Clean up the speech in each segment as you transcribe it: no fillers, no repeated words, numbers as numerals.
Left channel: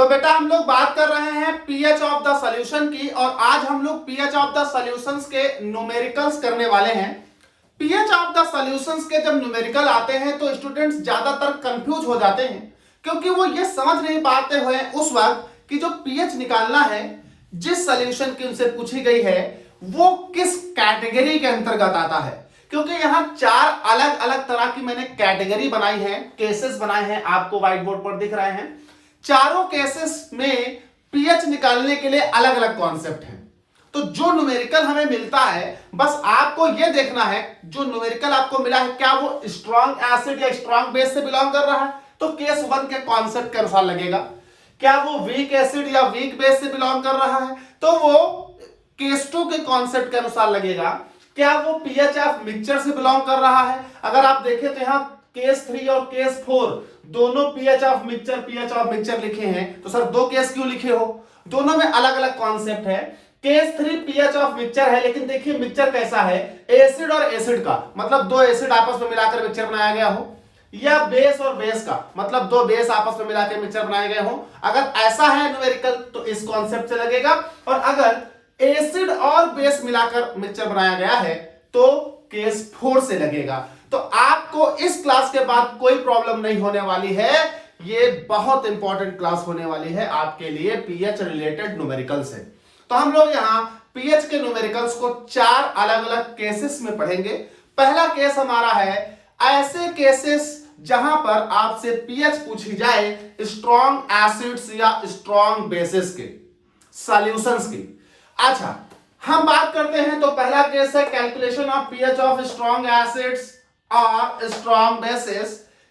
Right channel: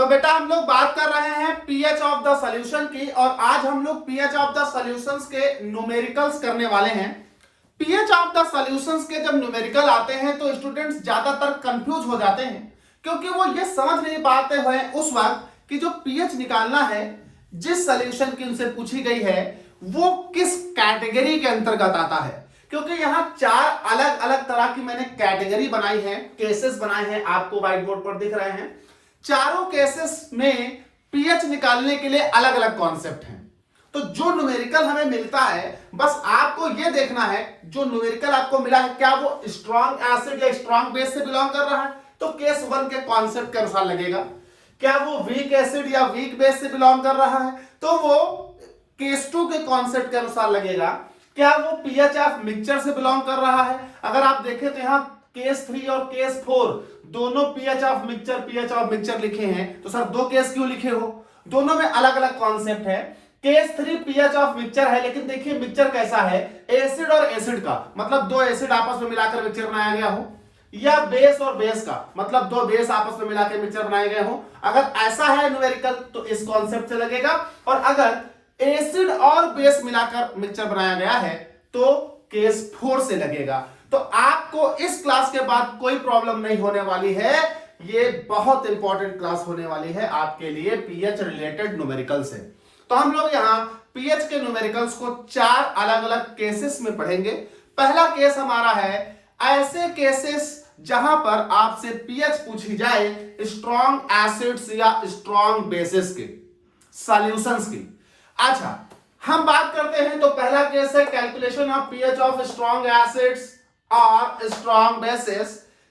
तो बेटा हम लोग बात कर रहे हैं पीएच ऑफ द सॉल्यूशन की, और आज हम लोग पीएच ऑफ द सॉल्यूशंस के न्यूमेरिकल्स करने वाले हैं। पीएच ऑफ द सॉल्यूशंस के जब न्यूमेरिकल आते हैं तो स्टूडेंट्स ज्यादातर कंफ्यूज हो जाते हैं, क्योंकि वो ये समझ नहीं पाते हुए उस वक्त कि जो पीएच निकालना है जिस सॉल्यूशन की उनसे पूछी गई है वो किस कैटेगरी के अंतर्गत आता है। क्योंकि यहां चार अलग अलग तरह की मैंने कैटेगरी बनाई है, केसेस बनाए हैं, आपको व्हाइट बोर्ड पर दिख रहे हैं। चारों केसेस में पीएच निकालने के लिए अलग अलग कॉन्सेप्ट हैं। तो जो न्यूमेरिकल हमें मिलता है बस आपको यह देखना है, जो न्यूमेरिकल आपको मिला है क्या वो स्ट्रॉन्ग एसिड या स्ट्रॉन्ग बेस से बिलोंग कर रहा है, तो केस 1 के कॉन्सेप्ट के अनुसार लगेगा। क्या वो वीक एसिड या वीक बेस से बिलोंग कर रहा है, तो वो केस 2 के कॉन्सेप्ट के अनुसार लगेगा। क्या वो पीएच ऑफ मिक्सचर से बिलोंग कर रहा है, अगर आप देखें तो यहाँ केस 3 और केस 4 दोनों पीएच ऑफ मिक्सचर लिखे हैं, तो सर दो केस क्यों लिखे हो, दोनों में अलग अलग कॉन्सेप्ट है। केस 3 पीएच ऑफ मिक्सचर है, लेकिन देखिए मिक्सचर कैसा है, एसिड और एसिड का, मतलब दो एसिड आपस में मिलाकर मिक्सचर बनाया गया हो, या बेस और बेस का, मतलब दो बेस आपस में मिलाकर मिक्सचर बनाए गए हो। अगर ऐसा है न्यूमेरिकल तो इस कॉन्सेप्ट से लगेगा, और अगर एसिड और बेस मिलाकर मिक्सचर बनाया गया है तो केस 4 से लगेगा। तो आपको इस क्लास के बाद कोई प्रॉब्लम नहीं होने वाली है, ये बहुत इंपॉर्टेंट क्लास होने वाली है आपके लिए पीएच रिलेटेड न्यूमेरिकल से। तो हम लोग यहां पीएच के न्यूमेरिकल्स को चार अलग अलग केसेस में पढ़ेंगे। पहला केस हमारा है ऐसे केसेस जहां पर आपसे पीएच पूछी जाए स्ट्रॉन्ग एसिड्स या स्ट्रॉन्ग बेसिस के सॉल्यूशंस की। अच्छा, हम बात करते हैं तो पहला केस है calculation of pH of strong acids और स्ट्रॉन्ग बेसिस।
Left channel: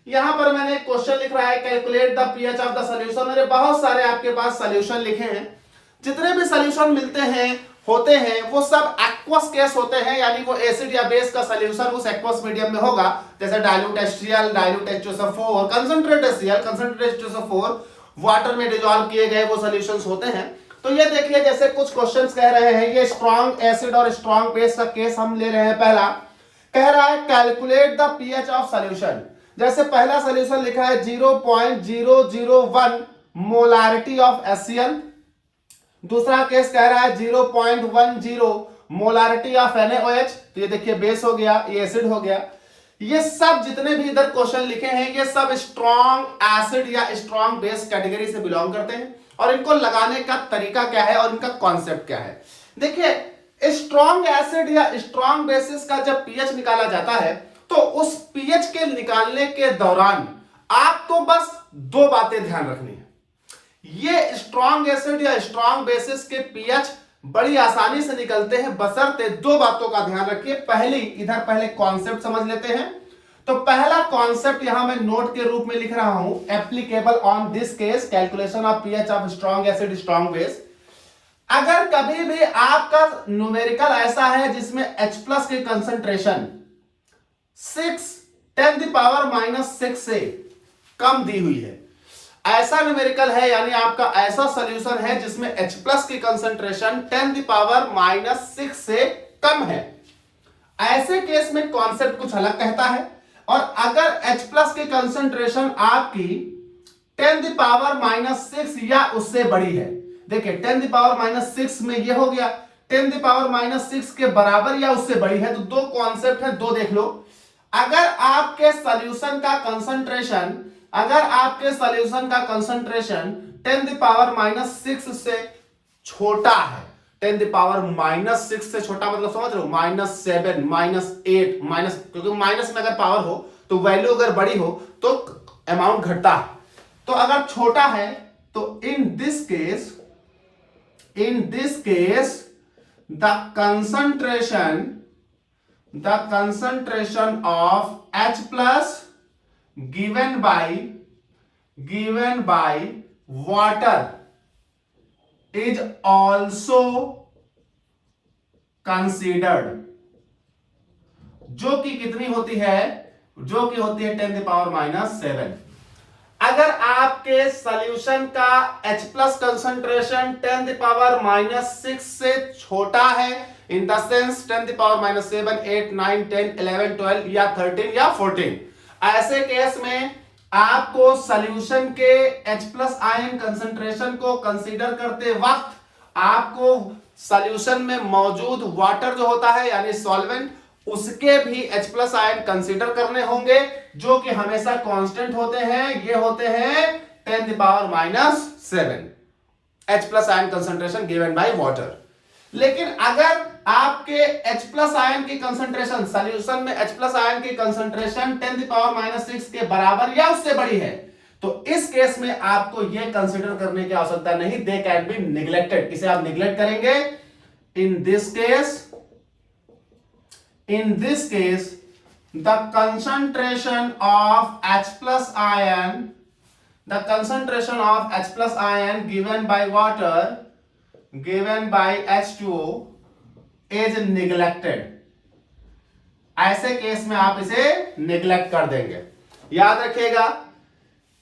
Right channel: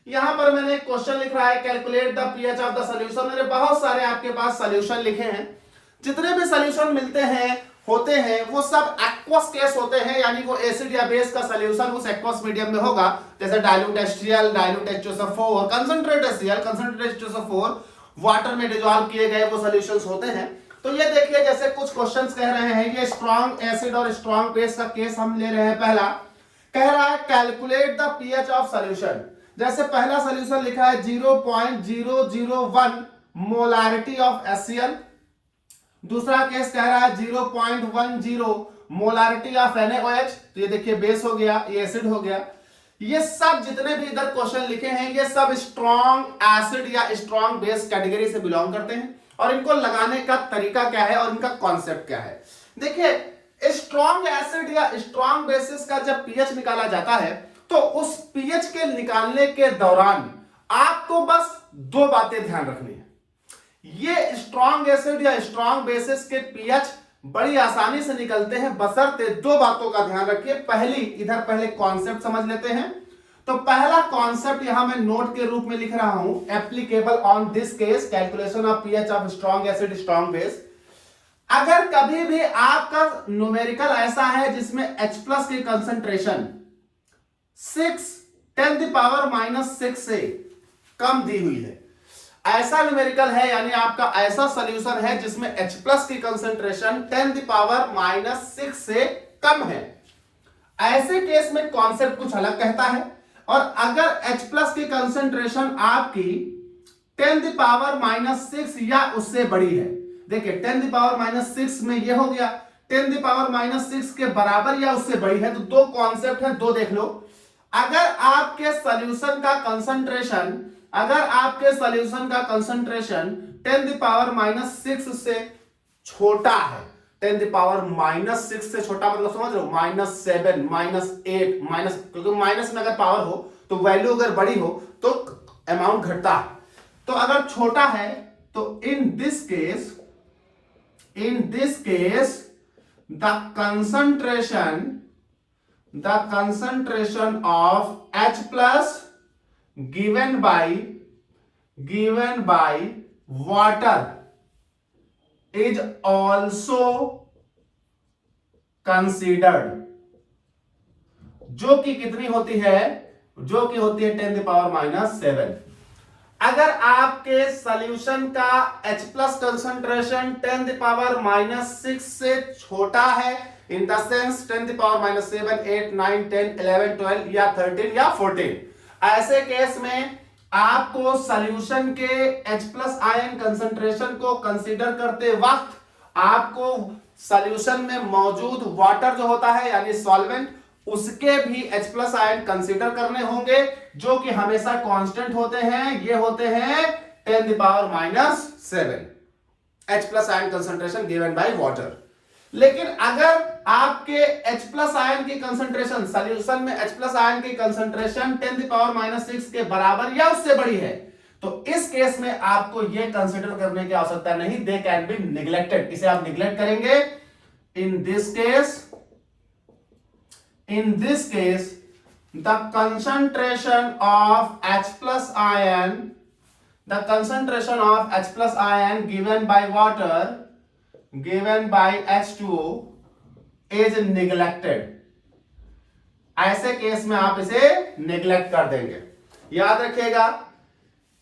यहां पर मैंने एक क्वेश्चन लिख रहा है calculate the pH of the solution. मैंने बहुत सारे आपके पास सॉल्यूशन लिखे हैं, जितने भी सॉल्यूशन मिलते हैं होते हैं वो सब एक्वस केस होते हैं, यानी वो एसिड या बेस का सॉल्यूशन उस एक्वस मीडियम में होगा, जैसे dilute HCl, dilute H2SO4, concentrate HCl, concentrate H2SO4, water में डिसॉल्व किए गए वो सॉल्यूशंस होते हैं। तो ये देखिए जैसे कुछ क्वेश्चंस कह रहे हैं, ये स्ट्रॉन्ग एसिड और स्ट्रॉन्ग बेस का केस हम ले रहे हैं। पहला कह रहा है calculate the pH of solution. जैसे पहला सॉल्यूशन लिखा है 0.001 मोलारिटी ऑफ HCl, दूसरा केस कह रहा है 0.10 मोलारिटी ऑफ NaOH, तो ये देखिए बेस हो गया, ये एसिड हो गया। ये सब जितने भी इधर क्वेश्चन लिखे हैं ये सब स्ट्रॉन्ग एसिड या स्ट्रॉन्ग बेस कैटेगरी से बिलोंग करते हैं, और इनको लगाने का तरीका क्या है और इनका कॉन्सेप्ट क्या है। देखिए स्ट्रॉन्ग एसिड या स्ट्रॉन्ग बेसिस का जब पीएच निकाला जाता है तो उस पीएच के निकालने के दौरान आपको बस दो बातें ध्यान रखनी है। ये स्ट्रॉन्ग एसिड या स्ट्रॉन्ग बेसिस के पीएच बड़ी आसानी से निकलते हैं, बशर्ते दो बातों का ध्यान रखिए। पहले कॉन्सेप्ट समझ लेते हैं। तो पहला कॉन्सेप्ट यहां मैं नोट के रूप में लिख रहा हूं, applicable on this case calculation of pH of strong acid strong base. अगर कभी भी आपका न्यूमेरिकल ऐसा है जिसमें H+ की कंसंट्रेशन 6 से कम दी हुई है, ऐसा न्यूमेरिकल है, यानी आपका ऐसा सॉल्यूशन है जिसमें H+ की कंसंट्रेशन 10⁻⁶ से कम है, ऐसे केस में कॉन्सेप्ट कुछ अलग कहता है। और अगर H+ की कंसंट्रेशन आपकी 10⁻⁶ या उससे बड़ी है, देखिए 10⁻⁶ में ये हो गया, 10⁻�6 के बराबर या उससे बड़ी है, तो दो कॉन्सेप्ट है, दो देख लो। अगर आपके सॉल्यूशन का कंसंट्रेशन 10⁻�6 से छोटा है, 10⁻�6 से छोटा मतलब समझ रहे हो, -7, -8, क्योंकि माइनस में अगर पावर हो तो वैल्यू अगर बड़ी हो तो अमाउंट घटता है। तो अगर छोटा है तो in this case the concentration of H+ given by water is also considered, जो कि कितनी होती है, जो कि होती है 10⁻⁷। अगर आपके सॉल्यूशन का H+ कंसंट्रेशन 10⁻�6 से छोटा है, इन द सेंस 10⁻⁷, 8, 9, 10, 11, 12 या 13 या 14, ऐसे केस में आपको सॉल्यूशन के H+ आयन कंसंट्रेशन को कंसीडर करते वक्त आपको सॉल्यूशन में मौजूद वाटर जो होता है यानी सॉल्वेंट, उसके भी H+ आयन कंसीडर करने होंगे, जो कि हमेशा कांस्टेंट होते हैं। ये होते हैं 10⁻⁷ H+ ion concentration given by water. लेकिन अगर आपके H+ आयन की कंसंट्रेशन सॉल्यूशन में H+ आयन की कंसंट्रेशन 10⁻⁶ के बराबर या उससे बड़ी है, तो इस केस में आपको यह कंसीडर करने की आवश्यकता नहीं, दे कैन बी निग्लेक्टेड। इसे आप निग्लेक्ट करेंगे। In this case the concentration of H+ ion given by water given by H2 is neglected। ऐसे केस में आप इसे निग्लेक्ट कर देंगे, याद रखिएगा।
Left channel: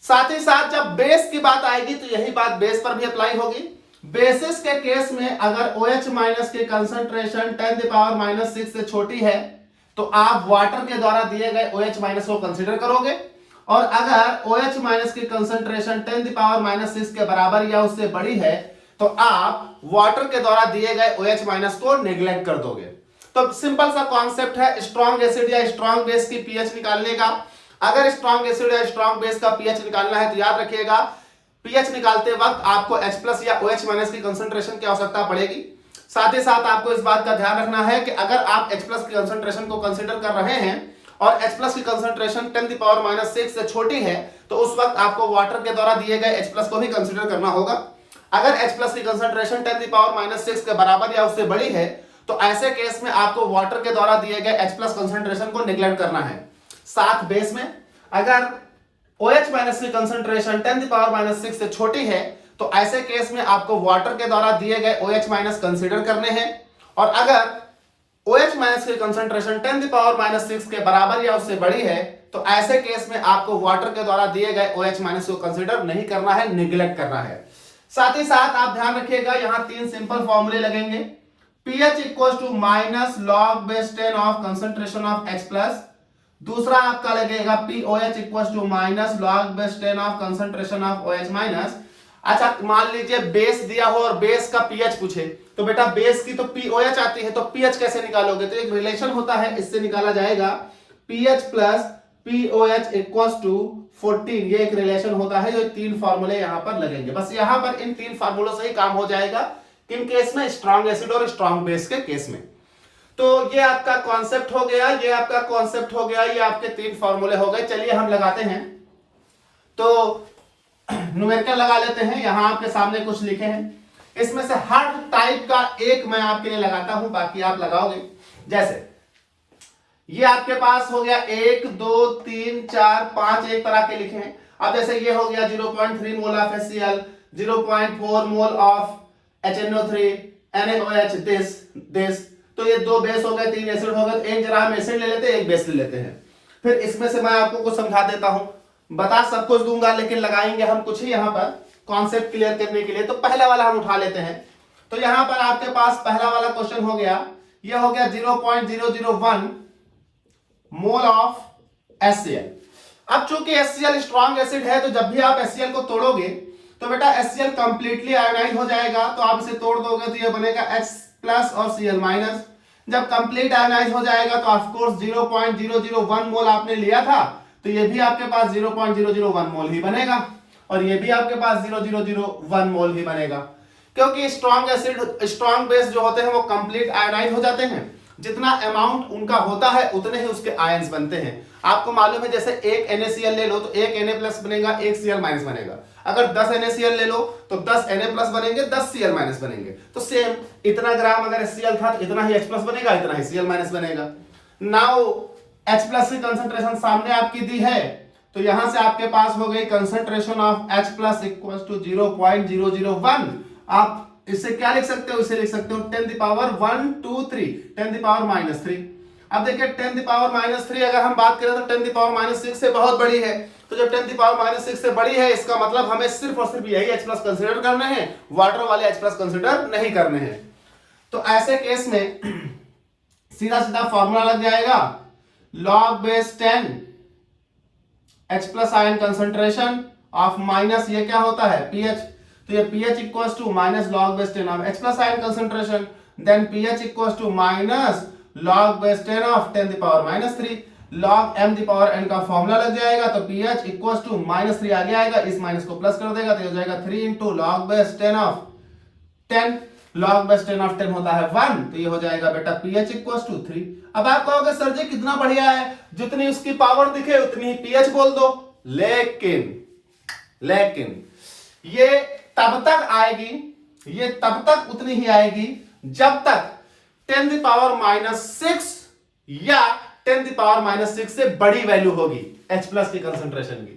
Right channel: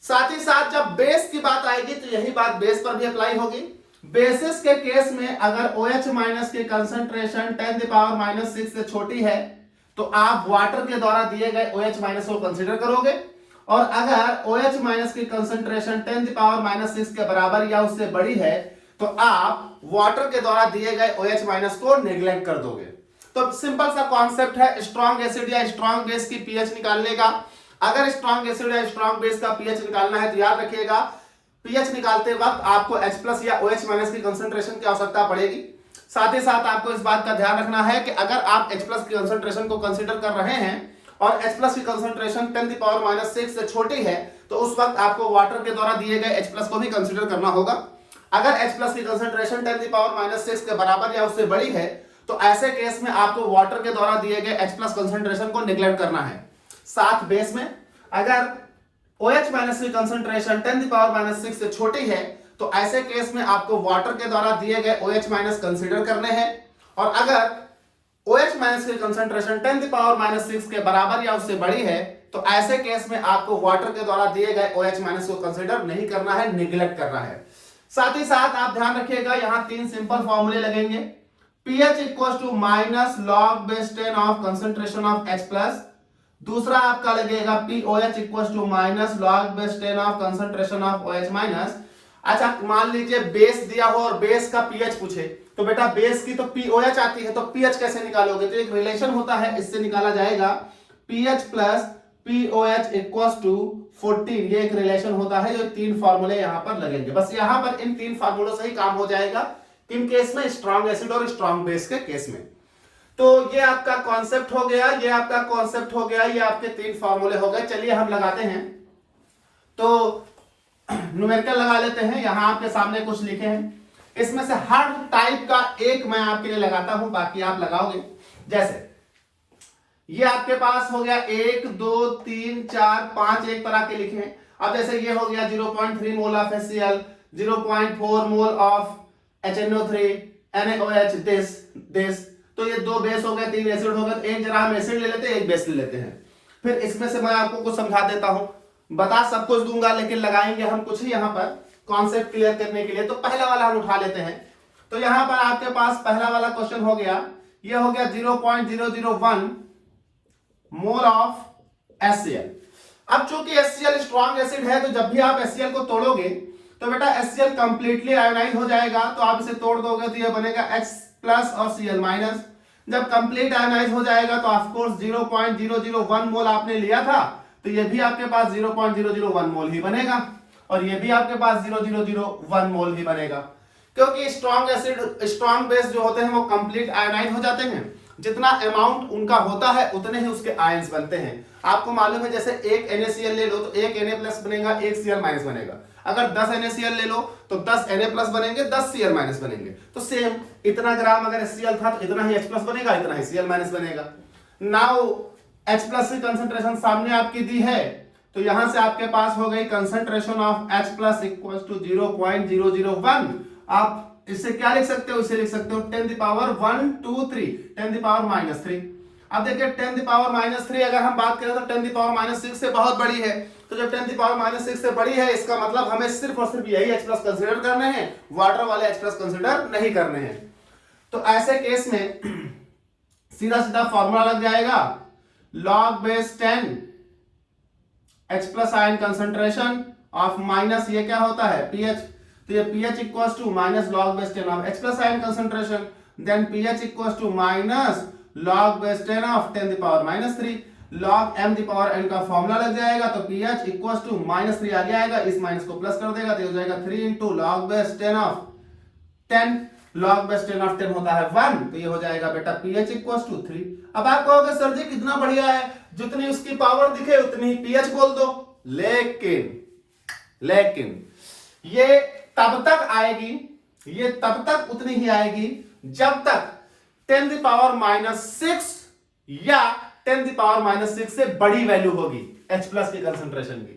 साथ ही साथ जब बेस की बात आएगी तो यही बात बेस पर भी अप्लाई होगी। बेसिस के केस में अगर OH- की कंसंट्रेशन 10⁻⁶ से छोटी है तो आप वाटर के द्वारा दिए गए OH- को कंसीडर करोगे, और अगर OH- की कंसंट्रेशन 10⁻⁶ के बराबर या उससे बड़ी है तो आप वाटर के द्वारा दिए गए OH- को नेग्लेक्ट कर दोगे। तो सिंपल सा कॉन्सेप्ट है स्ट्रॉन्ग एसिड या स्ट्रॉन्ग बेस की पीएच निकालने का। अगर स्ट्रॉन्ग एसिड या स्ट्रॉन्ग बेस का पीएच निकालना है तो याद रखिएगा, पीएच निकालते वक्त आपको H+ या OH- की कंसंट्रेशन की आवश्यकता पड़ेगी। साथ ही साथ आपको इस बात का ध्यान रखना है कि अगर आप H+ की कंसंट्रेशन को कंसीडर कर रहे हैं और H+ की कंसंट्रेशन 10⁻⁶ से छोटी है तो उस वक्त आपको वाटर के द्वारा दिए गए H+ को भी कंसीडर करना होगा। अगर H+ की कंसंट्रेशन 10⁻⁶ के बराबर या उससे बड़ी है तो ऐसे केस में आपको वाटर के द्वारा दिए गए H+ कंसंट्रेशन को निग्लेक्ट करना है। साथ बेस में अगर OH- की कंसंट्रेशन 10⁻⁶ से छोटी है तो ऐसे केस में आपको वाटर के द्वारा दिए गए OH- कंसीडर करने हैं, और अगर OH- की कंसंट्रेशन 10⁻⁶ के बराबर या उससे बड़ी है तो ऐसे केस में आपको वाटर के द्वारा दिए गए OH- को कंसीडर नहीं करना है, निग्लेक्ट करना है। साथ ही साथ आप ध्यान रखिएगा, यहां 3 सिंपल फॉर्मूले लगेंगे। pH - log/10 of concentration of H+। दूसरा आपका लगेगा POH - log/10 of concentration of OH-। अच्छा, मान लीजिए बेस दिया हो और बेस का पीएच पूछे तो बेटा बेस की तो POH आती है, तो पीएच कैसे निकालोगे? तो एक रिलेशन होता है, इससे निकाला जाएगा pH + POH = 14। ये एक रिलेशन होता है, जो 3 फार्मूले यहां पर लगेंगे। बस यहां पर इन 3 फार्मूलों से ही काम हो जाएगा। किन केस में? स्ट्रॉन्ग एसिड और स्ट्रॉन्ग बेस के केस में। तो ये आपका कॉन्सेप्ट हो गया, ये आपका कॉन्सेप्ट हो गया, ये आपके 3 फार्मूले हो गए। चलिए हम लगाते हैं, तो न्यूमेरिकल लगा लेते हैं। यहां आपके सामने कुछ लिखे हैं, इसमें से हर टाइप का एक मैं आपके लिए लगाता हूं, बाकी आप लगाओगे। जैसे ये आपके पास हो गया 1 2 3 4 5 एक तरह के लिखे हैं। अब जैसे ये हो गया 0.3 mole of HCl, 0.4 mole of HNO3 NaOH, this. तो ये 2 बेस हो गए, 3 एसिड हो गए। एक जरा हम एसिड ले लेते हैं, एक बेस ले लेते हैं। फिर इसमें से मैं आपको कुछ समझा देता हूं, बता सब कुछ दूंगा लेकिन लगाएंगे हम कुछ ही यहां पर कॉन्सेप्ट क्लियर करने के लिए। तो पहला वाला हम उठा लेते हैं। तो यहां पर आपके पास पहला वाला क्वेश्चन हो गया, ये हो गया 0.001 मोल ऑफ HCl। अब चूंकि HCl स्ट्रॉन्ग एसिड है तो जब भी आप HCl को तोड़ोगे तो बेटा HCl कंप्लीटली आयोनाइज हो जाएगा। तो आप इसे तोड़ दोगे तो ये बनेगा H+ और Cl-। जब कंप्लीट आयोनाइज हो जाएगा तो ऑफ कोर्स 0.001 मोल आपने लिया था, तो ये भी आपके पास 0.001 मोल ही बनेगा, और ये भी आपके पास 0.001 मोल ही बनेगा। क्योंकि स्ट्रॉन्ग एसिड स्ट्रॉन्ग बेस जो होते हैं वो कंप्लीट आयोनाइज हो जाते हैं। जितना अमाउंट उनका होता है उतने ही उसके आयंस बनते हैं। आपको मालूम है, जैसे एक NaCl ले लो तो एक Na+ बनेगा, एक Cl- बनेगा। अगर 10 NaCl ले लो तो 10 Na+ बनेंगे, 10 Cl- बनेंगे। तो सेम इतना ग्राम अगर HCl था तो इतना ही H+ बनेगा, इतना ही Cl- बनेगा। नाउ H+ की कंसंट्रेशन सामने आपकी दी है, तो यहां से आपके पास हो गई कंसंट्रेशन ऑफ H+ = 0.001। आप इससे क्या लिख सकते हो? इसे लिख सकते हो 10⁻⁻3 अब देखिए 10⁻³ अगर हम बात करें तो 10⁻�6 से बहुत बड़ी है। तो जब 10⁻�6 से बड़ी है इसका मतलब हमें सिर्फ और सिर्फ यही H+ कंसीडर करने हैं, वाटर वाले H+ कंसीडर नहीं करने हैं। तो ऐसे केस में सीधा सीधा फॉर्मूला लग जाएगा log base 10 H plus ion concentration of minus ये क्या होता है pH, तो ये pH equals to minus log base 10 of H plus ion concentration, then pH equals to minus log base 10 of 10 the power minus 3, log m the power n का formula लग जाएगा, तो pH इक्वल्स टू माइनस 3 आगे आएगा, इस minus को plus कर देगा तो ये हो जाएगा 3 into log base 10 of 10, log base 10 of 10 होता है 1, तो ये हो जाएगा बेटा pH इक्वल्स टू 3। अब आप कहोगे सर जी कितना बढ़िया है, जितनी उसकी पावर दिखे उतनी ही pH बोल दो, लेकिन ये तब तक आएगी, ये तब तक उतनी ही आएगी जब तक 10 द पावर माइनस 6 या 10 द पावर माइनस 6 से बड़ी वैल्यू होगी H प्लस की कंसंट्रेशन की।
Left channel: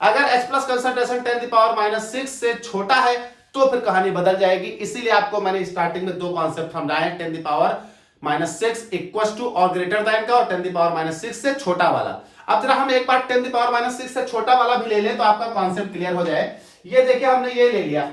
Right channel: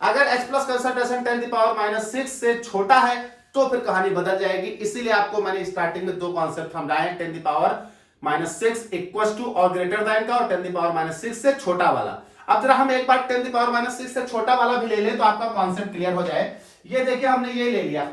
अगर H plus concentration 10 the power minus 6 से छोटा है तो फिर कहानी बदल जाएगी। इसीलिए आपको मैंने स्टार्टिंग में दो कॉन्सेप्ट समझाए हैं, 10 the power minus 6 equal to और ग्रेटर देन का, और 10 द पावर माइनस 6 से छोटा वाला। अब जरा हम एक बार 10 द पावर माइनस 6 से छोटा वाला भी ले लें तो आपका कॉन्सेप्ट क्लियर हो जाए। ये देखिए हमने ये ले लिया,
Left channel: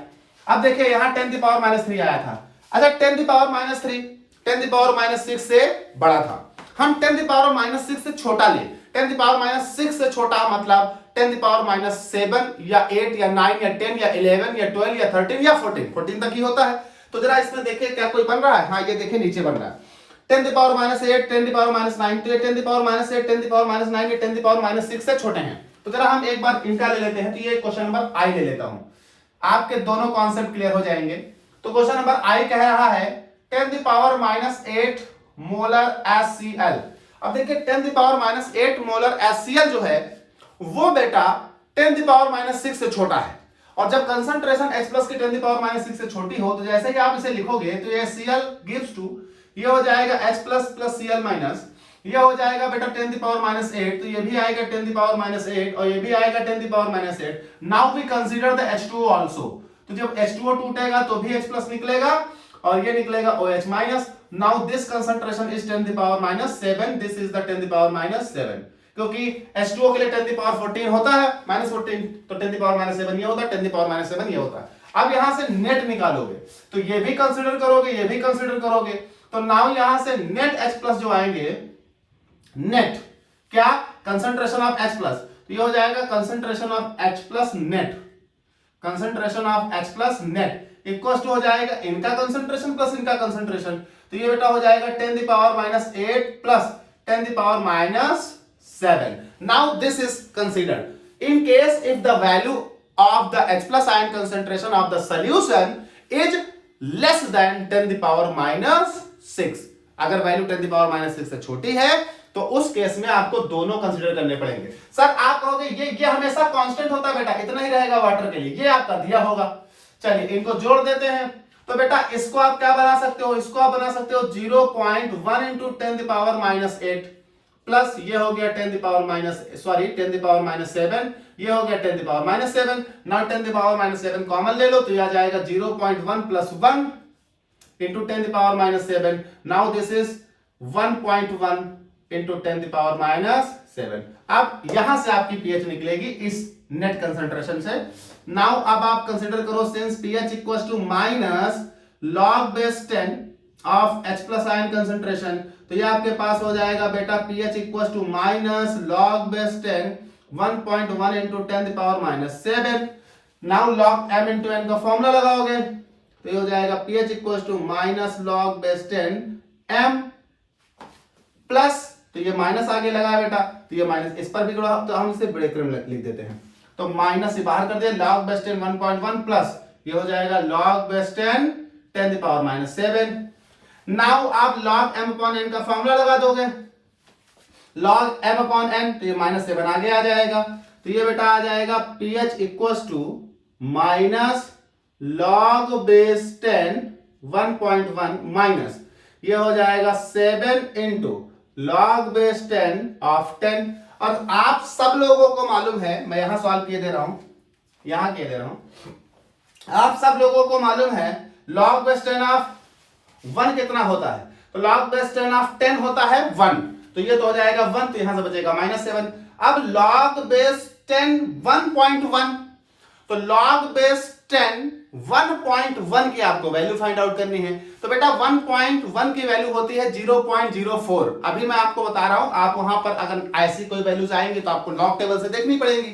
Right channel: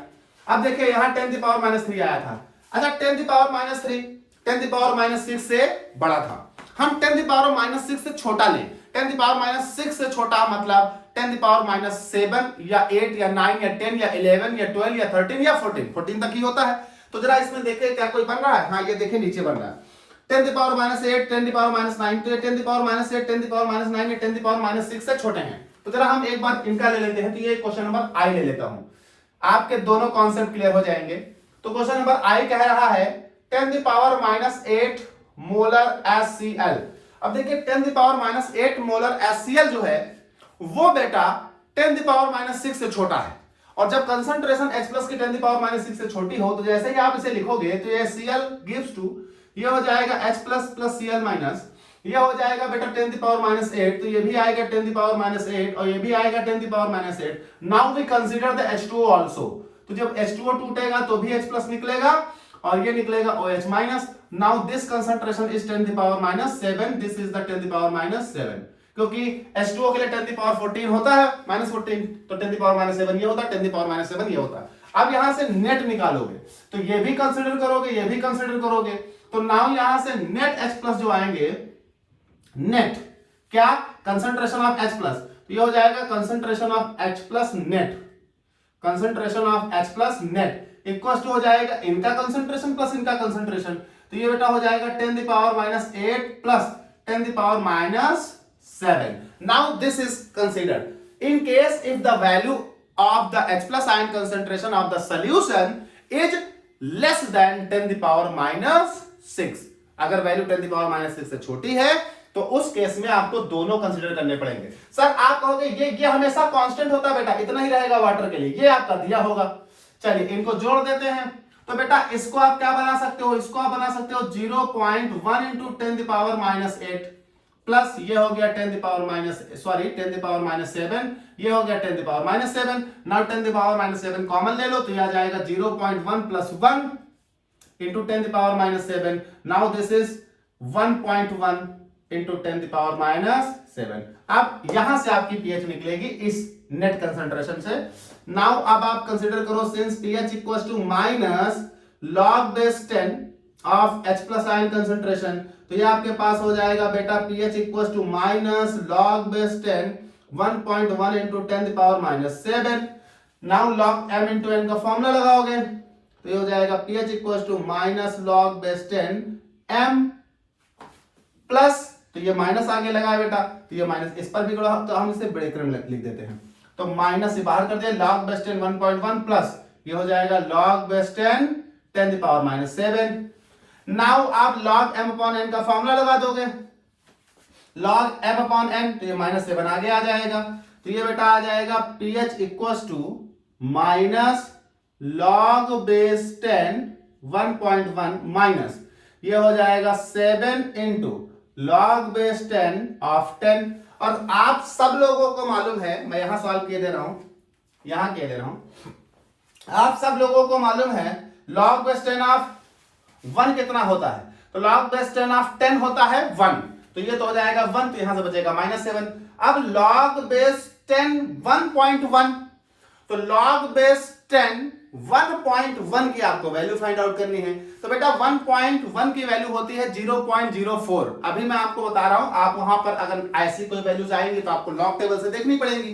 अब देखिए यहां 10 द पावर माइनस 3 आया था। अच्छा 10 the power minus 3 10 the power minus 6 से बड़ा था, हम 10 द पावर माइनस 6 से छोटा लें। 10 द पावर माइनस 6 से छोटा मतलब 10 द पावर माइनस 7 या 8 या 9 या 10 या 11 या 12 या 13 या 14 तक ही होता है। तो जरा इसमें देखिए क्या कोई बन रहा है, हाँ ये देखिए नीचे बन रहा है 10 the power minus 8 10 the power minus 9, तो ये 10 the power minus 8 10 the power minus 9 या 10 द पावर माइनस 6 से छोटे हैं। तो जरा हम एक बार इनका ले लेते हैं, तो ये क्वेश्चन नंबर आई ले लेता हूं, आपके दोनों कॉन्सेप्ट क्लियर हो जाएंगे। तो क्वेश्चन नंबर आई कह रहा है 10 the power minus 8 molar HCl। अब देखिए 10 the power minus 8 molar HCl जो है वो बेटा 10 द पावर माइनस 6 से छोटा है, और जब कंसंट्रेशन H प्लस की 10 द पावर माइनस 6 से छोटी हो तो जैसे ही आप इसे लिखोगे तो ये Cl गिव्स टू, ये हो जाएगा H plus plus Cl minus, ये हो जाएगा बेटा 10 द पावर माइनस 8, तो ये भी आएगा 10 द पावर माइनस 8 और ये भी आएगा 10 the power minus 8। Now we consider the H2O also, तो जब H2O टूटेगा तो भी H प्लस निकलेगा और ये निकलेगा OH minus. Now this concentration is 10 the power minus 7, this is the 10 the power minus 7, क्योंकि H2O के लिए 10 द पावर 14 होता है माइनस 14, तो 10 द पावर माइनस 7 ये होता है, 10 द पावर माइनस 7 ये होता है। अब यहां से नेट निकालोगे तो ये भी कंसीडर करोगे, ये भी कंसीडर करोगे, तो नाउ यहां से नेट H प्लस जो आएंगे, नेट क्या कंसंट्रेशन ऑफ H प्लस, तो ये हो जाएगा concentration of H plus net, concentration of H plus net equal to हो जाएगा इनका कंसंट्रेशन प्लस इनका कंसंट्रेशन, तो ये बेटा हो जाएगा 10 the power minus 8 plus 10 the power minus 7। Now this is considered in case if the value of the H plus ion concentration of the solution is less than 10 the power minus 6। अगर value 10 the power minus 6 से छोटी है तो उस case में आपको दोनों consider करने पड़ेंगे। सर आप कहोगे ये हमेशा कांस्टेंट होता है बेटा, इतना ही रहेगा वाटर के लिए, ये आपका दिया होगा। चलिए इनको जोड़ देते हैं, तो बेटा इसको आप क्या बना सकते हो, इसको आप बना सकते हो 0.1 into 10 the power minus 8 plus ये हो गया 10 the power minus 10 the power minus 7, ये हो गया 10 the power minus 7। Now 10 the power minus 7 common ले लो तो ये आ जाएगा 0.1 plus 1 into 10 the power minus 7। Now this is 1.1 into 10 the power minus 7। अब यहां से आपकी pH निकलेगी इस नेट कंसंट्रेशन से। नाउ अब आप कंसीडर करो since pH equals to minus log base 10 of H plus ion concentration, तो ये आपके पास हो जाएगा बेटा pH equals to minus log base 10 1.1 into 10 the power minus 7। Now log m into n का फॉर्मूला लगाओगे तो ये हो जाएगा pH equals to minus log base 10 m plus, तो ये माइनस आगे लगा है बेटा, तो ये माइनस इस पर भी करो तो हम इसे ब्रैकेट में लिख देते हैं, तो माइनस से बाहर कर दिया log बेस 10 1.1 प्लस ये हो जाएगा log base 10 10 the power minus 7। Now आप log m upon n का फॉर्मूला लगा दोगे, log m upon n, तो ये माइनस 7 आगे आ जाएगा, तो ये बेटा आ जाएगा pH equals to minus log base 10 1.1 minus ये हो जाएगा 7 इंटू log बेस 10 ऑफ 10। और आप सब लोगों को मालूम है, मैं यहां सवाल किए दे रहा हूं, यहां किए दे रहा हूं, आप सब लोगों को मालूम है log बेस 10 ऑफ 1 कितना होता है, तो log बेस 10 ऑफ 10 होता है 1, तो ये तो हो जाएगा 1, तो यहां से बचेगा माइनस 7। अब log बेस 10 1.1, तो log बेस 10 1.1 की आपको वैल्यू फाइंड आउट करनी है। तो बेटा 1.1 की वैल्यू होती है 0.04। अभी मैं आपको बता रहा हूं, आप वहां पर अगर ऐसी कोई वैल्यूज आएंगी तो आपको लॉग टेबल से देखनी पड़ेगी।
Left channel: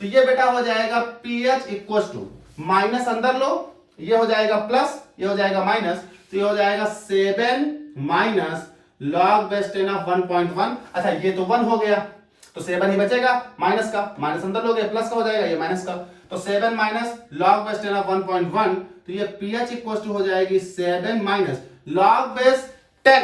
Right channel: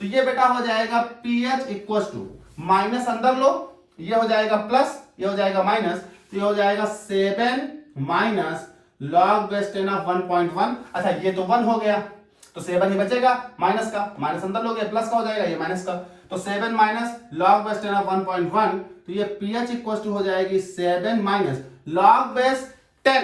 तो ये बेटा हो जाएगा pH इक्वल टू, माइनस अंदर लो, ये हो जाएगा प्लस, ये हो जाएगा माइनस, तो ये हो जाएगा 7 माइनस लॉग बेस 10 ऑफ 1.1। अच्छा ये तो 1 हो गया, तो 7 ही बचेगा, माइनस का माइनस अंदर लोगे प्लस का हो जाएगा, ये माइनस का, तो 7 माइनस लॉग बेस 10 ऑफ 1.1, तो ये pH इक्वल टू हो जाएगी 7 माइनस लॉग बेस 10।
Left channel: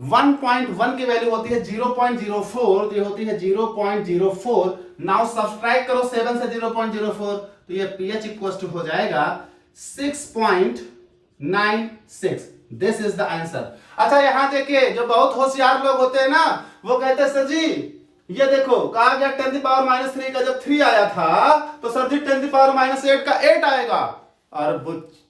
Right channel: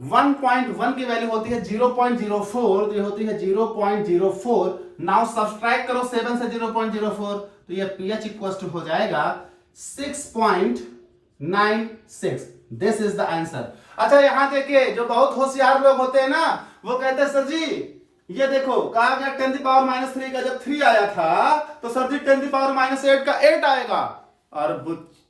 1.1 की वैल्यू होती है 0.04, तो ये होती है 0.04। नाउ सब्सट्रैक्ट करो 7 से 0.04, तो ये pH इक्वल टू हो जाएगा 6.96। This is the answer. अच्छा यहां देखिए, जो बहुत होशियार लोग होते हैं ना, वो कहते हैं सर जी ये देखो कहा गया 10 की पावर -3 का जब 3 आया था तो सर जी 10 की पावर -8 का 8 आएगा। और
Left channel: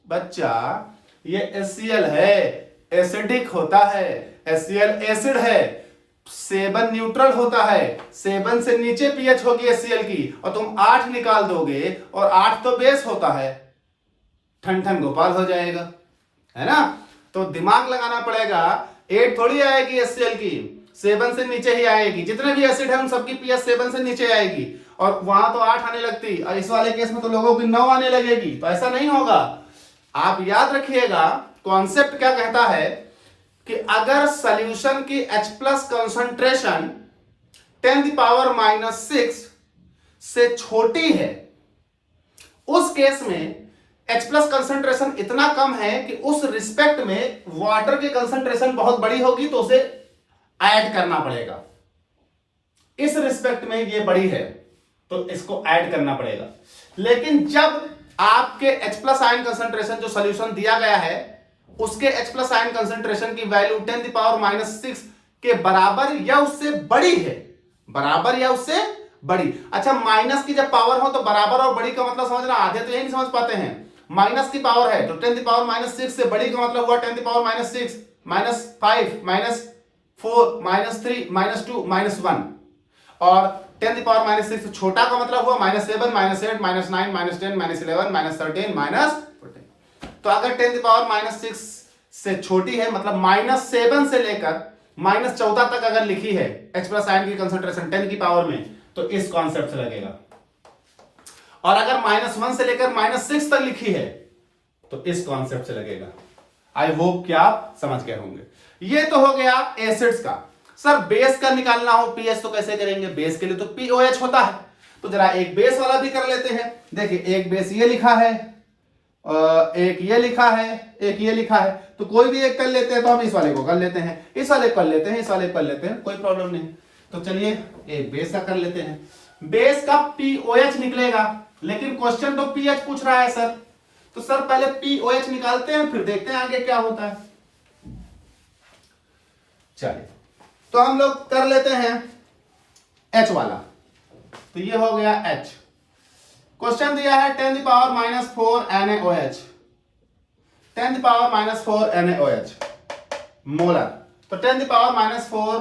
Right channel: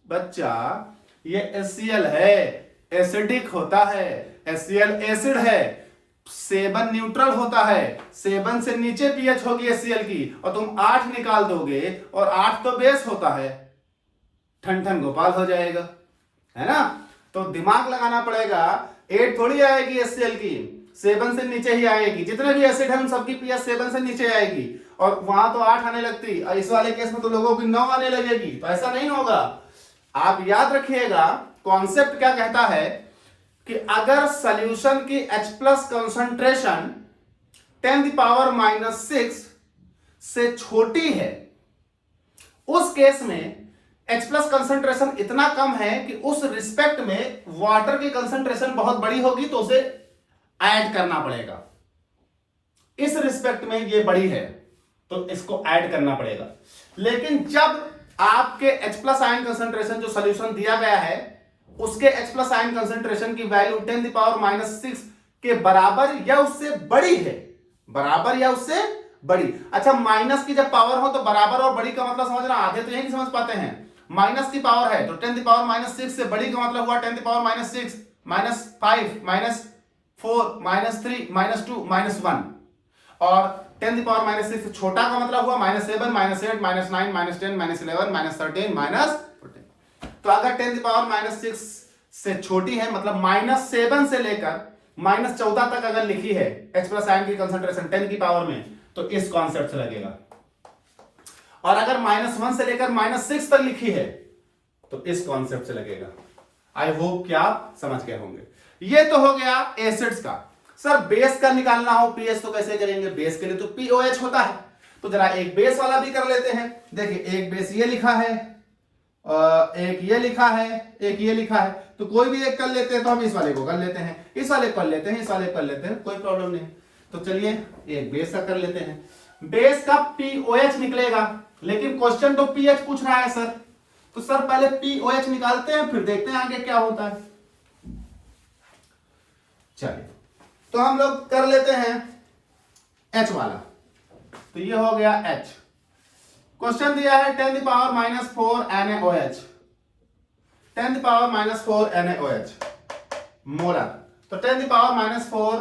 बच्चा ये HCl है, एसिडिक होता है, HCl एसिड है, 7 न्यूट्रल होता है, 7 से नीचे pH होगी HCl की, और तुम 8 निकाल दोगे, और 8 तो बेस होता है, ठन ठन गोपाल हो जाएगा, है ना। तो दिमाग लगाना पड़ेगा, 8 थोड़ी आएगी HCl की, 7 से नीचे ही आएगी। जितने भी एसिड है उन सबकी pH 7 से नीचे आएगी, और वहां तो 8 आने लगती, और इस वाले केस में तो लोगों की 9 आने लगेगी। तो ऐसा नहीं होगा। आप याद रखिएगा, कॉन्सेप्ट क्या कहता है कि अगर सॉल्यूशन की H+ कंसंट्रेशन 10 की पावर -6 से छोटी है, उस केस में H+ कंसंट्रेशन इतना कम है कि उस रिस्पेक्ट में वाटर की कंसंट्रेशन बहुत बड़ी होगी, तो उसे ऐड करना पड़ेगा। इस रिस्पेक्ट में ये बड़ी है तो इसको ऐड करना पड़ेगा। लेकिन जब आपके H+ आयन कंसंट्रेशन जो सॉल्यूशन दिया गया है उसके H+ आयन कंसंट्रेशन की वैल्यू 10 की पावर -6 के बराबर या उससे बड़ी है, बराबर या उससे बड़ी। अच्छा माइनस की जब पावर हो तो बराबर और बड़ी का मतलब समझना, आधे तो यही नहीं समझ पाते हैं। माइनस की पावर है तो 10 की पावर -6 से बड़ी का मतलब हुआ 10 की पावर -6, -5, -4, -3, -2, -1, और 10 की पावर -6 से छोटा का मतलब हुआ -7, -8, -9, -10, -11, -13, -14। तो अगर 10 की पावर -6 से छोटी है, मतलब -7 से लेकर -14 तक अगर लिखी है H+ आयन की कंसंट्रेशन 10 की पावर में, तो इस कॉन्सेप्ट से लगेगा। और अगर -1 से लेकर -6 तक लिखी है तो इस कॉन्सेप्ट से लगेगा। आई होप कि आप समझ गए होंगे। ये तो हो गया एसिड्स का। सर बेस का निकालना हो pH तो कैसे करेंगे? बेस के लिए तो POH होता है, तो जरा एक बेस वाला भी कर लेते हैं। देखिए एक बेस ये लिखा है, और एक ये लिखा है, एक ये लिखा है, तो कोई भी एक कर लेते हैं। तो हम इस वाले को कर लेते हैं, इस वाले कर लेते हैं, इस वाले कर लेते हैं, कोई प्रॉब्लम नहीं। तो चलिए एक बेस का कर लेते हैं। बेस का POH निकलेगा, लेकिन क्वेश्चन तो pH पूछ रहा है सर, तो सर पहले POH निकालते हैं फिर देखते हैं आगे क्या होता है। चलिए तो हम लोग कर लेते हैं H वाला। तो ये हो गया H। क्वेश्चन दिया है 10 की पावर -4 NaOH, 10 की पावर -4 NaOH मोलर। तो 10 की पावर -4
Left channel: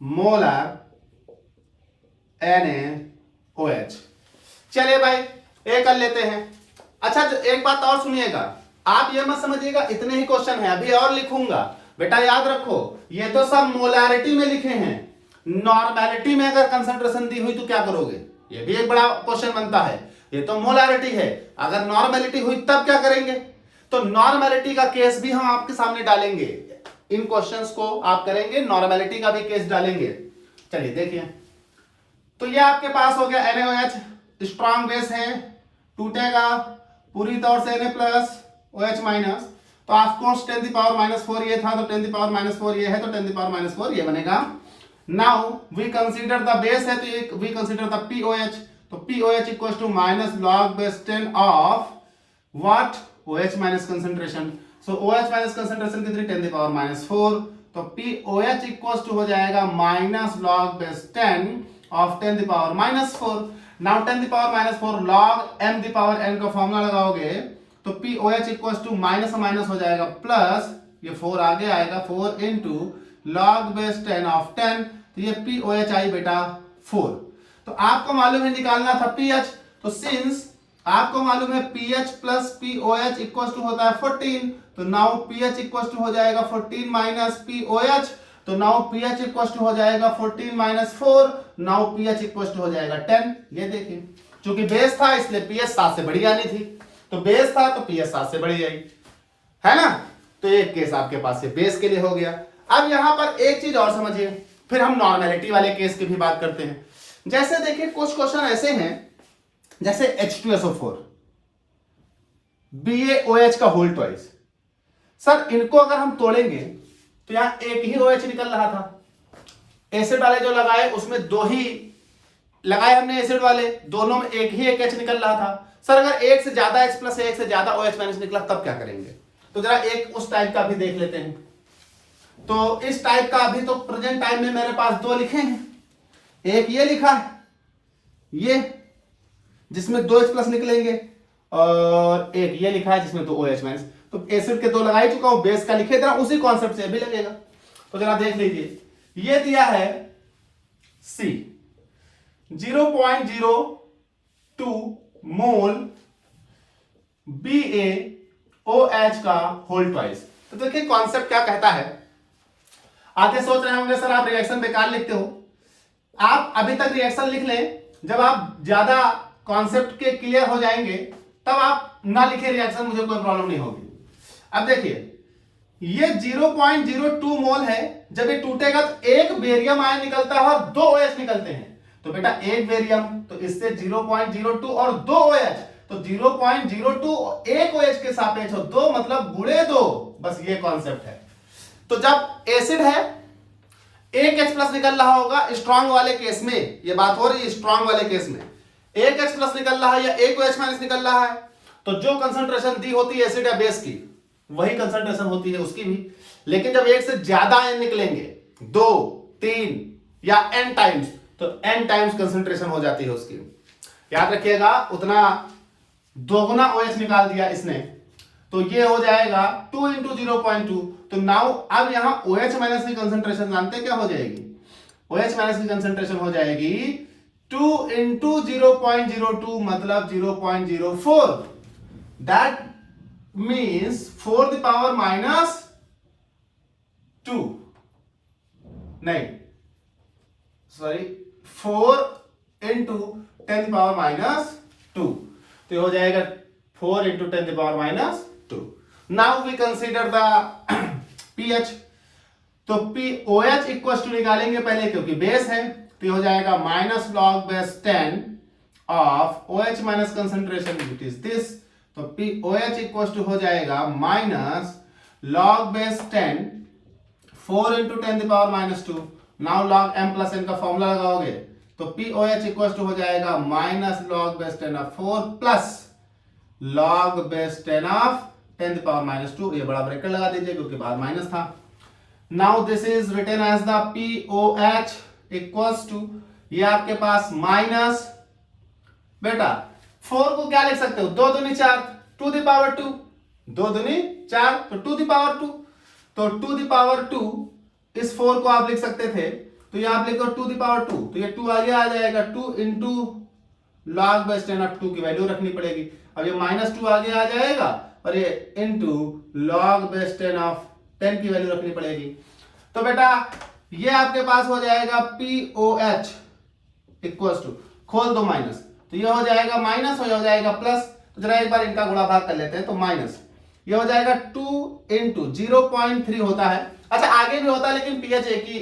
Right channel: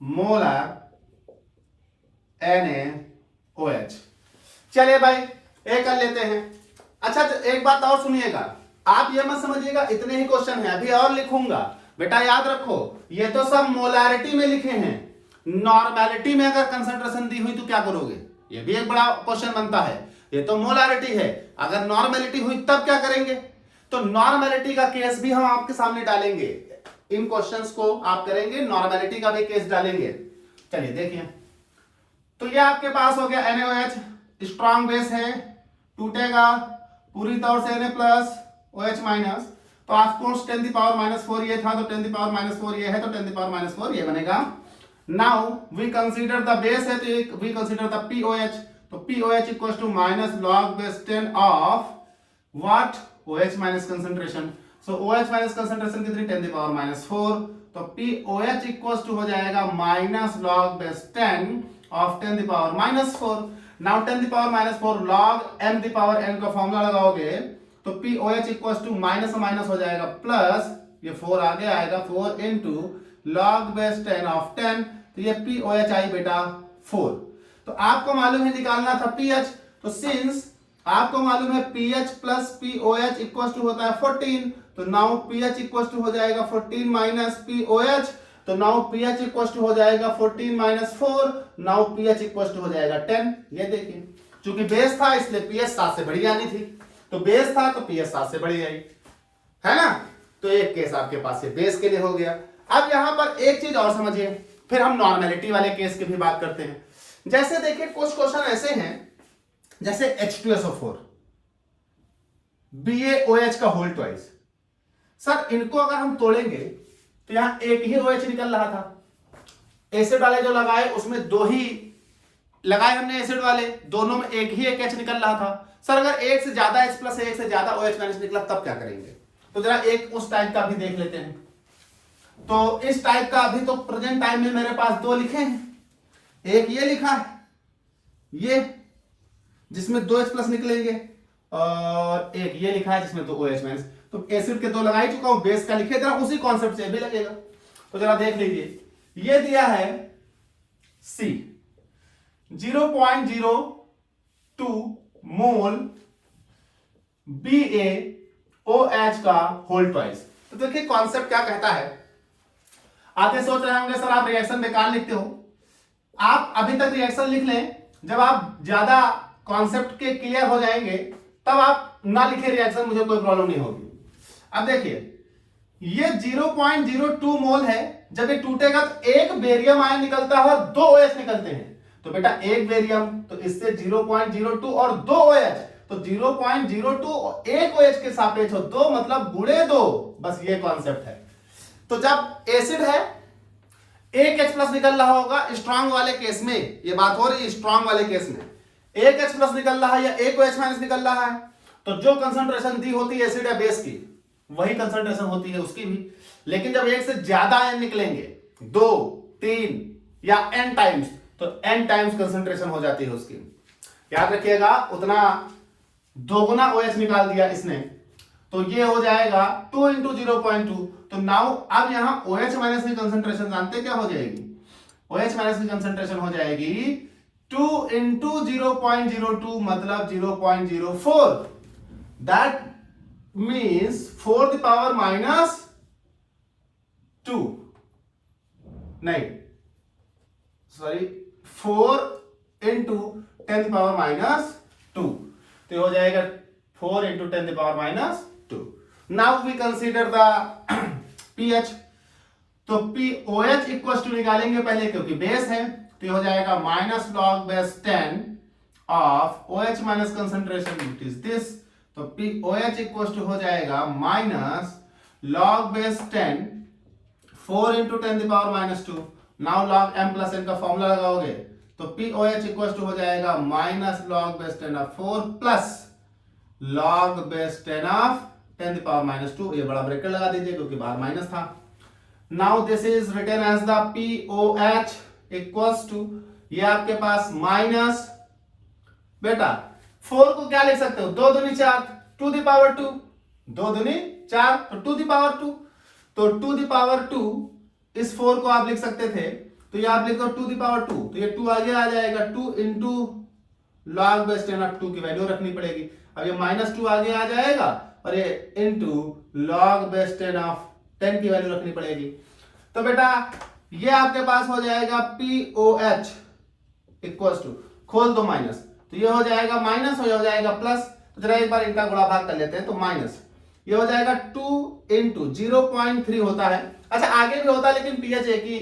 मोलर NaOH। चलिए भाई ये कर लेते हैं। अच्छा तो एक बात और सुनिएगा, आप ये मत समझिएगा इतने ही क्वेश्चन है, अभी और लिखूंगा। बेटा याद रखो ये तो सब मोलैरिटी में लिखे हैं, नॉर्मेलिटी में अगर कंसंट्रेशन दी हुई तो क्या करोगे? ये भी एक बड़ा क्वेश्चन बनता है। ये तो मोलैरिटी है, अगर नॉर्मेलिटी हुई तब क्या करेंगे? तो नॉर्मेलिटी का केस भी हम आपके सामने डालेंगे। इन क्वेश्चंस को आप करेंगे, नॉर्मेलिटी का भी केस डालेंगे। चलिए देखिए, तो ये आपके पास हो गया NaOH, स्ट्रॉन्ग बेस है, टूटेगा पूरी तौर से Na+OH-। तो ऑफकोर्स 10 की पावर -4 ये था, तो 10 की पावर -4 ये है, तो 10 की पावर -4 ये बनेगा। Now we consider the base है, तो वी कंसीडर द POH, तो POH equals to -log base 10 of what? OH minus concentration. So OH minus concentration कितनी? 10 की पावर -4, तो POH इक्वल्स टू हो जाएगा -log बेस 10 ऑफ 10 की पावर -4। नाउ 10 की पावर -4 log m की पावर n का फॉर्मूला लगाओगे तो POH equals to minus minus हो जाएगा प्लस, ये 4 आगे आएगा, 4 इंटू log बेस 10 ऑफ 10, तो ये POH आई बेटा 4। तो आपको मालूम है निकालना था pH, तो सिंस आपको मालूम है pH plus pOH equal to होता है 14, तो नाउ पीएच इक्वल टू हो जाएगा 14 माइनस पीओएच, तो नाउ पीएच इक्वल टू हो जाएगा 14 minus 4, now pH equal to हो जाएगा 10। ये देखिए चूंकि बेस था इसलिए पीएच 7 से बड़ी आनी थी, तो बेस था तो पीएच 7 से बड़ी आई, है ना। तो एक केस आपके पास से बेस के लिए हो गया। अब यहां पर एक चीज और समझिए, फिर हम नॉर्मेलिटी वाले केस की भी बात करते हैं। जैसे देखिए कुछ क्वेश्चन ऐसे हैं जैसे H2SO4 BaOH का होल ट्वाइस, सर इनको अगर हम तोड़ेंगे तो यहां एक ही OH निकल रहा था, एसिड वाले जो लगाए उसमें दो ही लगाए हमने, एसिड वाले दोनों में एक ही एक H निकल रहा था। सर अगर एक से ज्यादा H प्लस एक से ज्यादा OH माइनस निकला तब क्या करेंगे? तो जरा एक उस टाइप का भी देख लेते हैं। तो इस टाइप का अभी तो प्रेजेंट टाइम में मेरे पास दो लिखे हैं, एक ये लिखा है ये जिसमें दो H प्लस निकलेंगे, और एक ये लिखा है जिसमें दो OH माइनस। तो एसिड के दो लगा ही चुका हूं, बेस का लिखे जरा उसी कॉन्सेप्ट से भी लगेगा। तो जरा देख लीजिए, ये दिया है C 0.02 मोल BaOH का होल ट्वाइस। तो देखिए कॉन्सेप्ट क्या कहता है। आते सोच रहे होंगे सर आप रिएक्शन बेकार लिखते हो, आप अभी तक रिएक्शन लिख लें, जब आप ज्यादा कॉन्सेप्ट के क्लियर हो जाएंगे तब आप ना लिखे रिएक्शन, मुझे कोई प्रॉब्लम नहीं होगी। अब देखिए ये 0.02 मोल है, जब ये टूटेगा तो एक बेरियम आयन निकलता है और दो OH निकलते हैं। तो बेटा एक बेरियम तो इससे 0.02 और दो OH, तो 0.02 एक OH के सापेक्ष हो, दो मतलब गुणे दो, बस ये कॉन्सेप्ट है। तो जब एसिड है एक H प्लस निकल रहा होगा स्ट्रॉन्ग वाले केस में, ये बात हो रही है स्ट्रॉन्ग वाले केस में, एक H प्लस निकल रहा है या एक OH माइनस निकल रहा है, तो जो कंसंट्रेशन दी होती है एसिड या बेस की वही कंसंट्रेशन होती है उसकी भी। लेकिन जब एक से ज्यादा आयन निकलेंगे, 2, 3 या n टाइम्स, तो n टाइम्स कंसंट्रेशन हो जाती है उसकी। याद रखिएगा उतना दोगुना OH निकाल दिया इसने, तो ये हो जाएगा 2 इंटू 0.2। तो नाउ अब यहां OH माइनस की कंसंट्रेशन जानते क्या हो जाएगी? OH माइनस की कंसंट्रेशन हो जाएगी 2 इंटू 0.02 मतलब 0.04, that means 4 the power minus 2, नहीं सॉरी 4 इंटू 10 पावर माइनस 2, तो हो जाएगा 4 into 10 power minus 2। Now we consider the pH, तो POH इक्वल टू निकालेंगे पहले क्योंकि बेस है, तो ये हो जाएगा minus log base 10 of OH minus concentration which is this, तो POH इक्वल टू हो जाएगा minus log base 10 4 into 10 power minus 2। Now log m plus n का फॉर्मूला लगाओगे तो POH इक्वल टू हो जाएगा minus log base 10 of 4 plus log base 10 of 10 power minus 2। ये बड़ा ब्रैकेट लगा दीजिए क्योंकि बाहर माइनस था। Now this is written as the POH equals to, ये आपके पास माइनस, बेटा 4 को क्या लिख सकते हो, 2 दूनी 4, 2 दी पावर 2, 2 दूनी 4 तो 2 दी पावर 2, तो 2 दी पावर 2 इस 4 को आप लिख सकते थे, तो ये आप लिखो 2 दी पावर 2, तो ये 2 आगे आ जाएगा, 2 इंटू लॉग बेस 10 ऑफ 2 की वैल्यू रखनी पड़ेगी। अब ये माइनस 2 आगे आ जाएगा और ये इंटू लॉग बेस 10 ऑफ 10 की वैल्यू रखनी पड़ेगी। तो बेटा ये आपके पास हो जाएगा POH इक्वल टू, खोल दो माइनस, तो ये हो जाएगा माइनस और ये हो जाएगा प्लस। तो जरा एक बार इनका गुणा भाग कर लेते हैं, तो माइनस ये हो जाएगा 2 इंटू 0.3 होता है, अच्छा आगे भी होता है लेकिन pH एक ही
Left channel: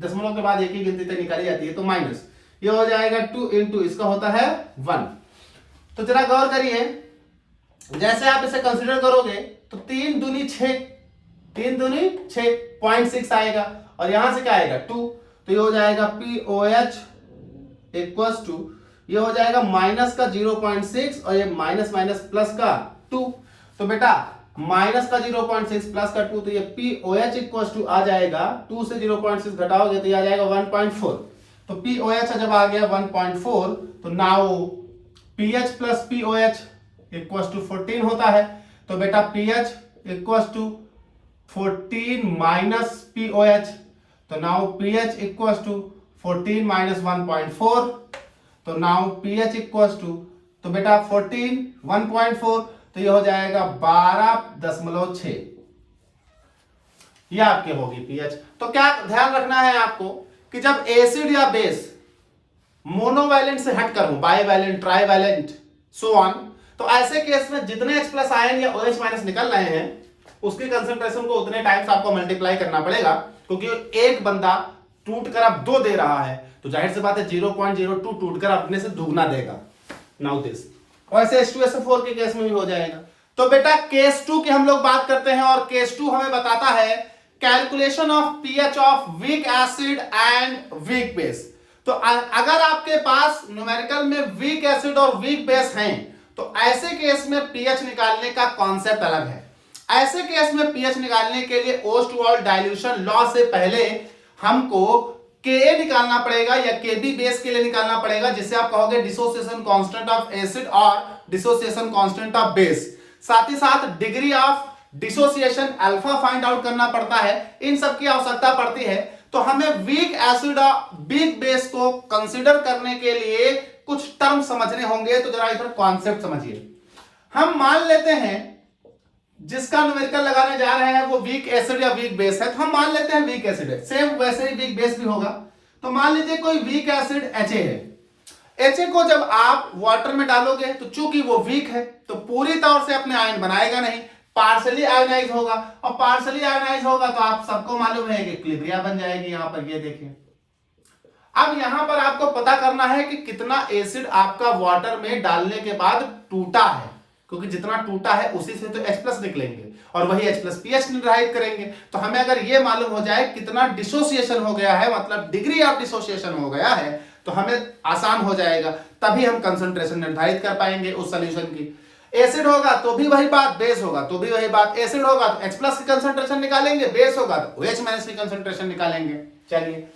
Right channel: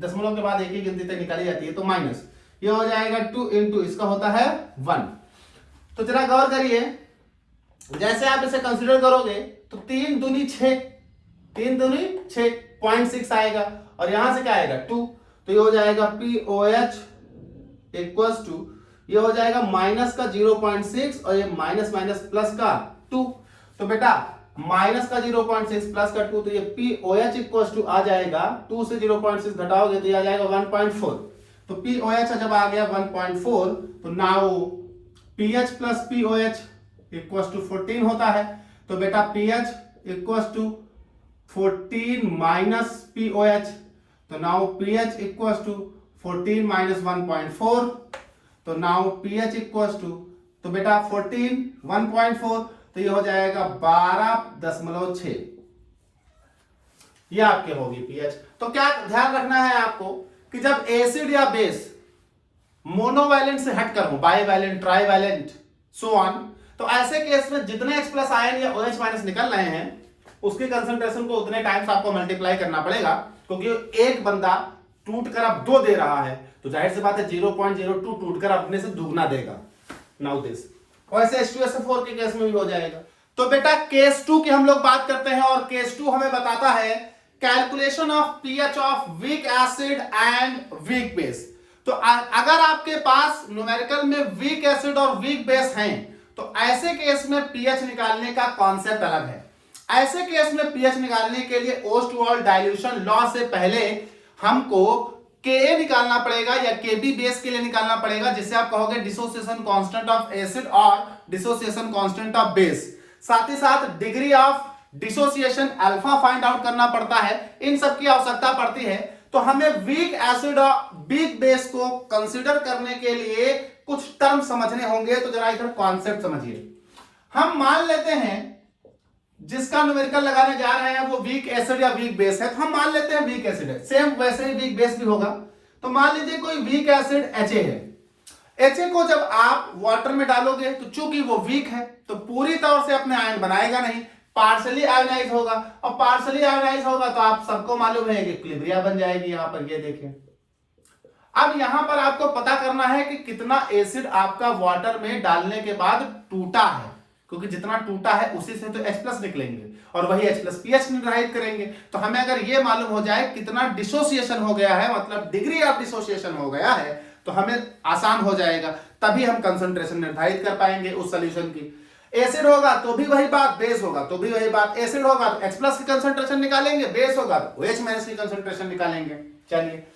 दशमलव के बाद एक ही गिनती तक निकाली जाती है, तो माइनस ये हो जाएगा 2 इंटू इसका होता है 1। तो जरा गौर करिए, जैसे आप इसे कंसीडर करोगे तो 3 दूनी 6, 3 दूनी 6 0.6 आएगा और यहां से क्या आएगा 2, तो ये हो जाएगा POH इक्वल्स टू, ये हो जाएगा माइनस का 0.6 और ये माइनस माइनस प्लस का 2, तो बेटा माइनस का 0.6 प्लस का 2, तो ये POH इक्वल्स टू आ जाएगा 2 से 0.6 घटाओगे तो ये आ जाएगा 1.4। तो POH जब आ गया 1.4, तो now pH plus POH equals to 14 होता है, तो बेटा pH equals to 14 minus POH, तो now pH equals to 14 minus 1.4, तो नाउ pH इक्वल्स टू तो बेटा 14 1.4 तो ये हो जाएगा 12.6, ये आपके होगी पीएच। तो क्या ध्यान रखना है आपको कि जब एसिड या बेस मोनोवैलेंट से हटकर हो, बाईवैलेंट, ट्राईवैलेंट, सो ऑन, तो ऐसे केस में जितने H+ आयन या OH- निकल रहे हैं उसके कंसंट्रेशन को उतने टाइम्स आपको मल्टीप्लाई करना पड़ेगा, क्योंकि एक बंदा टूट कर अब 2 दे रहा है तो जाहिर सी बात है 0.02 टूट कर अपने से दुगना देगा। नाउ दिस वैसे H2SO4 के केस में भी हो जाएगा। तो बेटा केस 2 की हम लोग बात करते हैं और केस 2 हमें बताता है calculation of pH of weak acid and weak base. तो अगर आपके पास न्यूमेरिकल में वीक एसिड और वीक बेस हैं तो ऐसे केस में पीएच निकालने का कॉन्सेप्ट अलग है। ऐसे केस में पीएच निकालने के लिए ओस्टवाल्ड डाइल्यूशन लॉ से पहले हमको Ka निकालना पड़ेगा या Kb बेस के लिए निकालना पड़ेगा, जिसे आप कहोगे डिसोसिएशन कांस्टेंट ऑफ एसिड और डिसोसिएशन कांस्टेंट ऑफ बेस। साथ ही साथ degree of dissociation alpha find out करना पड़ता है। इन सब की आवश्यकता पड़ती है। तो हमें वीक एसिड और वीक बेस को कंसीडर करने के लिए कुछ टर्म समझने होंगे। तो जरा इधर कॉन्सेप्ट समझिए। हम मान लेते हैं जिसका न्यूमेरिकल लगाने जा रहे हैं वो वीक एसिड या वीक बेस है, तो हम मान लेते हैं वीक एसिड है। सेम वैसे ही वीक बेस भी होगा। तो मान लीजिए कोई वीक एसिड Ha है। Ha को जब आप वाटर में डालोगे तो चूंकि वो वीक है तो पूरी तौर से अपने आयन बनाएगा नहीं, पार्शली आयोनाइज होगा। और पार्शली आयोनाइज होगा तो आप सबको मालूम है कि इक्विलिब्रिया बन जाएगी। यहां पर ये देखिए, अब यहां पर आपको पता करना है कि कितना एसिड आपका वाटर में डालने के बाद टूटा है, क्योंकि जितना टूटा है उसी से तो H+ निकलेंगे और वही H+ पीएच निर्धारित करेंगे। तो हमें अगर ये मालूम हो जाए कितना डिसोसिएशन हो गया है, मतलब डिग्री ऑफ डिसोसिएशन हो गया है, तो हमें आसान हो जाएगा, तभी हम कंसंट्रेशन निर्धारित कर पाएंगे उस सॉल्यूशन की। एसिड होगा तो भी वही बात, बेस होगा तो भी वही बात। एसिड होगा तो H+ की कंसंट्रेशन निकालेंगे, बेस होगा तो OH- की कंसंट्रेशन निकालेंगे। चलिए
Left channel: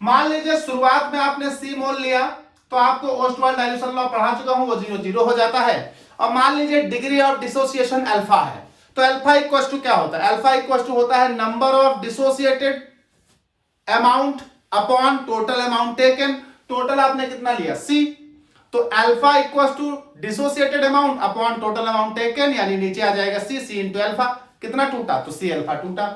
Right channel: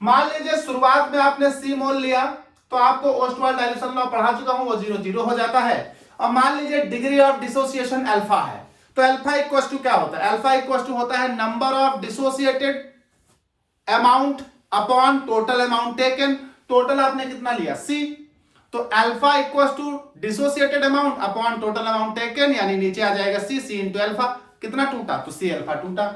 मान लीजिए शुरुआत में आपने C मोल लिया तो आपको ओस्टवाल्ड डाइल्यूशन लॉ पढ़ा चुका हूं, वो 0 हो जाता है। और मान लीजिए डिग्री ऑफ डिसोसिएशन अल्फा है, तो अल्फा इक्वल टू क्या होता है? अल्फा इक्वल टू होता है number of dissociated amount upon total amount taken. Total आपने कितना लिया? C, तो alpha equal to dissociated amount upon total amount taken, यानी नीचे आ जाएगा C इंटू अल्फा। कितना टूटा? तो C अल्फा टूटा।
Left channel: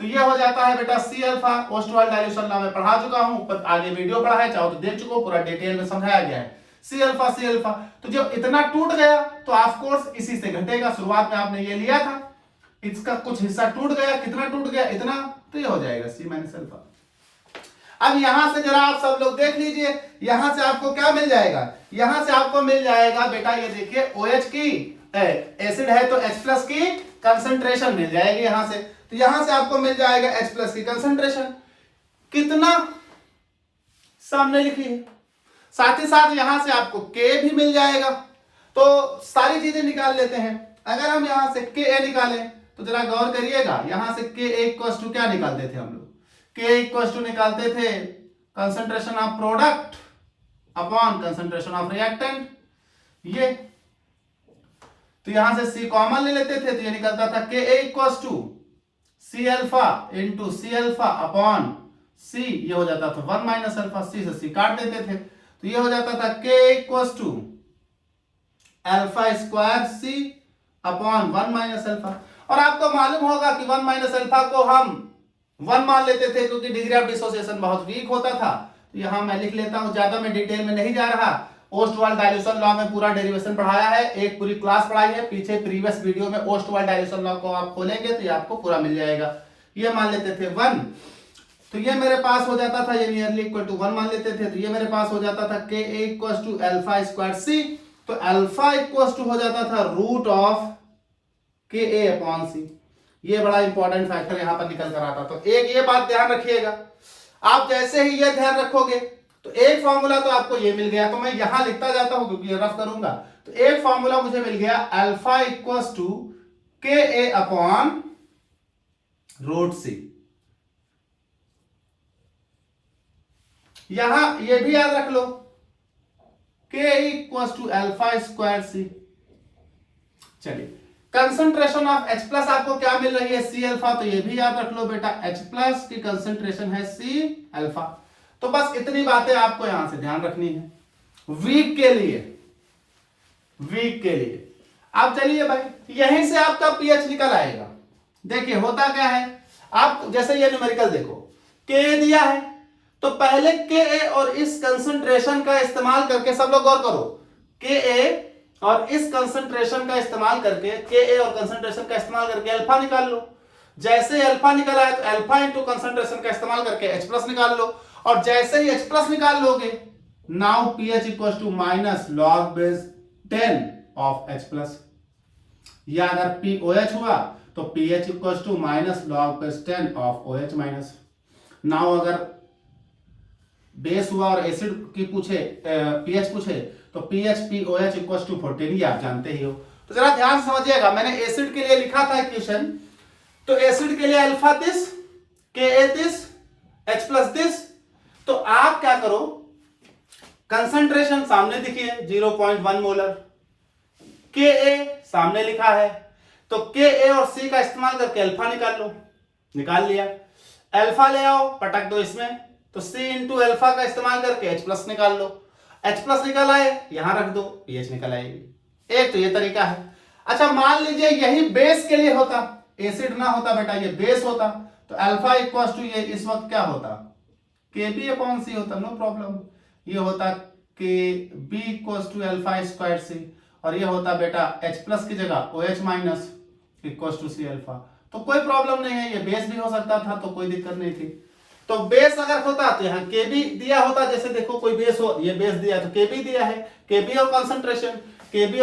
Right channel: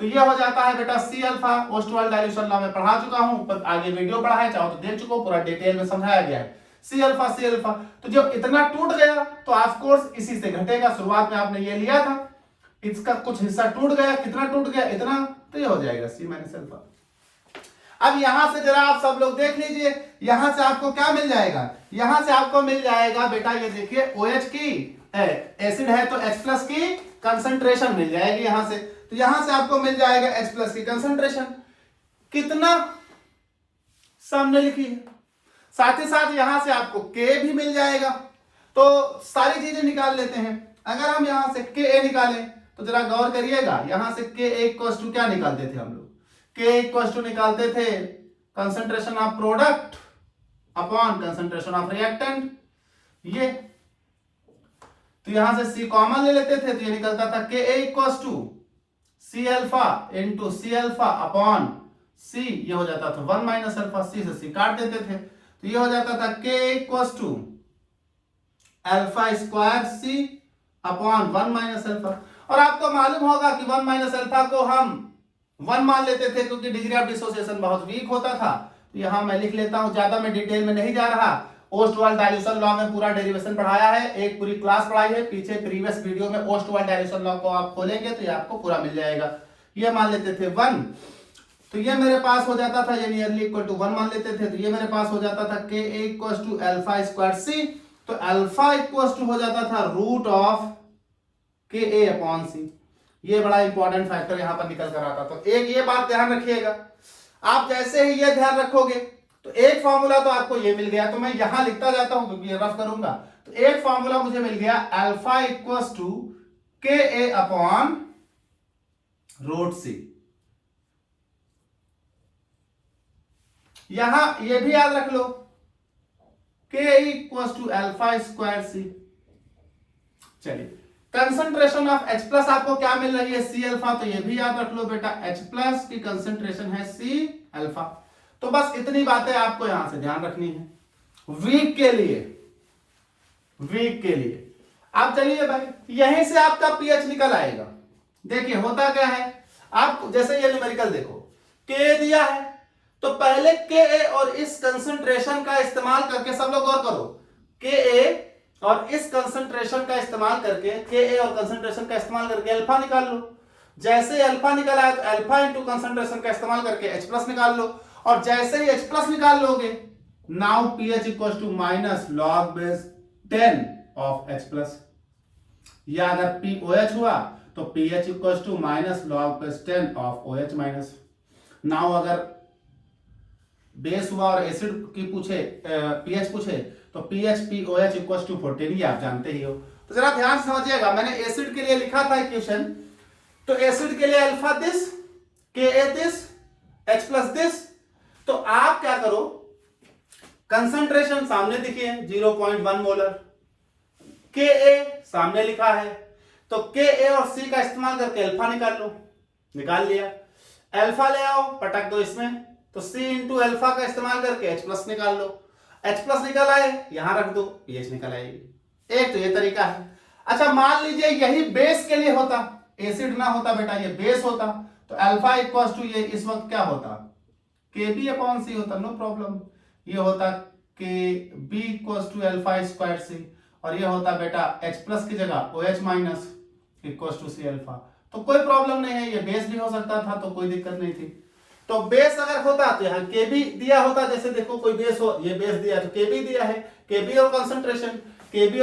तो ये हो जाता है बेटा C alpha. Ostwald dilution law में पढ़ा चुका हूं, पर आगे वीडियो पढ़ा है, चाहो तो देख चुको, पूरा डिटेल में समझाया गया है। C alpha. तो जब इतना टूट गया तो ऑफ कोर्स इसी से घटेगा। शुरुआत में आपने ये लिया था, इसका कुछ हिस्सा टूट गया। कितना टूट गया? इतना। तो ये हो जाएगा C माइनस अल्फा। अब यहां से जरा आप सब लोग देख लीजिए, यहां से आपको क्या मिल जाएगा? यहां से आपको मिल जाएगा बेटा, ये देखिए OH की एसिड है तो H+ की कंसंट्रेशन मिल जाएगी यहां से। तो यहां से आपको मिल जाएगा H+ की कंसंट्रेशन कितना, सामने लिखिए। साथ ही साथ यहां से आपको K भी मिल जाएगा। तो सारी चीजें निकाल लेते हैं। अगर हम यहां से Ka निकालें तो जरा गौर करिएगा, यहां से Ka इक्वल टू क्या निकालते थे हम लोग? K इक्वल टू निकालते थे concentration of product upon concentration of reactant. ये तो यहां से C कॉमन ले लेते थे तो ये निकलता था Ka equal to C alpha into C alpha upon C, ये हो जाता था 1 माइनस अल्फा। C से C काट देते थे तो ये हो जाता था K equal to alpha square C upon 1 minus alpha. और आपको मालूम होगा कि 1 माइनस अल्फा को हम 1 मान लेते थे क्योंकि डिग्री ऑफ डिसोसिएशन बहुत वीक होता था। तो यहां मैं लिख लेता हूं, ज्यादा मैं डिटेल में नहीं जा रहा। ओस्टवाल्ड डाइल्यूशन लॉ में पूरा डेरिवेशन पढ़ाया है, एक पूरी क्लास पढ़ाई है पीछे प्रीवियस वीडियो में। ओस्टवाल्ड डाइल्यूशन लॉ को आप खोलेंगे तो ये आपको पूरा मिल जाएगा। ये मान लेते थे 1, तो ये मेरे पास हो जाता था, ये नियरली इक्वल टू 1 मान लेते थे तो ये मेरे पास हो जाता था Ka equal to alpha square C। तो अल्फा इक्वल टू हो जाता था root of Ka upon C। ये बड़ा इंपॉर्टेंट फैक्टर यहां पर निकल कर आता। तो एक ये बात ध्यान रखिएगा, आप जैसे ही ये ध्यान रखोगे तो एक फॉर्मूला तो आपको ये मिल गया। तो मैं यहां लिखता जाता हूं क्योंकि ये रफ करूंगा। तो एक फॉर्मूला मुझे मिल गया alpha equals to Ka upon root C। यहां ये भी याद रख लो Ka equals to alpha square C। चलिए कंसंट्रेशन ऑफ H+ आपको क्या मिल रही है? C alpha. तो ये भी याद रख लो बेटा, H+ की कंसंट्रेशन है C अल्फा। तो बस इतनी बातें आपको यहां से ध्यान रखनी है। वीक के लिए वीक के लिए। अब चलिए भाई यहीं से आपका पीएच निकल आएगा। देखिए होता क्या है, आप जैसे ये न्यूमेरिकल देखो, के दिया है तो पहले के और इस कंसंट्रेशन का इस्तेमाल करके, सब लोग गौर करो, के और इस कंसंट्रेशन का इस्तेमाल करके, के और कंसंट्रेशन का इस्तेमाल करके अल्फा निकाल लो। जैसे अल्फा निकल आया तो अल्फा इंटू कंसंट्रेशन का इस्तेमाल करके H प्लस निकाल लो, और जैसे ही H प्लस निकाल लोगे, नाउ pH equal to minus log base 10 of H plus, या अगर POH हुआ तो pH equal to minus log base 10 of OH minus. Now अगर बेस हुआ और एसिड की पूछे, pH पूछे, तो pH POH इक्वल टू 14, ये आप जानते ही हो। तो जरा ध्यान समझिएगा, मैंने एसिड के लिए लिखा था इक्वेशन, तो एसिड के लिए alpha this, Ka this, H plus this. तो आप क्या करो, कंसंट्रेशन सामने दिखिए 0.1 मोलर, Ka सामने लिखा है, तो Ka और C का इस्तेमाल करके अल्फा निकाल लो, निकाल लिया। अल्फा ले आओ, पटक दो इसमें, तो C इंटू अल्फा का इस्तेमाल करके H प्लस निकाल लो। H प्लस निकल आए, यहां रख दो, pH निकल आएगी। एक तो ये तरीका है। अच्छा मान लीजिए यही बेस के लिए होता, एसिड ना होता बेटा, ये बेस होता, तो अल्फा इक्वल टू ये इस वक्त क्या होता, Kb अपॉन C होता, नो प्रॉब्लम। ये होता Kb equal to alpha square C, और ये होता बेटा H प्लस की जगह OH minus equal to C alpha. तो कोई प्रॉब्लम नहीं है, ये बेस भी हो सकता था, तो कोई दिक्कत नहीं थी। तो बेस अगर होता तो यहाँ Kb दिया होता, जैसे देखो कोई बेस हो, ये बेस दिया तो Kb दिया है, Kb और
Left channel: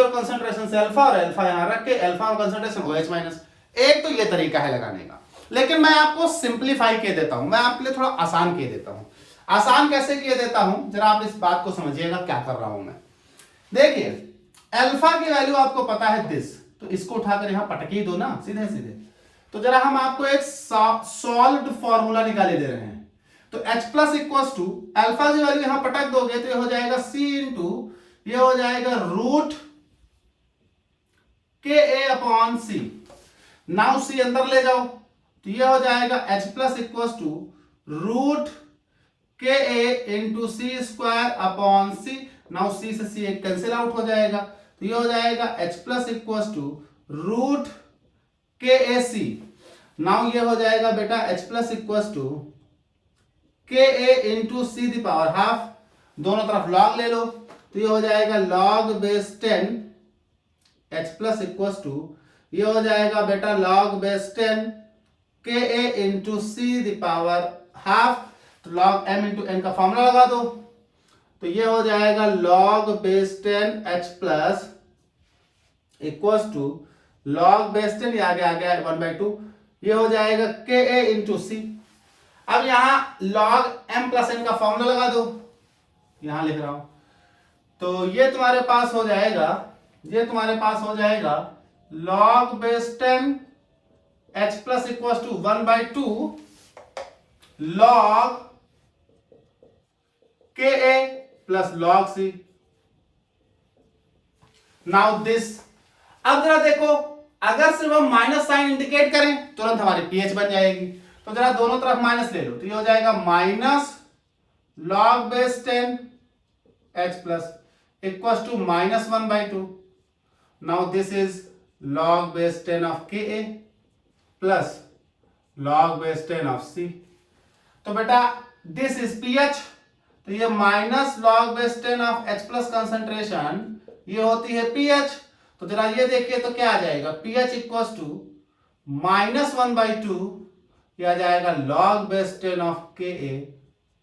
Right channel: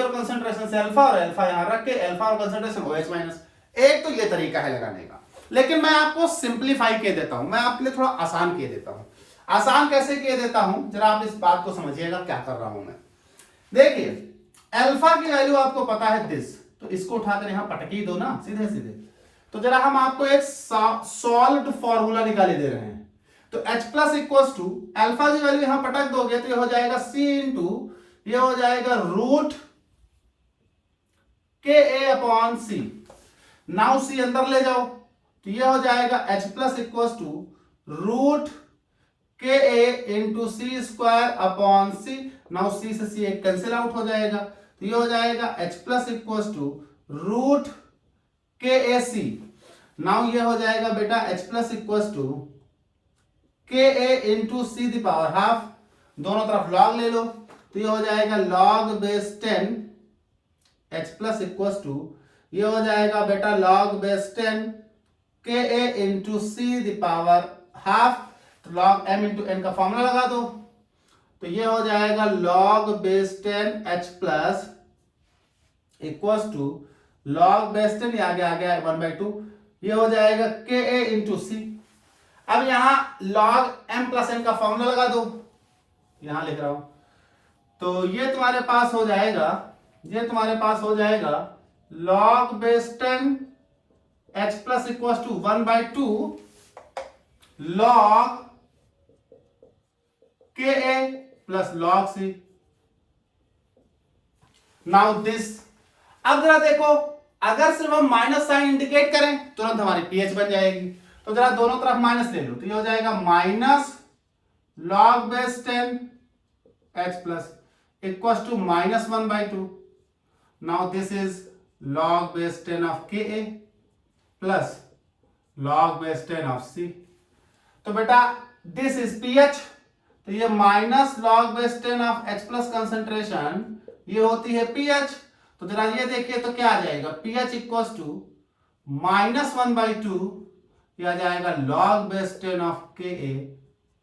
कंसंट्रेशन से अल्फा, और अल्फा यहाँ रख के अल्फा और कंसंट्रेशन OH माइनस। एक तो ये तरीका है लगाने का, लेकिन मैं आपको सिंप्लीफाई किए देता हूं, मैं आपके लिए थोड़ा आसान किए देता हूं। आसान कैसे किए देता हूं, जरा आप इस बात को समझिएगा क्या कर रहा हूं मैं। देखिए अल्फा की वैल्यू आपको पता है दिस, तो इसको उठाकर यहां पटक ही दो ना सीधे सीधे। तो जरा हम आपको एक सॉल्व्ड फॉर्मूला निकाले दे रहे हैं, तो H plus equal to alpha की वैल्यू यहां पटक दोगे तो ये हो जाएगा C इंटू, ये हो जाएगा root Ka upon C। Now C अंदर ले जाओ, तो ये हो जाएगा H plus equal to root Ka into C square upon C। Now C से C एक कैंसिल आउट हो जाएगा, तो ये हो जाएगा H plus equal to root KaC। Now ये हो जाएगा बेटा H plus equal to Ka into C the power half, दोनों तरफ लॉग ले लो, तो ये हो जाएगा log base 10 H plus equal to, ये हो जाएगा बेटा log base 10 Ka into C the power half, तो लॉग m इंटू n का फॉर्मूला लगा दो, तो ये हो जाएगा log base 10 H plus equal to log base 10, ये आगे आ गया 1/2, ये हो जाएगा Ka इंटू C। अब यहां लॉग m प्लस n का फॉर्मूला लगा दो, यहां लिख रहा हूं, तो ये तुम्हारे पास हो जाएगा, ये तुम्हारे पास हो जाएगा log base 10 H plus equal to 1/2 log Ka plus log C। Now this, अब जरा देखो, अगर सिर्फ हम माइनस साइन इंडिकेट करें तुरंत हमारी pH बन जाएगी, तो जरा दोनों तरफ माइनस ले लो, तो ये हो जाएगा minus log base 10 H plus equal to minus 1/2। Now this is log base 10 of Ka plus log base 10 of C। तो बेटा दिस इज pH, तो ये minus log base 10 of H plus concentration, ये होती है pH। तो जरा ये देखिए तो क्या आ जाएगा, pH इक्वल टू माइनस 1/2, यह आ जाएगा log base 10 of Ka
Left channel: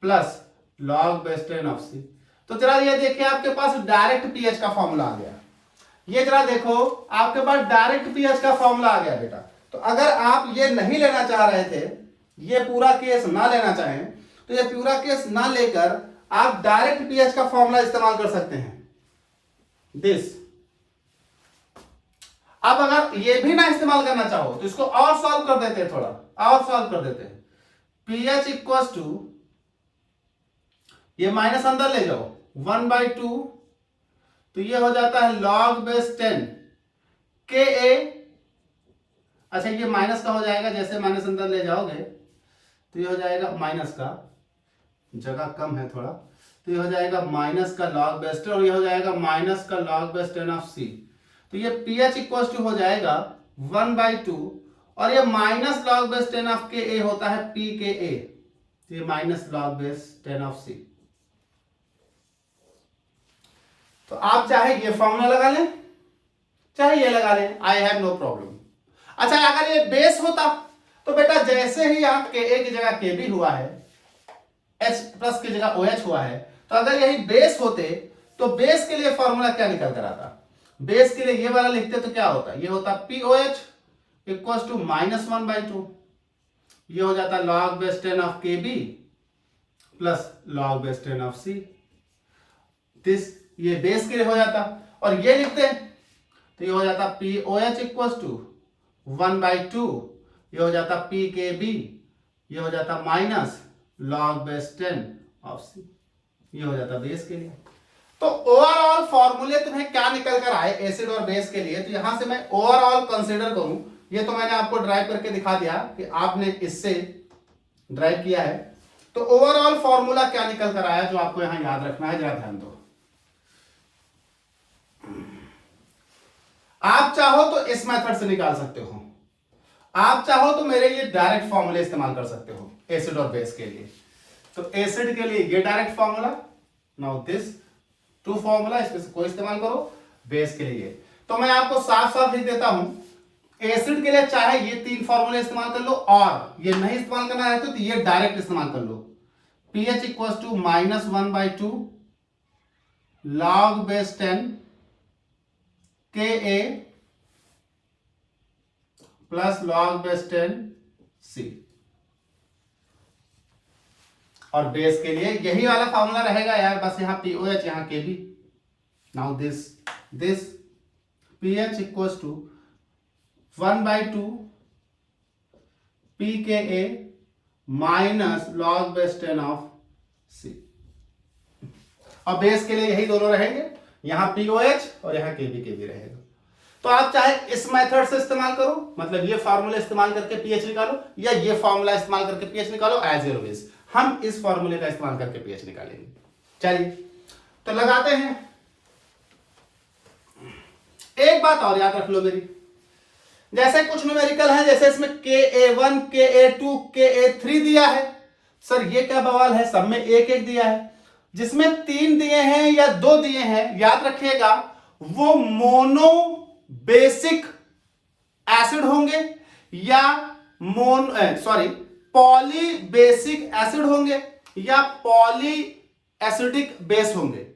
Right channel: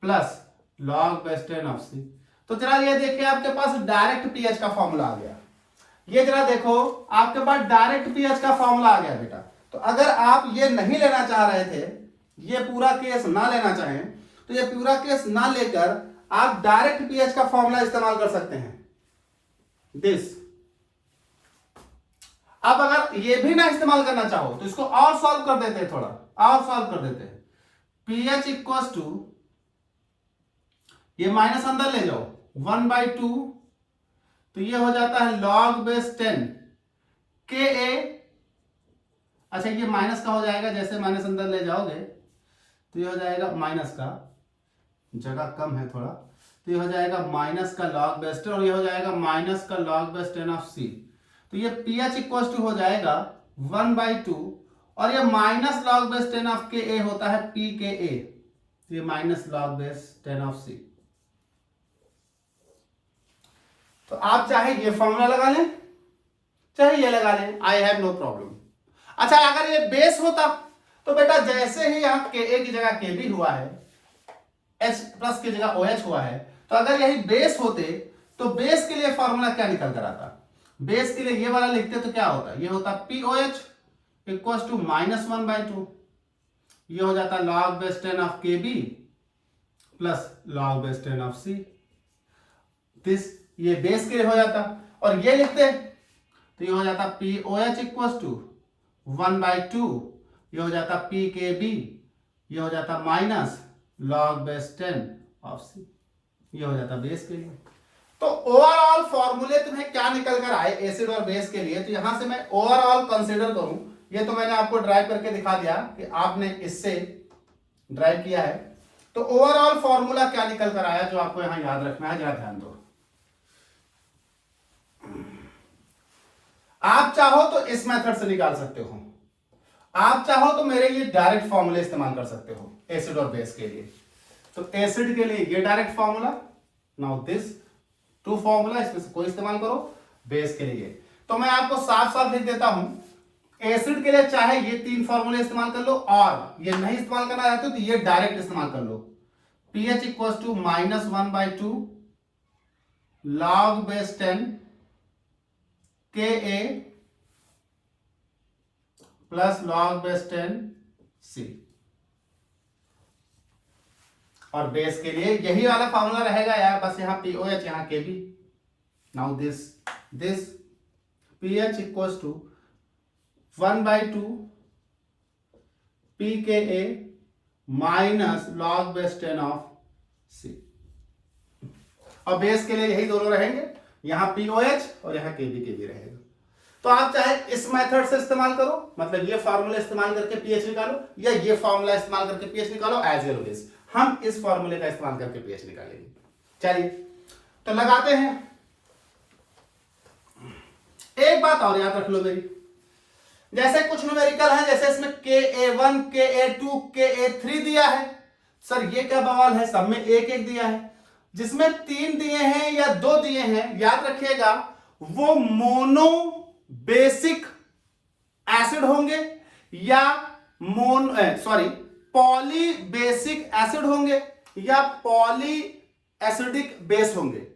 plus log base 10 of C। तो जरा ये देखिए आपके पास डायरेक्ट pH का फॉर्मूला आ गया, ये जरा देखो आपके पास डायरेक्ट pH का फॉर्मूला आ गया बेटा। तो अगर आप ये नहीं लेना चाह रहे थे, ये पूरा केस ना लेना चाहें, तो ये पूरा केस ना लेकर आप डायरेक्ट pH का फॉर्मूला इस्तेमाल कर सकते हैं दिस। अब अगर ये भी ना इस्तेमाल करना चाहो तो इसको और सॉल्व कर देते हैं, थोड़ा और सॉल्व कर देते हैं। pH इक्वल टू, ये माइनस अंदर ले जाओ 1/2, तो ये हो जाता है log बेस 10 Ka। अच्छा ये माइनस का हो जाएगा, जैसे माइनस अंदर ले जाओगे तो ये हो जाएगा, माइनस का जगह कम है थोड़ा, तो ये हो जाएगा माइनस का log बेस 10 और ये हो जाएगा माइनस का log बेस 10 ऑफ C। तो ये pH इक्वल टू हो जाएगा 1/2 और ये minus log base 10 of Ka होता है pKa, तो ये minus log base 10 of C। तो आप चाहे ये फॉर्मूला लगा लें चाहे ये लगा लें, आई हैव नो प्रॉब्लम। अच्छा, अगर ये बेस होता तो बेटा जैसे ही यहाँ Ka की जगह Kb हुआ है, H प्लस की जगह OH हुआ है, तो अगर यही बेस होते तो बेस के लिए फॉर्मूला क्या निकल कर आता? बेस के लिए ये वाला लिखते तो क्या होता? ये होता POH इक्वल टू -1/2, ये हो जाता log base 10 of Kb plus log base 10 of C। This ये बेस के लिए हो जाता, और ये लिखते तो ये हो जाता POH इक्वल टू 1/2, ये हो जाता PKB, ये हो जाता minus log base 10 of C, ये हो जाता बेस के लिए। तो ओवरऑल फॉर्मूले तुम्हें क्या निकल कर आए एसिड और बेस के लिए, तो यहां से मैं ओवरऑल कंसीडर करूं, ये तो मैंने आपको ड्राइव करके दिखा दिया कि आपने इससे ड्राइव किया है। तो ओवरऑल फॉर्मूला क्या निकल कर आया जो आपको यहां याद रखना है, जरा ध्यान दो। आप चाहो तो इस मेथड से निकाल सकते हो, आप चाहो तो मेरे ये डायरेक्ट फॉर्मूले इस्तेमाल कर सकते हो एसिड और बेस के लिए। तो एसिड के लिए ये direct formula, now this two formula, इसमें से कोई इस्तेमाल करो। बेस के लिए तो मैं आपको साफ साफ लिख देता हूं, एसिड के लिए चाहे ये 3 फॉर्मूले इस्तेमाल कर लो, और ये नहीं इस्तेमाल करना है तो ये डायरेक्ट इस्तेमाल कर लो। pH equal to -1/2 log base 10 Ka plus log base 10 C। और बेस के लिए यही वाला फॉर्मूला रहेगा यार, बस यहाँ POH यहाँ Kb। Now this pH equal to 1/2 pKa minus log base 10 of C। और बेस के लिए यही दोनों रहेंगे, यहां POH और यहां Kb रहेगा। तो आप चाहे इस मेथड से इस्तेमाल करो, मतलब ये फार्मूला इस्तेमाल करके pH निकालो, या ये फार्मूला इस्तेमाल करके pH निकालो, एज ऑलवेज हम इस फार्मूले का इस्तेमाल करके pH निकालेंगे। चलिए तो लगाते हैं। एक बात और याद रख लो मेरी, जैसे कुछ न्यूमेरिकल है, जैसे इसमें Ka1 Ka2 Ka3 दिया है, सर ये क्या बवाल है, सब में एक एक दिया है। जिसमें 3 दिए हैं या 2 दिए हैं, याद रखिएगा वो मोनो बेसिक एसिड होंगे या पॉली बेसिक एसिड होंगे या पॉली एसिडिक बेस होंगे।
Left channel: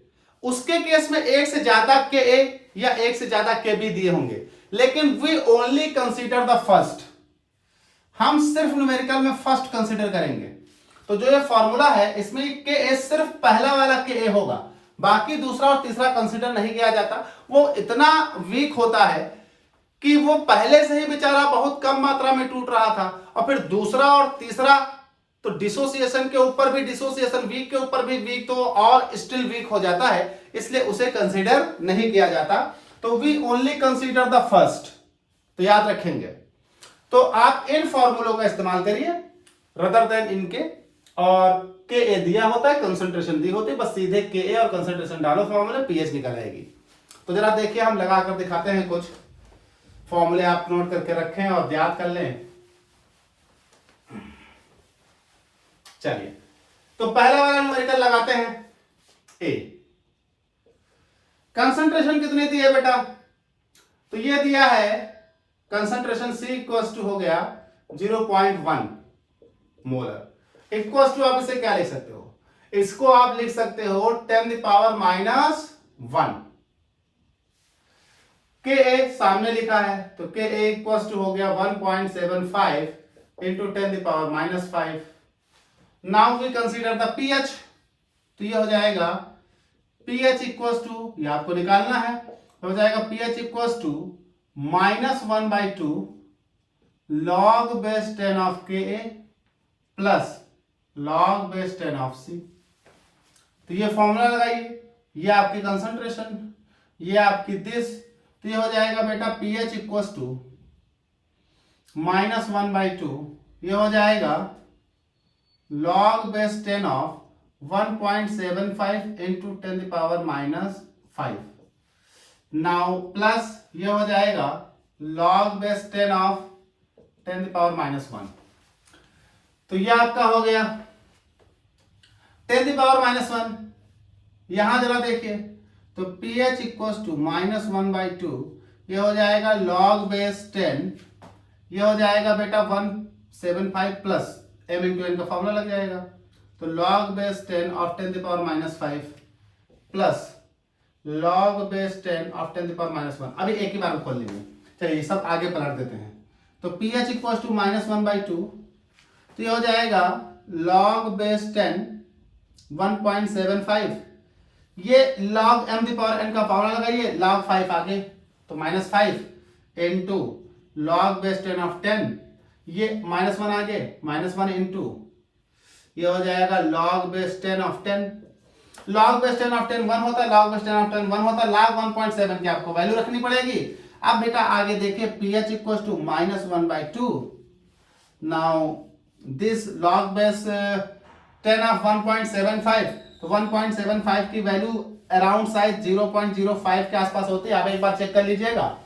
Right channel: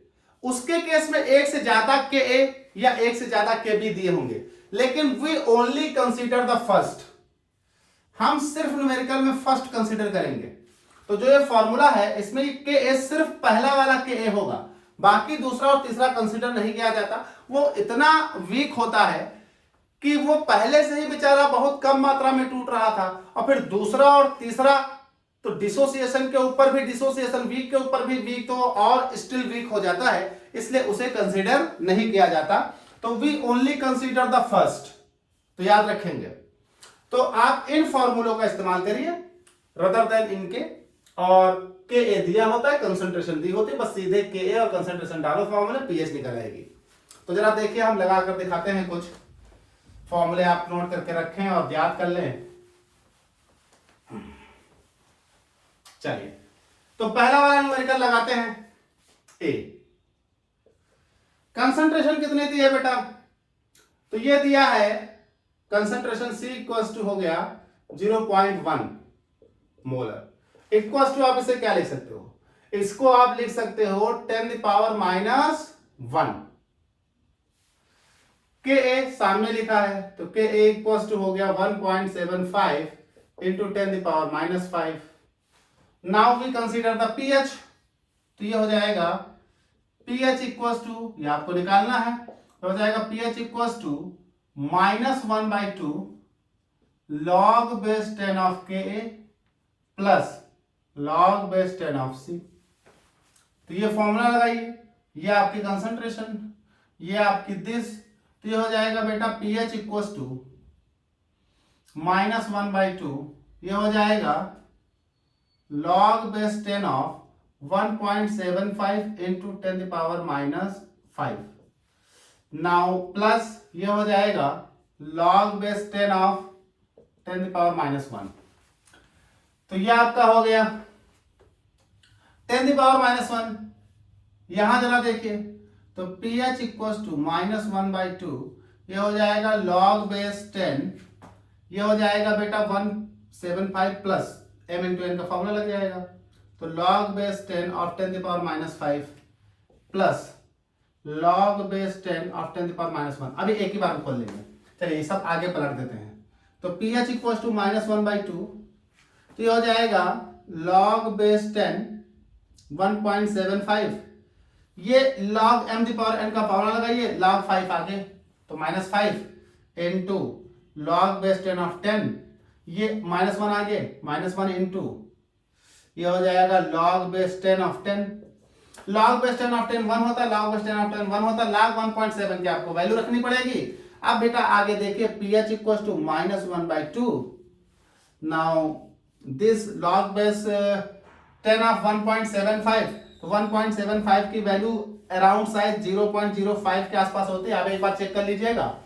उसके केस में एक से ज्यादा Ka या एक से ज्यादा Kb दिए होंगे, लेकिन we only consider the first, हम सिर्फ न्यूमेरिकल में फर्स्ट कंसीडर करेंगे। तो जो ये फॉर्मूला है इसमें Ka सिर्फ पहला वाला Ka होगा, बाकी दूसरा और तीसरा कंसीडर नहीं किया जाता। वो इतना वीक होता है कि वो पहले से ही बेचारा बहुत कम मात्रा में टूट रहा था, और फिर दूसरा और तीसरा तो डिसोसिएशन के ऊपर भी डिसोसिएशन, वीक के ऊपर भी वीक, तो और स्टिल वीक हो जाता है, इसलिए उसे कंसीडर नहीं किया जाता। तो we only consider the first, तो याद रखेंगे। तो आप इन फॉर्मूलों का इस्तेमाल करिए रदर देन इनके, और Ka दिया होता है, कंसंट्रेशन दी होती है, बस सीधे Ka और कंसंट्रेशन डालो फॉर्मूले, pH निकल आएगी। तो जरा देखिए हम लगा कर दिखाते हैं, कुछ फॉर्मूले आप नोट करके रखें और याद कर लें। चलिए तो पहला वाला न्यूमेरिकल लगाते हैं। A कंसंट्रेशन कितनी दी है बेटा, तो ये दिया है कंसंट्रेशन C इक्वल्स टू हो गया 0.1 मोलर। इक्वल्स टू आप इसे क्या लिख सकते हो, इसको आप लिख सकते हो 10⁻⁻1। Ka सामने लिखा है, तो Ka इक्वल्स टू हो गया 1.75 into 10⁻⁻5। Now we consider the pH, तो ये हो जाएगा pH इक्वल्स टू, ये आपको निकालना है, तो हो जाएगा pH equals to -1/2 log base 10 of Ka plus log base 10 of C। तो ये फॉर्मूला लगाइए, ये आपकी कंसंट्रेशन, ये आपकी दिस, तो ये हो जाएगा बेटा pH इक्वल्स टू -1/2, ये हो जाएगा log base 10 of 1.75 into 10⁻⁵ now plus ये हो जाएगा log बेस 10 ऑफ 10⁻⁻1। तो ये आपका हो गया 10⁻⁻1। यहां जरा देखिए तो pH इक्वल्स टू -1/2, ये हो जाएगा log बेस 10, ये हो जाएगा बेटा 175 प्लस m इंटू n का फॉर्मूला लग जाएगा। तो log base 10 of 10⁻⁵ plus log base 10 of 10⁻⁻1। अभी एक ही बार में खोल लेंगे, चलिए सब आगे पलट देते हैं। तो pH इक्वल्स टू -1/2, तो ये हो जाएगा log बेस 10 1.75, ये log m⁻n का फॉर्मूला लगाइए, log 5 आगे तो -5 इंटू log बेस 10 ऑफ 10, ये -1 आगे -1 इंटू ये हो जाएगा log base 10 of 10। log base 10 of 10 1 होता है, log बेस 10 ऑफ 10 1 होता है, log 1.7 की आपको वैल्यू रखनी पड़ेगी। अब बेटा आगे देखिए pH equals to -1/2, now this log base 10 of 1.75, तो 1.75 की वैल्यू अराउंड साइज 0.05 के आसपास होती है। आप एक बार चेक कर लीजिएगा,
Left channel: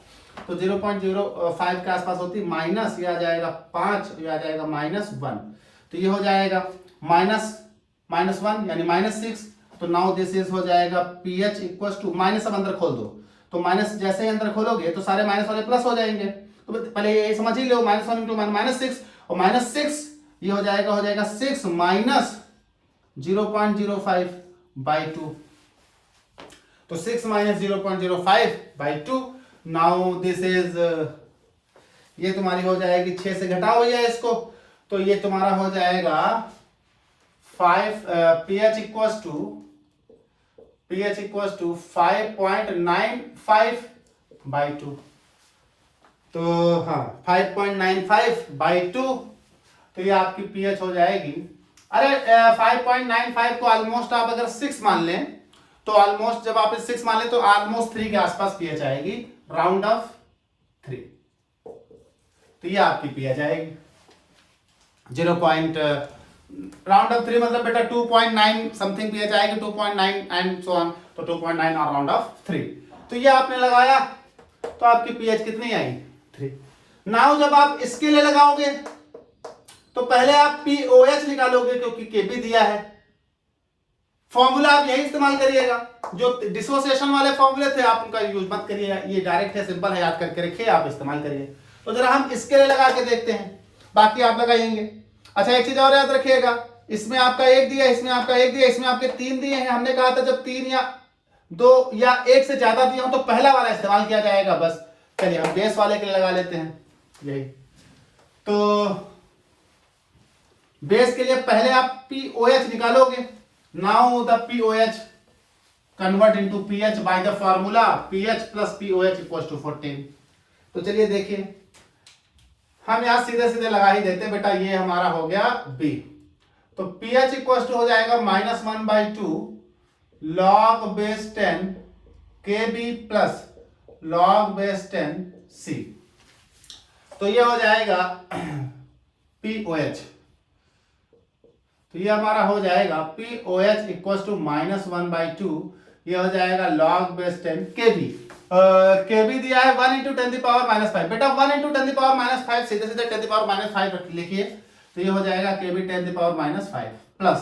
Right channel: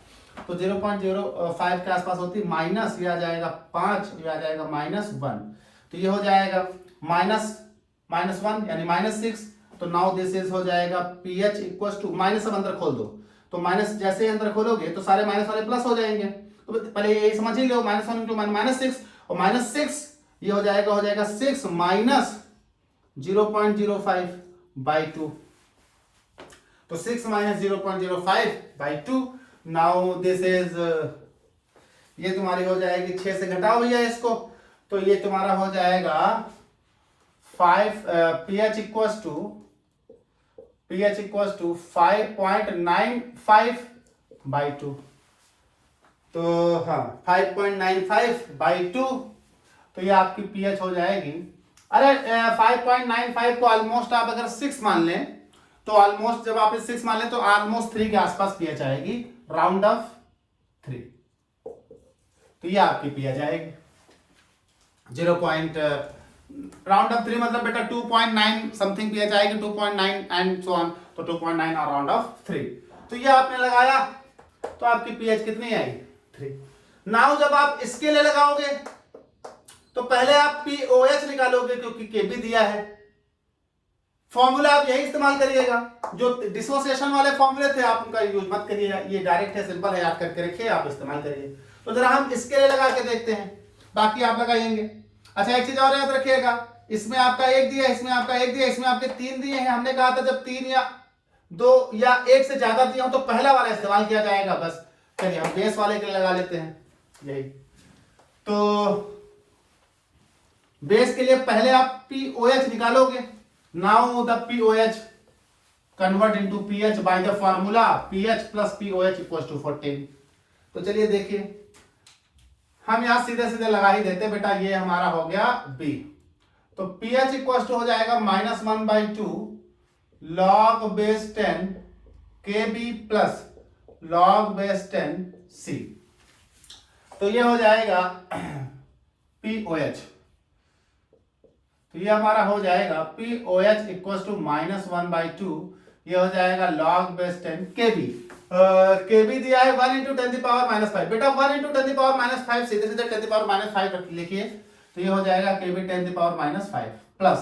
तो 0.05 के आसपास होती है, माइनस ये आ जाएगा 5, ये आ जाएगा -1, तो ये हो जाएगा -1 यानी -6। तो नाउ दिस इज हो जाएगा pH इक्वल्स टू माइनस, अब अंदर खोल दो, तो माइनस जैसे ही अंदर खोलोगे तो सारे माइनस वाले प्लस हो जाएंगे। तो पहले ये समझ ही लो, -1 इंटू -6, और -6 ये हो जाएगा 6 माइनस 0.05/2, तो 6 माइनस 0.05/2। नाउ दिस इज, ये तुम्हारी हो जाएगी 6 से घटाओ भैया इसको, तो ये तुम्हारा हो जाएगा 5 pH इक्वल्स टू 5.95/2, तो हाँ 5.95/2, तो ये आपकी pH हो जाएगी। अरे 5.95 को ऑलमोस्ट आप अगर 6 मान लें, तो ऑलमोस्ट जब आप 6 मान लें तो ऑलमोस्ट 3 के आसपास pH आएगी, राउंड ऑफ 3, तो ये आपकी pH आएगी 0. राउंड ऑफ 3 मतलब बेटा 2.9 समथिंग pH आएगी, 2.9 एंड सो ऑन, तो 2.9 और राउंड ऑफ 3। तो ये आपने लगाया तो आपकी pH कितनी आई 3। नाउ जब आप इसके लिए लगाओगे तो पहले आप POH निकालोगे क्योंकि Kb दिया है। फॉर्मूला आप यही इस्तेमाल करिएगा, जो डिसोसिएशन वाले फॉर्मूले थे आप उनका यूज मत करिए, ये डायरेक्ट है, सिंपल है, याद करके रखिए, आप इस्तेमाल करिए। तो जरा हम इसके लिए लगा के देखते हैं, बाकी आप लगाएंगे। अच्छा एक चीज और याद रखिएगा, इसमें आपका 1 दिया, इसमें आपका 1 दिया, इसमें आपके 3 दिए हैं। हमने कहा था जब 3 या 2 या 1 से ज्यादा दिया हो तो पहला वाला इस्तेमाल किया जाएगा बस। चलिए हम बेस वाले के लिए लगा लेते हैं यही। तो बेस के लिए पहले आप POH निकालोगे। Now the POH convert into pH by the formula pH plus POH equals to 14। तो चलिए देखिए, हम यहां सीधे सीधे लगा ही देते बेटा, ये हमारा हो गया B। तो pH इक्वल्स टू हो जाएगा -1/2 log base 10 Kb plus log base 10 C। तो ये हो जाएगा POH। तो ये हमारा हो जाएगा POH इक्वल्स टू -1/2, ये हो जाएगा log बेस 10 Kb। Kb दिया है 1 इंटू 10⁻⁵। बेटा 1 इंटू 10⁻⁵ सीधे सीधे 10⁻⁵ लिखिए, तो ये हो जाएगा Kb 10⁻⁵ प्लस,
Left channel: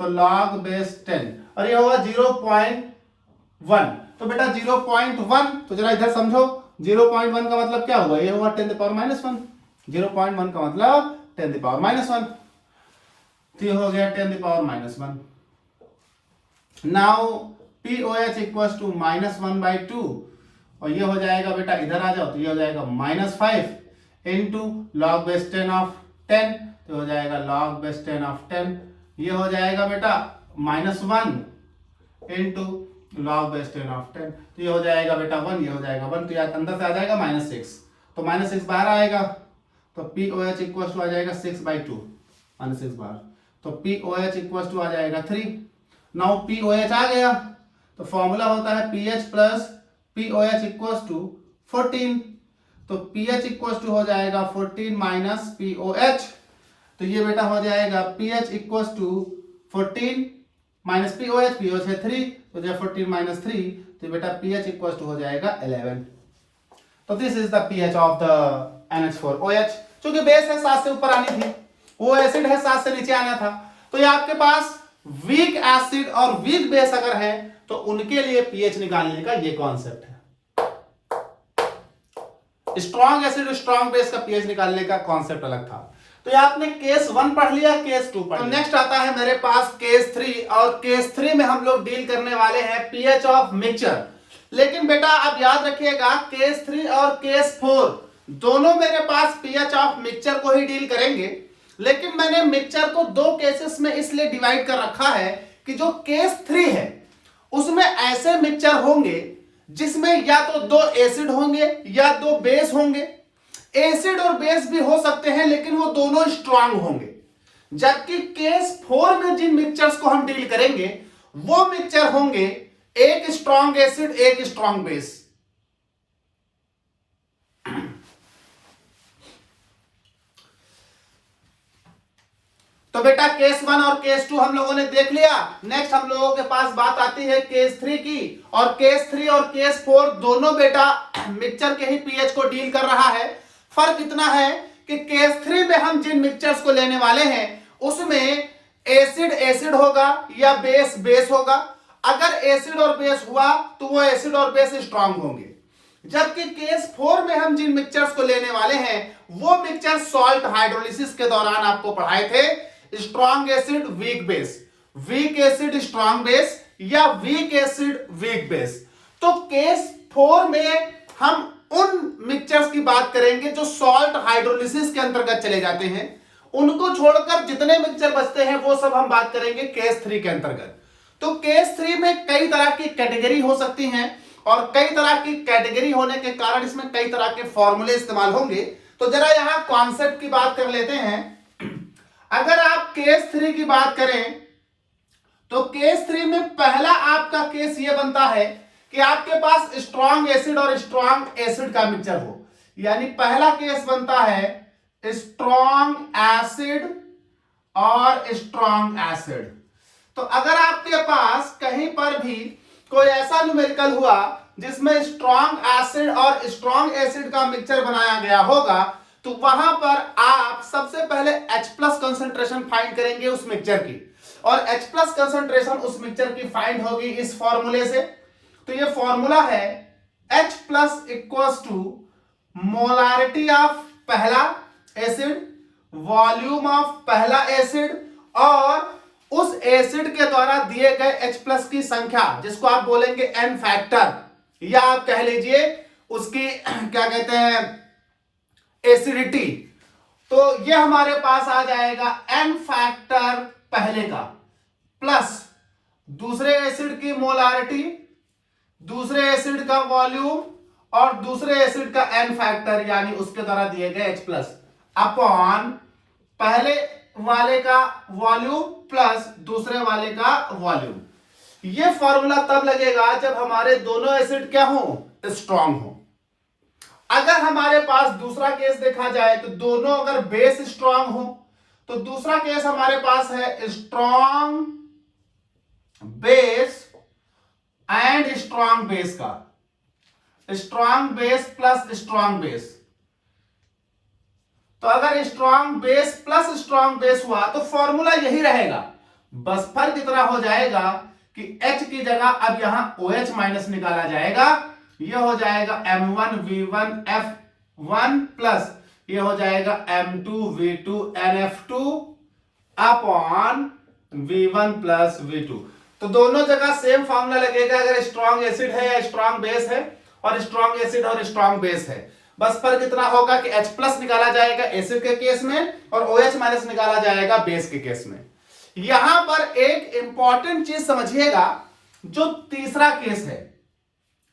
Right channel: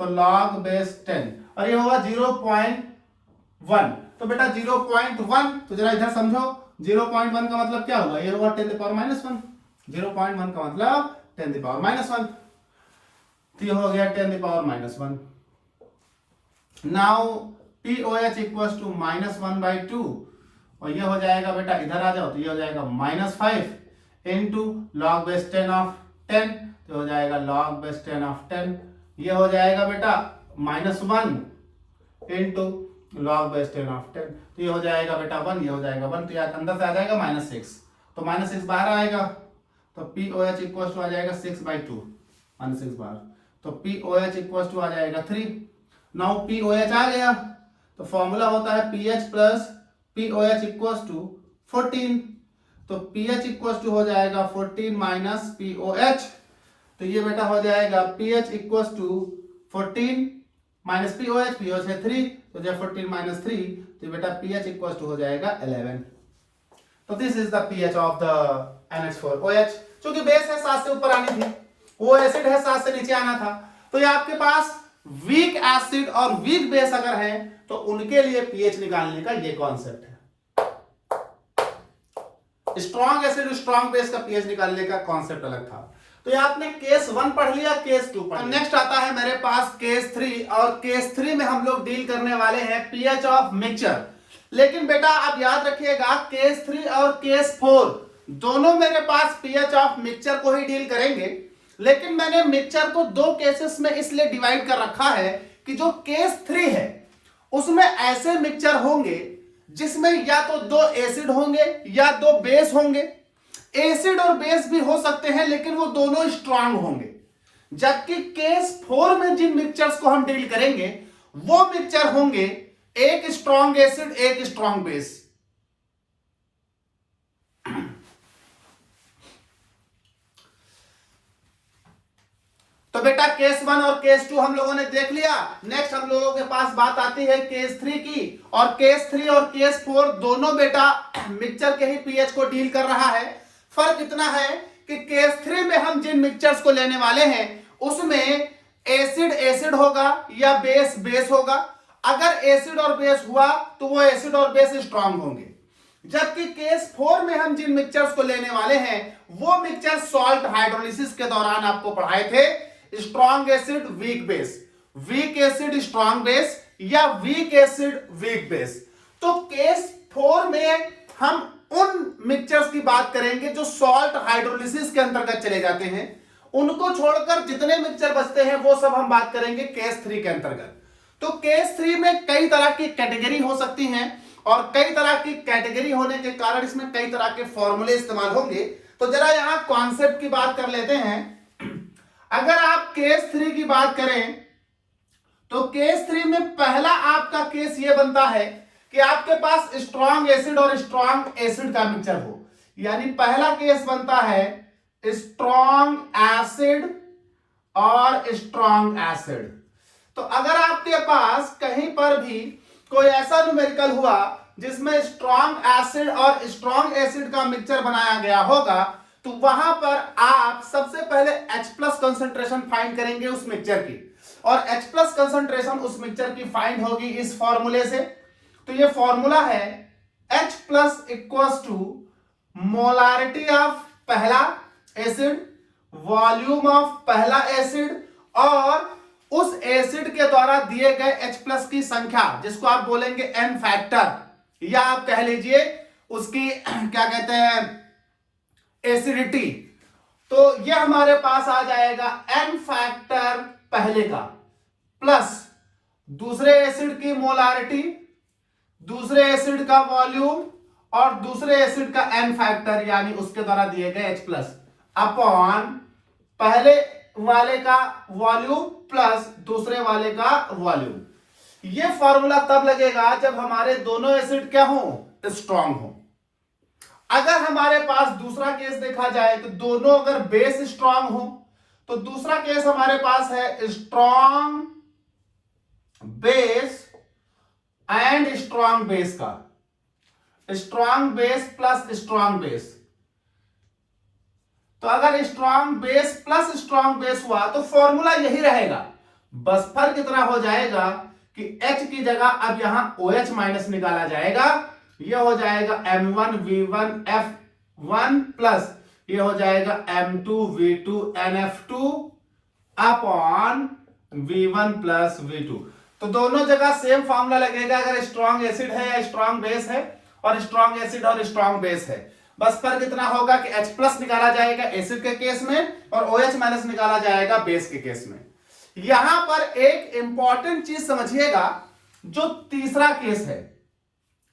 तो log बेस 10, और ये होगा 0.1। तो बेटा 0.1, तो जरा इधर समझो, 0.1 का मतलब क्या हुआ, ये होगा 10⁻⁻1। 0.1 का मतलब 10⁻⁻1, तो ये हो गया 10⁻⁻1। नाउ POH इक्वल्स टू -1/2, और ये हो जाएगा बेटा, इधर आ जाओ, तो ये हो जाएगा -5 इंटू log बेस 10 ऑफ 10, तो हो जाएगा log बेस 10 ऑफ 10, ये हो जाएगा बेटा -1 इंटू log बेस 10 ऑफ 10, तो ये हो जाएगा बेटा 1, ये हो जाएगा 1, तो यार अंदर से आ जाएगा -6, तो -6 बाहर आएगा, तो POH इक्वल्स टू आ जाएगा 6/2, -6 बाहर, तो POH इक्वल्स टू आ जाएगा 3। नाउ POH आ गया, तो फॉर्मूला होता है pH plus POH equals to 14, तो pH इक्वल्स टू हो जाएगा 14 माइनस POH, तो ये बेटा हो जाएगा pH equals to 14 minus POH, POH है 3, तो जब 14 माइनस 3, तो बेटा pH इक्वल टू हो जाएगा 11। तो this is the pH of the NH4OH। चूंकि बेस है 7 से ऊपर आनी थी, वो एसिड है 7 से नीचे आना था, तो ये आपके पास वीक एसिड और वीक बेस अगर है तो उनके लिए pH निकालने का ये कॉन्सेप्ट है। स्ट्रॉन्ग एसिड स्ट्रॉन्ग बेस का pH निकालने का कॉन्सेप्ट अलग था। तो ये आपने केस 1 पढ़ लिया, केस 2 पढ़ लिया। नेक्स्ट आता है मेरे पास केस 3, और केस 3 में हम लोग डील करने वाले हैं pH ऑफ मिक्सचर। लेकिन बेटा आप याद रखिएगा, केस 3 और केस 4 दोनों मेरे पास pH ऑफ मिक्सचर को ही डील करेंगे। लेकिन मैंने मिक्सचर को 2 केसेस में इसलिए डिवाइड कर रखा है कि जो केस 3 है उसमें ऐसे मिक्सचर होंगे जिसमें या तो 2 एसिड होंगे या 2 बेस होंगे। एसिड और बेस भी हो सकते हैं लेकिन वो दोनों स्ट्रांग होंगे। जबकि केस 4 में जिन मिक्सचर्स को हम डील करेंगे वो मिक्सचर होंगे एक स्ट्रांग एसिड एक स्ट्रांग बेस। तो बेटा केस 1 और केस 2 हम लोगों ने देख लिया। नेक्स्ट हम लोगों के पास बात आती है केस 3 की, और केस 3 और केस 4 दोनों बेटा मिक्सचर के ही pH को डील कर रहा है। फर्क इतना है कि केस 3 में हम जिन मिक्सचर्स को लेने वाले हैं उसमें एसिड एसिड होगा या बेस बेस होगा। अगर एसिड और बेस हुआ तो वो एसिड और बेस स्ट्रांग होंगे। जबकि केस 4 में हम जिन मिक्सचर्स को लेने वाले हैं वो मिक्सचर सॉल्ट हाइड्रोलिसिस के दौरान आपको पढ़ाए थे, strong acid weak base, weak acid strong base या वीक एसिड वीक बेस। तो केस 4 में हम उन मिक्सचर्स की बात करेंगे जो सॉल्ट हाइड्रोलिसिस के अंतर्गत चले जाते हैं। उनको छोड़कर जितने मिक्सचर बचते हैं वो सब हम बात करेंगे केस 3 के अंतर्गत। तो केस 3 में कई तरह की कैटेगरी हो सकती हैं, और कई तरह की कैटेगरी होने के कारण इसमें कई तरह के फॉर्मूले इस्तेमाल होंगे। तो जरा यहां कॉन्सेप्ट की बात कर लेते हैं। अगर आप केस 3 की बात करें तो केस 3 में पहला आपका केस ये बनता है कि आपके पास स्ट्रॉन्ग एसिड और स्ट्रॉन्ग एसिड का मिक्सचर हो। यानी पहला केस बनता है स्ट्रॉन्ग एसिड और स्ट्रॉन्ग एसिड। तो अगर आपके पास कहीं पर भी कोई ऐसा न्यूमेरिकल हुआ जिसमें स्ट्रॉन्ग एसिड और स्ट्रॉन्ग एसिड का मिक्सचर बनाया गया होगा तो वहां पर आप सबसे पहले H+ कंसंट्रेशन फाइंड करेंगे उस मिक्सचर की, और H+ कंसंट्रेशन उस मिक्सचर की फाइंड होगी इस फॉर्मूले से। तो ये फॉर्मूला है H+ equals to molarity of पहला एसिड, वॉल्यूम ऑफ पहला एसिड, और उस एसिड के द्वारा दिए गए H+ की संख्या जिसको आप बोलेंगे n फैक्टर, या आप कह लीजिए उसकी क्या कहते हैं एसिडिटी। तो ये हमारे पास आ जाएगा n फैक्टर पहले का प्लस दूसरे एसिड की मोलारिटी, दूसरे एसिड का वॉल्यूम और दूसरे एसिड का n फैक्टर यानी उसके द्वारा दिए गए H+ अपॉन पहले वाले का वॉल्यूम प्लस दूसरे वाले का वॉल्यूम। ये फॉर्मूला तब लगेगा जब हमारे दोनों एसिड क्या हो, स्ट्रांग हो। अगर हमारे पास दूसरा केस देखा जाए तो दोनों अगर बेस स्ट्रांग हो तो दूसरा केस हमारे पास है strong base and strong base का, strong base plus strong base. तो अगर strong base plus strong base हुआ तो फॉर्मूला यही रहेगा, बस फर्क इतना हो जाएगा कि H की जगह अब यहां OH माइनस निकाला जाएगा। ये हो जाएगा M1V1F1 प्लस ये हो जाएगा M2V2NF2 upon V1 plus V2। तो दोनों जगह सेम फॉर्मूला लगेगा अगर स्ट्रॉन्ग एसिड है या स्ट्रॉन्ग बेस है, और स्ट्रॉन्ग एसिड और स्ट्रॉन्ग बेस है। बस फर्क इतना होगा कि H+ निकाला जाएगा एसिड के केस में और OH माइनस निकाला जाएगा बेस के केस में। यहां पर एक इंपॉर्टेंट चीज समझिएगा, जो तीसरा केस है,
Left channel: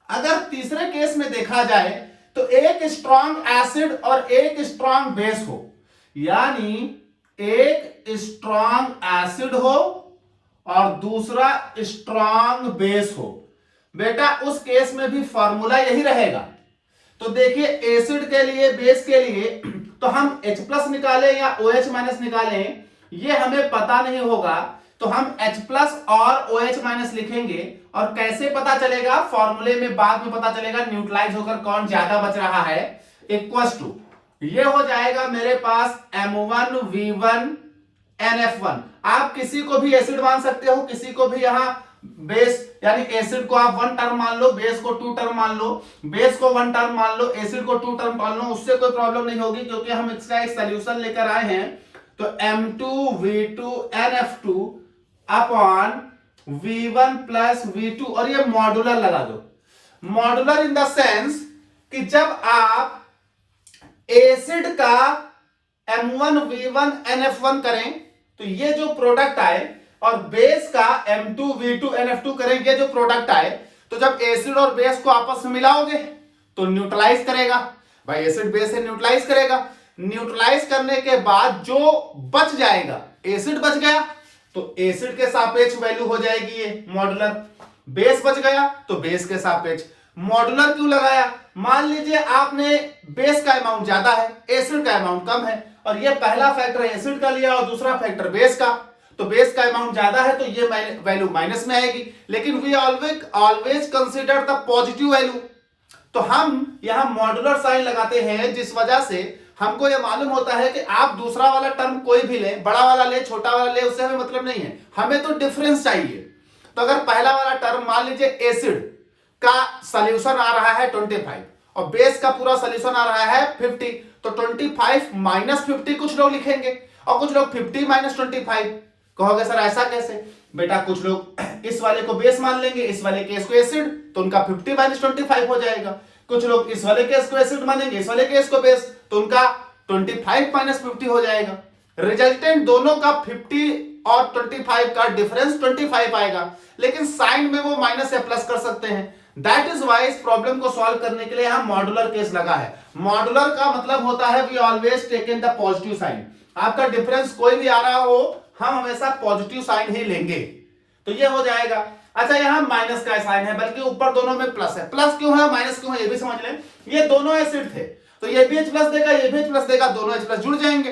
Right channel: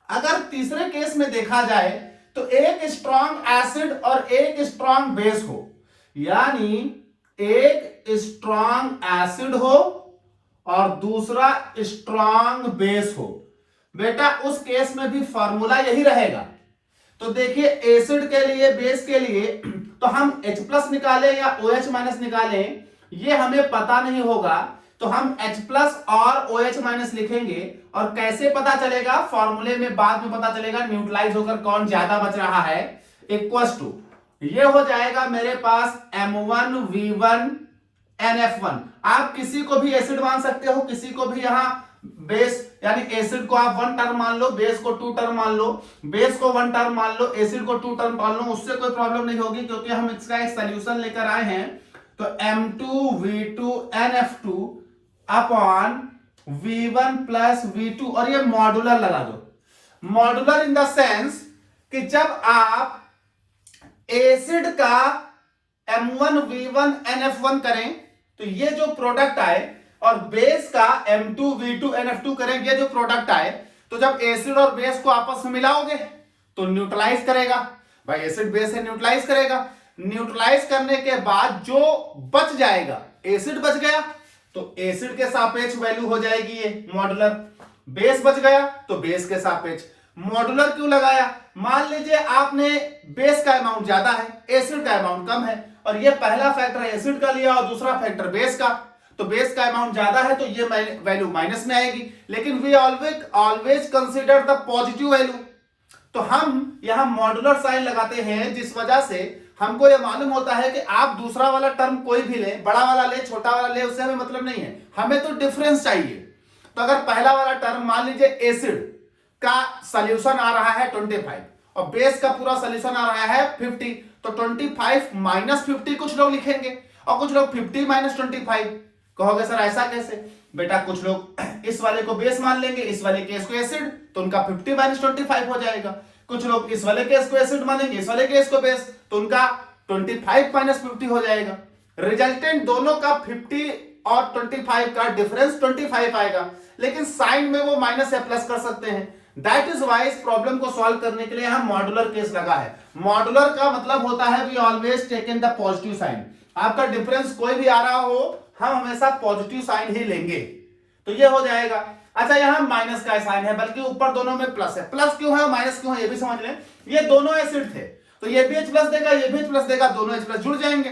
अगर तीसरे केस में देखा जाए तो एक स्ट्रॉन्ग एसिड और एक स्ट्रॉन्ग बेस हो, यानी एक स्ट्रॉन्ग एसिड हो और दूसरा स्ट्रॉन्ग बेस हो, बेटा उस केस में भी फॉर्मूला यही रहेगा। तो देखिए एसिड के लिए बेस के लिए तो हम H+ निकालें या OH माइनस निकालें ये हमें पता नहीं होगा, तो हम H प्लस और OH माइनस लिखेंगे। और कैसे पता चलेगा? फॉर्मूले में बाद में पता चलेगा, न्यूट्रलाइज होकर कौन ज्यादा बच रहा है। इक्वल्स टू ये हो जाएगा मेरे पास M1V1 NF1। आप किसी को भी एसिड मान सकते हो, किसी को भी यहां बेस यानी एसिड को आप 1 टर्म मान लो, बेस को 2 टर्म मान लो, बेस को 1 टर्म मान लो, एसिड को 2 टर्म मान लो, उससे कोई प्रॉब्लम नहीं होगी क्योंकि हम इसका एक सॉल्यूशन लेकर आए हैं। तो M2V2 NF2 upon V1 plus V2 और ये मॉड्यूलर लगा दो। मॉड्यूलर इन द सेंस कि जब आप एसिड का M1V1 NF1 करें तो ये जो प्रोडक्ट आए और बेस का M2V2 NF2 करें, ये जो प्रोडक्ट आए, तो जब एसिड और बेस को आपस में मिलाओगे तो न्यूट्रलाइज करेगा। भाई एसिड बेस से न्यूट्रलाइज करेगा। न्यूट्रलाइज करने के बाद जो बच जाएगा, एसिड बच गया तो एसिड के सापेक्ष वैल्यू हो जाएगी ये मॉड्यूलर। बेस बच गया तो बेस के सापेक्ष। मॉड्यूलर क्यों लगाया? मान लीजिए आपने बेस का अमाउंट ज्यादा है, एसिड का अमाउंट कम है, और ये पहला फैक्टर एसिड का लिया और दूसरा फैक्टर बेस का, तो बेस का अमाउंट ज्यादा है तो ये वैल्यू माइनस में आएगी। लेकिन we always consider the positive value. तो हम यहां मॉड्यूलर साइन लगाते हैं, जिस वजह से हमको यह मालूम होता है कि आप दूसरा वाला टर्म कोई भी ले, बड़ा वाला ले, छोटा वाला ले, उससे हमें मतलब नहीं है, हमें तो डिफरेंस चाहिए। तो अगर पहला वाला टर्म मान लीजिए एसिड का सॉल्यूशन आ रहा है 25 और बेस का पूरा सॉल्यूशन आ रहा है 50, तो 25 माइनस 50 कुछ लोग लिखेंगे और कुछ लोग 50 माइनस 25। कहोगे सर ऐसा कैसे? बेटा कुछ लोग इस वाले को बेस मान लेंगे, इस वाले केस को एसिड, तो उनका 50 माइनस 25 हो जाएगा। कुछ लोग इस वाले केस को एसिड मानेंगे, इस वाले केस को बेस, तो उनका 25 माइनस 50 हो जाएगा। रिजल्टेंट दोनों का 50 और 25 का डिफरेंस 25 आएगा, लेकिन साइन में वो माइनस या प्लस कर सकते हैं। दैट इज वाई इस प्रॉब्लम को सॉल्व करने के लिए यहां मॉड्यूलर केस लगा है। मॉड्यूलर का मतलब होता है we always take in the positive sign. आपका डिफरेंस कोई भी आ रहा हो, हम हमेशा पॉजिटिव साइन ही लेंगे। तो ये हो जाएगा। अच्छा यहां माइनस का साइन है, बल्कि ऊपर दोनों में प्लस है। प्लस क्यों है, माइनस क्यों है, ये भी समझ लें। ये दोनों एसिड थे तो ये भी H प्लस देगा, ये भी H प्लस देगा, दोनों H प्लस जुड़ जाएंगे।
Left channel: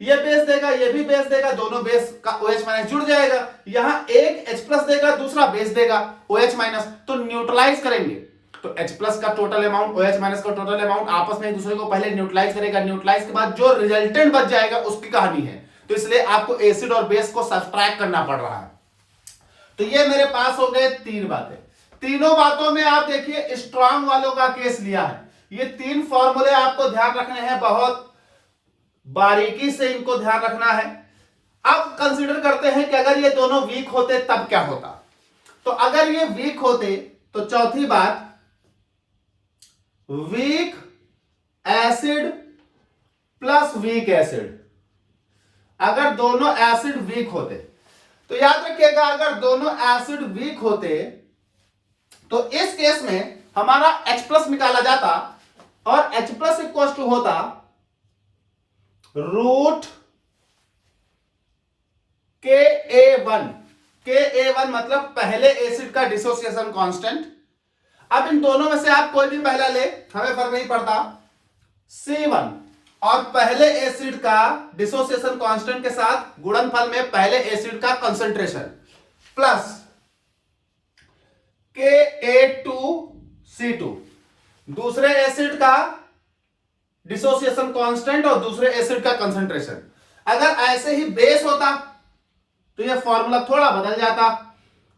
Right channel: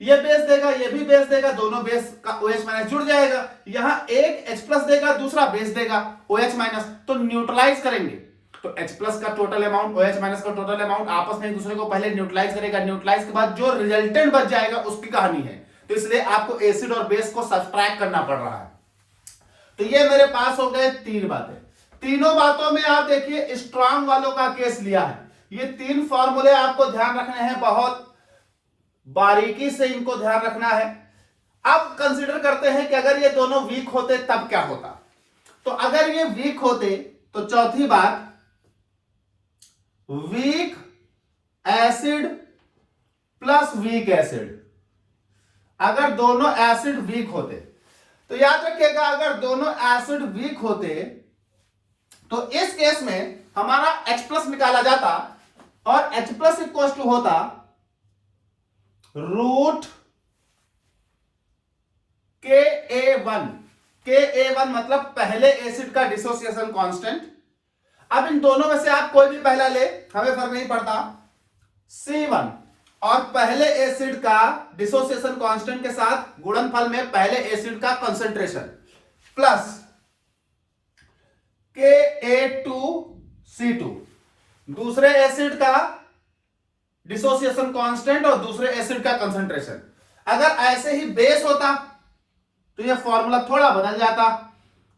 ये बेस देगा, ये भी बेस देगा, दोनों बेस का OH माइनस जुड़ जाएगा। यहां एक H प्लस देगा, दूसरा बेस देगा OH माइनस, तो न्यूट्रलाइज करेंगे तो H प्लस का टोटल अमाउंट, OH माइनस का टोटल अमाउंट आपस में एक दूसरे को पहले न्यूट्रलाइज करेगा। न्यूट्रलाइज के बाद जो रिजल्टेंट बच जाएगा उसकी कहानी है। तो इसलिए आपको एसिड और बेस को सब्ट्रैक्ट करना पड़ रहा है। तो ये मेरे पास हो गए 3 बातें। तीनों बातों में आप देखिए स्ट्रांग वालों का केस लिया है। ये 3 फॉर्मूले आपको ध्यान रखने हैं, बहुत बारीकी से इनको ध्यान रखना है। अब कंसीडर करते हैं कि अगर ये दोनों वीक होते तब क्या होता। तो अगर ये वीक होते तो चौथी बात, weak acid plus weak acid. अगर दोनों एसिड वीक होते तो याद रखिएगा, अगर दोनों एसिड वीक होते तो इस केस में हमारा H प्लस निकाला जाता और H प्लस इक्वल टू होता रूट KA1। KA1 मतलब पहले एसिड का डिसोसिएशन कांस्टेंट। अब इन दोनों में से आप कोई भी पहला ले, हमें फर्क नहीं पड़ता। C1 और पहले एसिड का डिसोसिएशन कांस्टेंट के साथ गुणनफल में पहले एसिड का कंसंट्रेशन प्लस KA2C2 दूसरे एसिड का डिसोसिएशन कांस्टेंट और दूसरे एसिड का कंसंट्रेशन। अगर ऐसे ही बेस होता तो ये फॉर्मूला थोड़ा बदल जाता,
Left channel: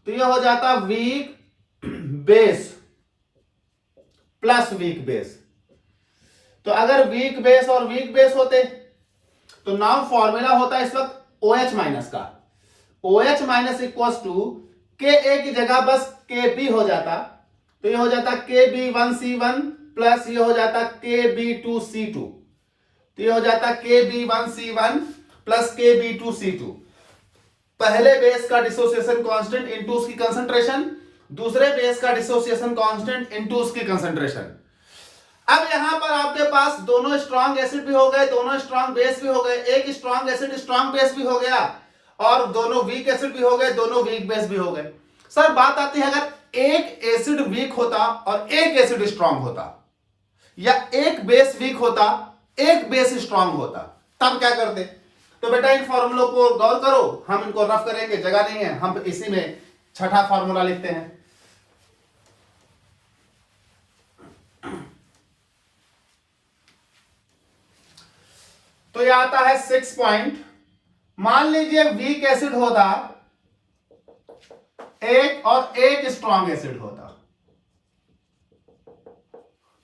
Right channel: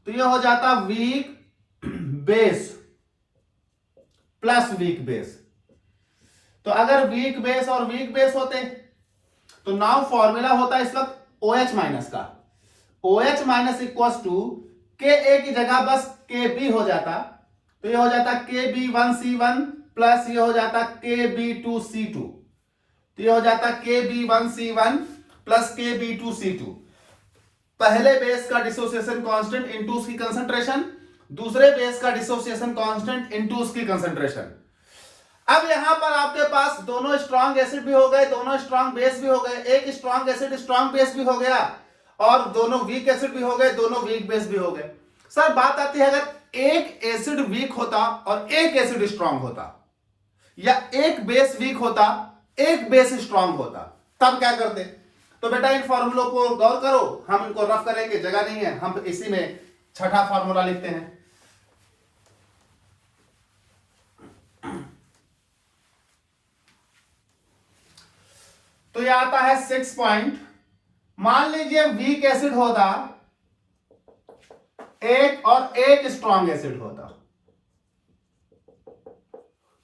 तो ये हो जाता weak base plus weak base. तो अगर वीक बेस और वीक बेस होते तो नाउ फॉर्मूला होता इस वक्त OH माइनस का। OH minus equal to KA की जगह बस KB हो जाता, तो ये हो जाता KB1C1 प्लस ये हो जाता KB2C2, तो ये हो जाता KB1C1 प्लस KB2C2। पहले बेस का डिसोसिएशन कांस्टेंट इनटू उसकी कंसंट्रेशन, दूसरे बेस का डिसोसिएशन कांस्टेंट इनटू उसकी कंसंट्रेशन। अब यहां पर आपके पास दोनों स्ट्रांग एसिड भी हो गए, दोनों स्ट्रांग बेस भी हो गए, एक स्ट्रांग एसिड स्ट्रांग बेस भी हो गया, और दोनों वीक एसिड भी हो गए, दोनों वीक बेस भी हो गए। सर बात आती है, अगर एक एसिड वीक होता और एक एसिड स्ट्रांग होता, या एक बेस वीक होता एक बेस स्ट्रांग होता, तब क्या करते? तो बेटा इन फॉर्मूलों को गौर करो, हम इनको रफ करेंगे, जगह नहीं है, हम इसी में छठा फॉर्मूला लिखते हैं। तो ये आता है 6 पॉइंट। मान लीजिए वीक एसिड होता एक और एक स्ट्रॉन्ग एसिड होता,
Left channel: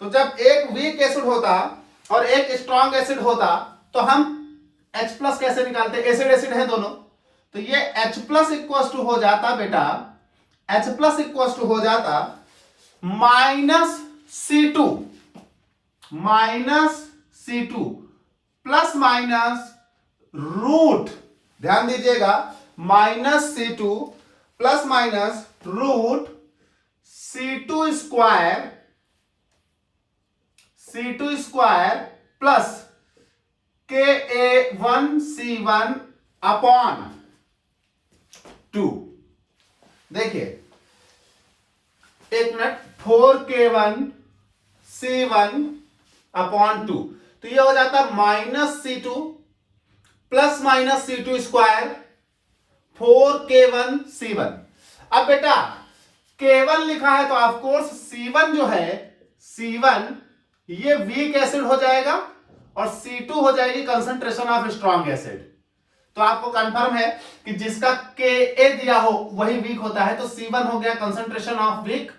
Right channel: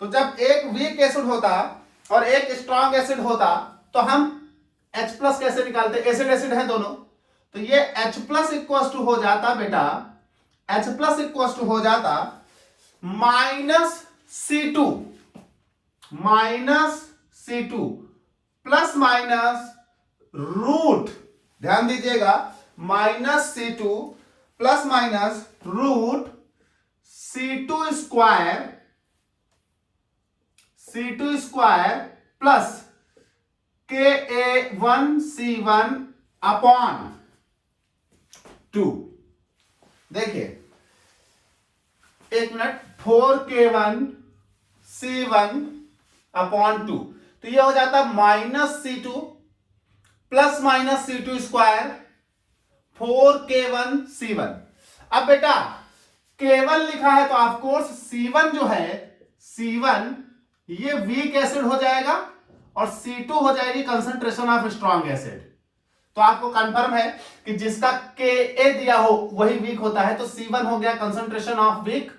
तो जब एक वीक एसिड होता और एक स्ट्रॉन्ग एसिड होता तो हम H प्लस कैसे निकालते, एसिड एसिड है दोनों, तो ये H प्लस इक्वल टू हो जाता बेटा, H प्लस इक्वल टू हो जाता -C2 प्लस माइनस रूट, ध्यान दीजिएगा, -C2 plus minus root C2 square plus Ka1C1 upon 2। देखिए एक मिनट, 4K1C1 अपॉन 2, तो ये हो जाता -C2 plus minus C2 square 4K1C1। अब बेटा K1 लिखा है तो ऑफकोर्स C1 जो है, C1 ये वीक एसिड हो जाएगा और C2 हो जाएगी कंसंट्रेशन ऑफ स्ट्रॉन्ग एसिड। तो आपको कंफर्म है कि जिसका Ka दिया हो वही वीक होता है, तो C1 हो गया concentration of weak,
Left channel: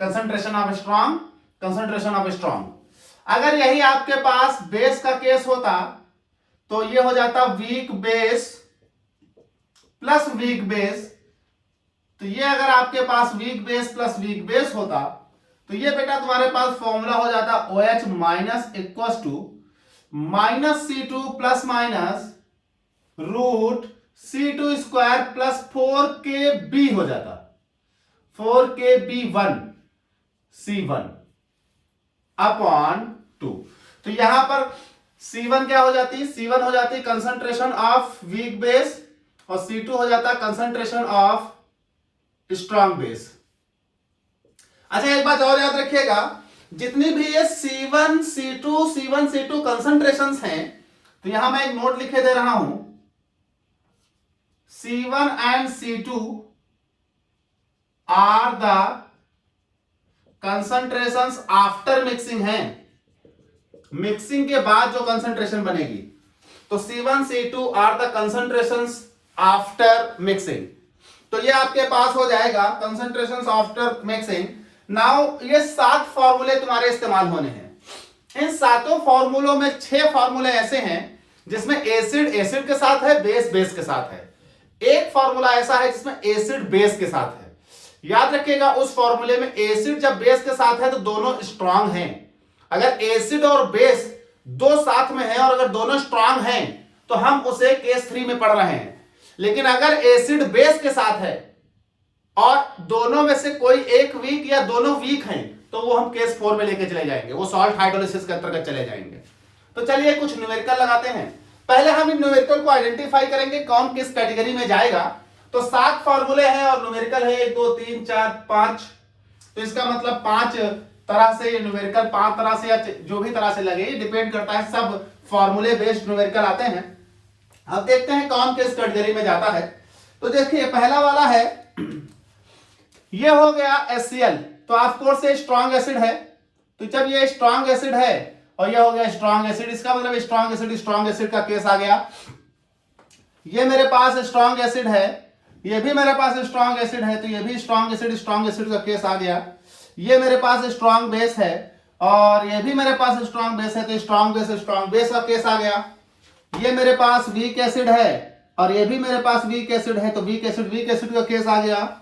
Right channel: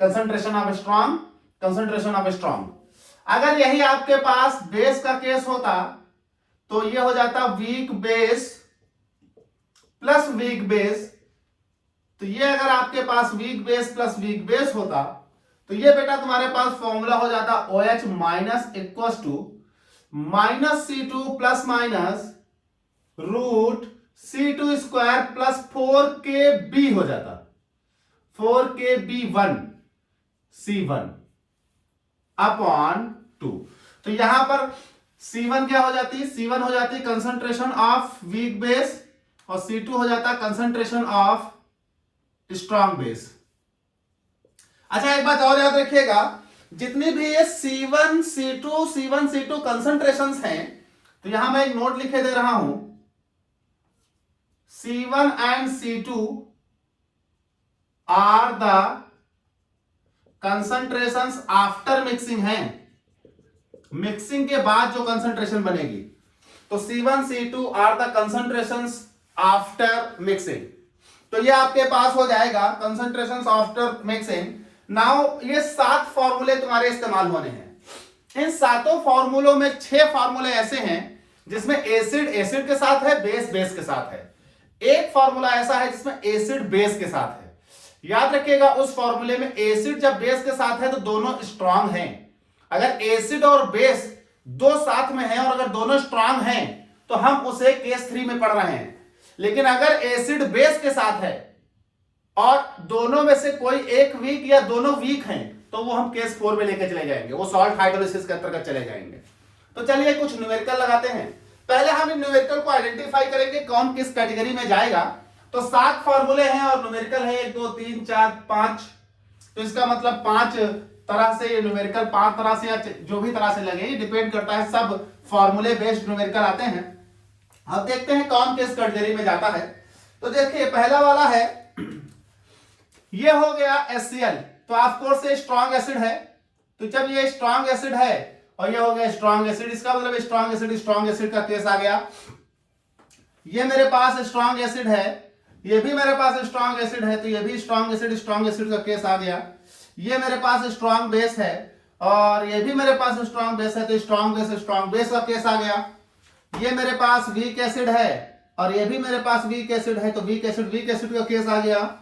concentration of strong, concentration of strong. अगर यही आपके पास बेस का केस होता तो ये हो जाता weak base plus weak base, तो ये अगर आपके पास weak base plus weak base होता तो ये बेटा तुम्हारे पास फॉर्मूला हो जाता OH minus equal to -C2 plus minus root C2 square plus 4KB हो जाता, 4KB1C1 अपॉन 2। तो यहां पर C1 क्या हो जाती, C1 हो जाती कंसंट्रेशन ऑफ वीक बेस और C2 हो जाता कंसंट्रेशन ऑफ स्ट्रॉन्ग बेस। अच्छा एक बात और याद रखिएगा, जितनी भी ये C1 C2 कंसंट्रेशंस हैं, तो यहां मैं एक नोट लिखे दे रहा हूं, C1 and C2 are the concentrations after mixing है, मिक्सिंग के बाद जो कंसंट्रेशन बनेगी, तो C1 C2 are the concentrations after mixing. तो ये आपके पास हो जाएगा कंसंट्रेशंस आफ्टर मिक्सिंग। नाउ ये 7 फॉर्मूले तुम्हारे इस्तेमाल होने हैं। इन 7 फॉर्मूलों में 6 फॉर्मूले ऐसे हैं जिसमें एसिड एसिड के साथ है, बेस बेस के साथ है। एक फॉर्मूला ऐसा है जिसमें एसिड बेस के साथ है। याद रखिएगा उस फॉर्मूले में एसिड जब बेस के साथ है तो दोनों स्ट्रांग हैं। अगर एसिड और बेस दो साथ में हैं और अगर दोनों स्ट्रांग हैं तो हम उसे केस 3 में पढ़ रहे हैं। लेकिन अगर एसिड बेस के साथ है और दोनों में से कोई एक वीक या दोनों वीक हैं तो वो हम केस 4 में लेके चले जाएंगे, वो सॉल्ट हाइड्रोलिसिस के अंतर्गत चले जाएंगे। तो चलिए कुछ न्यूमेरिकल लगाते हैं। पहले हम इन न्यूमेरिकल को आइडेंटिफाई करेंगे कौन किस कैटेगरी में जाएगा। तो 7 फॉर्मूले हैं और न्यूमेरिकल है 1 2 3 4 5, तो इसका मतलब 5 तरह से ये न्यूमेरिकल 5 तरह से या जो भी तरह से लगे, डिपेंड करता है, सब फॉर्मूले बेस्ड न्यूमेरिकल आते हैं। अब देखते हैं कौन किस कैटेगरी में जाता है। तो देखिए पहला वाला है, ये हो गया HCl, तो ऑफ कोर्स ये स्ट्रॉन्ग एसिड है। तो जब ये स्ट्रॉन्ग एसिड है और ये हो गया स्ट्रॉन्ग एसिड, इसका मतलब स्ट्रॉन्ग एसिड का केस आ गया। ये मेरे पास स्ट्रॉन्ग एसिड है, ये भी मेरे पास स्ट्रॉन्ग एसिड है, तो ये भी स्ट्रॉन्ग एसिड का केस आ गया। ये मेरे पास स्ट्रॉन्ग बेस है और ये भी मेरे पास स्ट्रॉन्ग बेस है, तो स्ट्रॉन्ग बेस का केस आ गया। ये मेरे पास वीक एसिड है और ये भी मेरे पास वीक एसिड है, तो वीक एसिड का केस आ गया।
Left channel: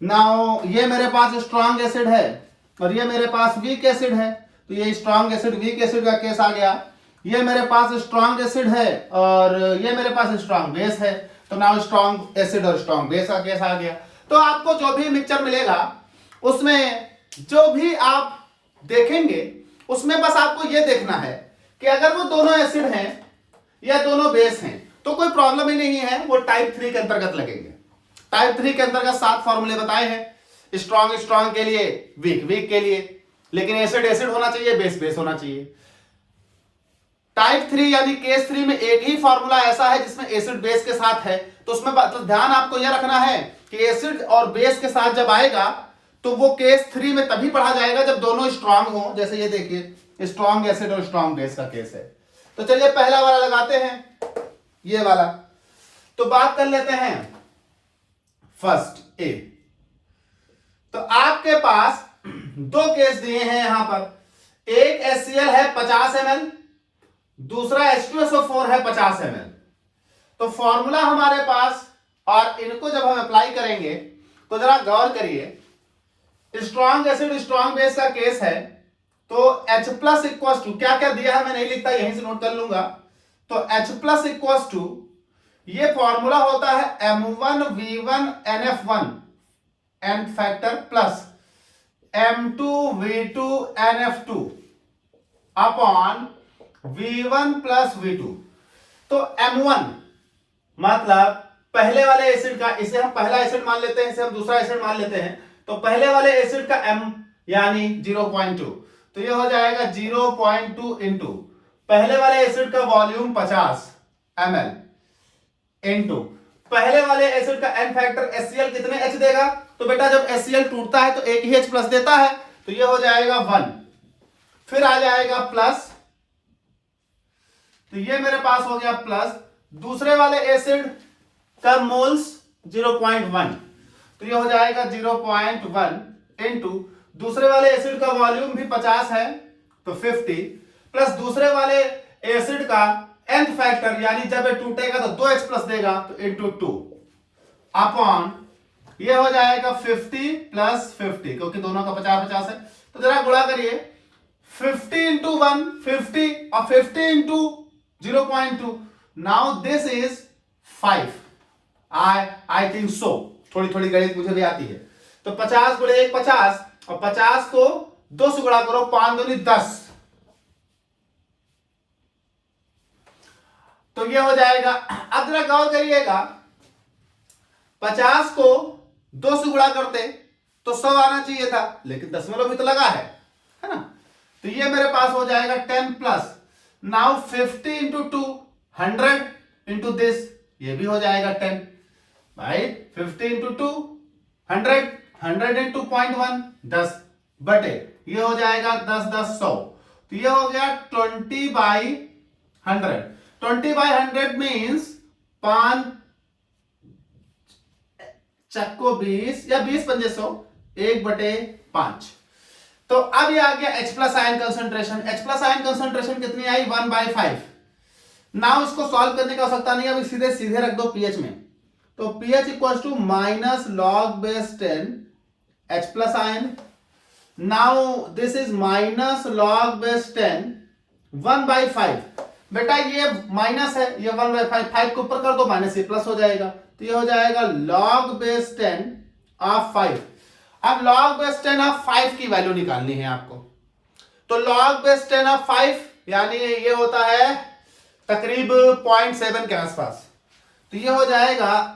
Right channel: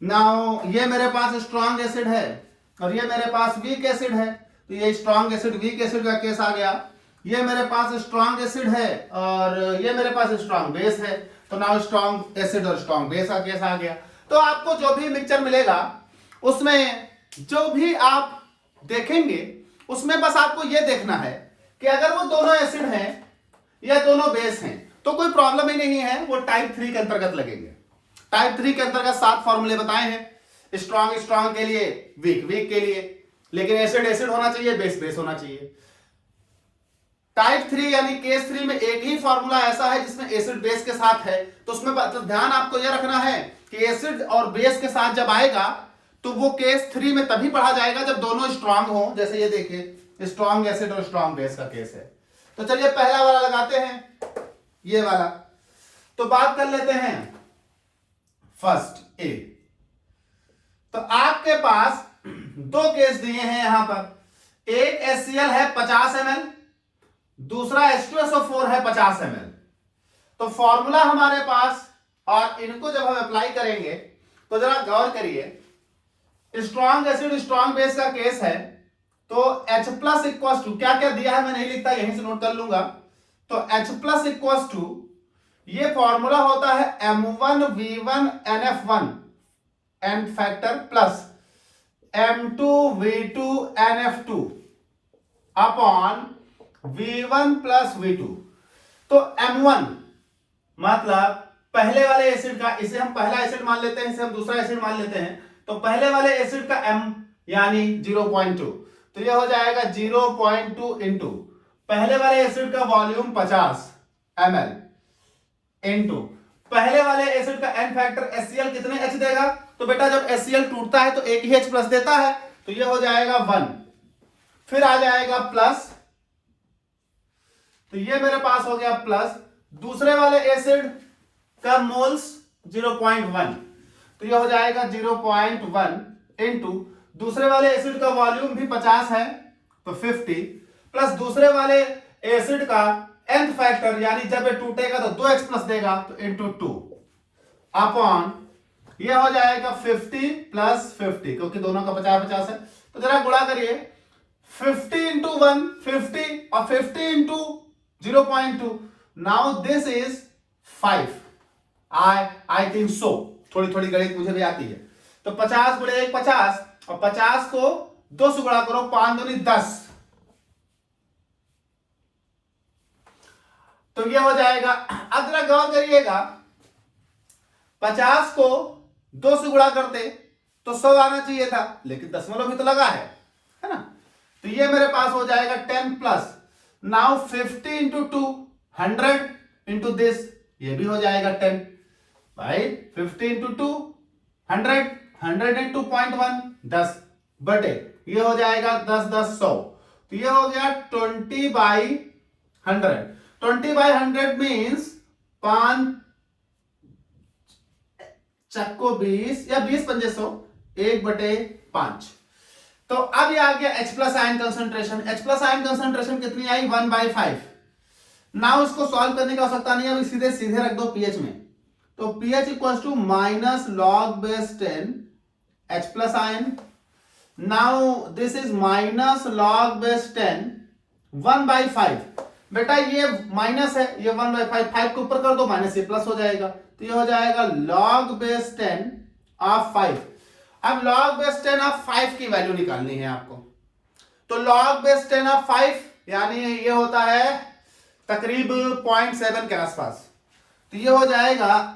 नाउ ये मेरे पास स्ट्रॉन्ग एसिड है और ये मेरे पास वीक एसिड है, तो ये स्ट्रॉन्ग एसिड वीक एसिड का केस आ गया। ये मेरे पास स्ट्रॉन्ग एसिड है और ये मेरे पास स्ट्रॉन्ग बेस है, तो नाउ स्ट्रॉन्ग एसिड और स्ट्रॉन्ग बेस का केस आ गया। तो आपको जो भी मिक्सचर मिलेगा उसमें जो भी आप देखेंगे उसमें बस आपको ये देखना है कि अगर वो दोनों एसिड हैं या दोनों बेस हैं तो कोई प्रॉब्लम ही नहीं है, वो टाइप 3 के अंतर्गत लगेंगे। टाइप 3 के अंतर्गत 7 फॉर्मूले बताए हैं, स्ट्रॉन्ग के लिए, वीक के लिए, लेकिन एसिड होना चाहिए, बेस होना चाहिए। टाइप 3 यानी केस 3 में एक ही फॉर्मूला ऐसा है जिसमें एसिड बेस के साथ है, तो उसमें तो ध्यान आपको यह रखना है कि एसिड और बेस के साथ जब आएगा तो वो केस 3 में तभी पढ़ा जाएगा जब दोनों स्ट्रांग हो। जैसे ये देखिए स्ट्रांग एसिड और स्ट्रांग बेस का केस है। तो चलिए पहला वाला लगाते हैं, ये वाला। तो बात कर लेते हैं फर्स्ट ए। तो आपके पास दो केस दिए हैं यहां पर, एक HCl है 50 ml, दूसरा H2SO4 है 50 ml। तो फॉर्मूला हमारे पास, और इनको जब हम अप्लाई करेंगे तो जरा गौर करिए, स्ट्रांग एसिड स्ट्रांग बेस का केस है तो H प्लस इक्वल टू, क्या क्या दिया है मैं नहीं लिखता, यहीं से नोट कर लूंगा। तो H प्लस इक्वल टू, ये फॉर्मूला होता है M1V1NF1 n factor plus M2V2NF2 upon V1 plus V2। तो M1 मतलब पहले वाले एसिड का, इसे हम पहला एसिड मान लेते हैं, इसे हम दूसरा एसिड मान लेते हैं। तो पहले वाले एसिड का M यानी 0.2, तो ये हो जाएगा 0.2 इंटू पहले वाले एसिड का वॉल्यूम 50 ml इंटू पहले वाले एसिड का एन फैक्टर HCl कितने H देगा। तो बेटा जब HCl टूटता है तो एक ही H प्लस देता है, तो ये हो जाएगा 1, फिर आ जाएगा प्लस, तो ये मेरे पास हो गया प्लस। दूसरे वाले एसिड का मोल्स 0.1, तो ये हो जाएगा 0.1 इंटू दूसरे वाले एसिड का वॉल्यूम भी 50 है तो 50, प्लस दूसरे वाले एसिड का nth फैक्टर यानी जब ये टूटेगा तो 2H प्लस देगा तो इंटू 2 अपॉन, ये हो जाएगा 50 प्लस 50, क्योंकि दोनों का 50-50 है। तो जरा गुणा करिए, 50 इंटू 1 50 और 50 into 0.2, now this is 5। I think so, थोड़ी थोड़ी गणित मुझे भी आती है। तो 50 गुणे 1 50, और 50 को 2 से गुणा करो, 5 दूनी 10, तो ये हो जाएगा। अब जरा गौर करिएगा, 50 को 2 से गुणा करते तो 100 आना चाहिए था, लेकिन दशमलव भी तो लगा है ना। तो ये मेरे पास हो जाएगा 10 plus, now 50 into 2 100 into this, ये भी हो जाएगा 10, राइट। 50 इंटू 2 100, 100 इंटू 0.1 10 बटे, ये हो जाएगा 10 10 100, तो ये हो गया 20/100। 20/100 मीन्स 5 चक्को 20 या 20 पंजे 100, 1/5। तो अब ये आ गया H plus ion concentration. H plus ion concentration कितनी आई, 1/5। नाउ इसको सॉल्व करने की आवश्यकता नहीं है, अभी सीधे सीधे रख दो pH में। तो pH equal to minus log base 10 H plus ion, now this is minus log base 10 1/5। बेटा ये माइनस है, ये 1/5, 5 के ऊपर कर दो माइनस, ये प्लस हो जाएगा, तो ये हो जाएगा log बेस 10 ऑफ 5। अब log बेस 10 ऑफ 5 की वैल्यू निकालनी है आपको। तो log बेस 10 ऑफ 5 यानी ये होता है तकरीब 0.7 के आसपास, तो ये हो जाएगा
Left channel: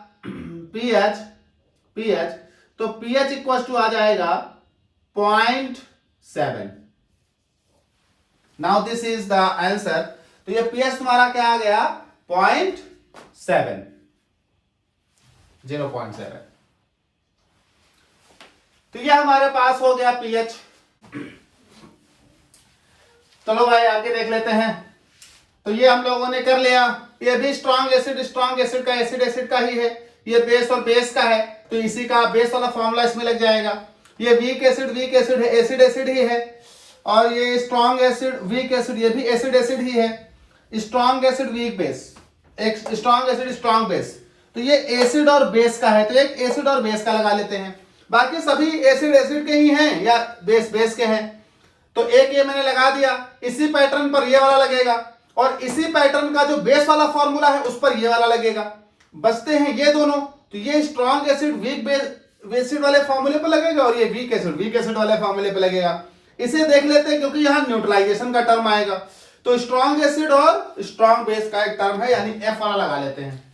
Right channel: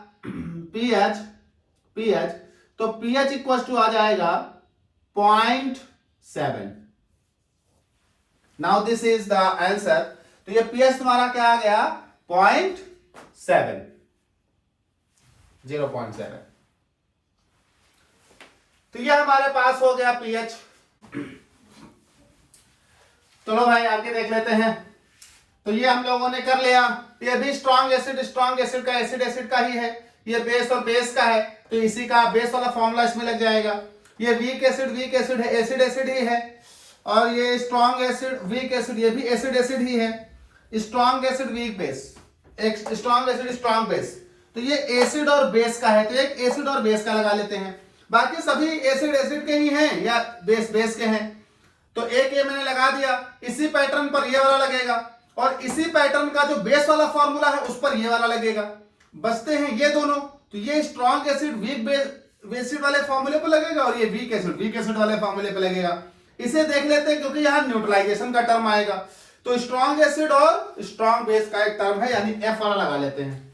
pH, तो pH इक्वल टू आ जाएगा 0.7। Now this is the answer. तो ये pH तुम्हारा क्या आ गया, 0.7, 0.7। तो ये हमारे पास हो गया pH। चलो भाई आगे देख लेते हैं। तो ये हम लोगों ने कर लिया, ये भी स्ट्रॉन्ग एसिड का एसिड का ही है, ये बेस और बेस का है, तो इसी का बेस वाला फॉर्मूला इसमें लग जाएगा। ये वीक एसिड है, एसिड ही है, और ये स्ट्रॉन्ग एसिड वीक एसिड, ये भी एसिड ही है। स्ट्रॉन्ग एसिड वीक बेस, एक स्ट्रॉन्ग एसिड स्ट्रॉन्ग बेस, तो ये एसिड और बेस का है, तो एक एसिड और बेस का लगा लेते हैं। बाकी सभी एसिड के ही हैं या बेस के हैं, तो एक ये मैंने लगा दिया। इसी पैटर्न पर ये वाला लगेगा, और इसी पैटर्न का जो बेस वाला फॉर्मूला है उस पर ये वाला लगेगा। बचते हैं ये दोनों, तो ये स्ट्रॉन्ग एसिड वीक एसिड वाले फॉर्मूले पर लगेगा, और ये वीक एसिड वाले फॉर्मूले पर लगेगा। इसे देख लेते हैं क्योंकि यहां न्यूट्रलाइजेशन का टर्म आएगा, तो स्ट्रॉन्ग एसिड और स्ट्रॉन्ग बेस का एक टर्म है, यानी F वाला लगा लेते हैं।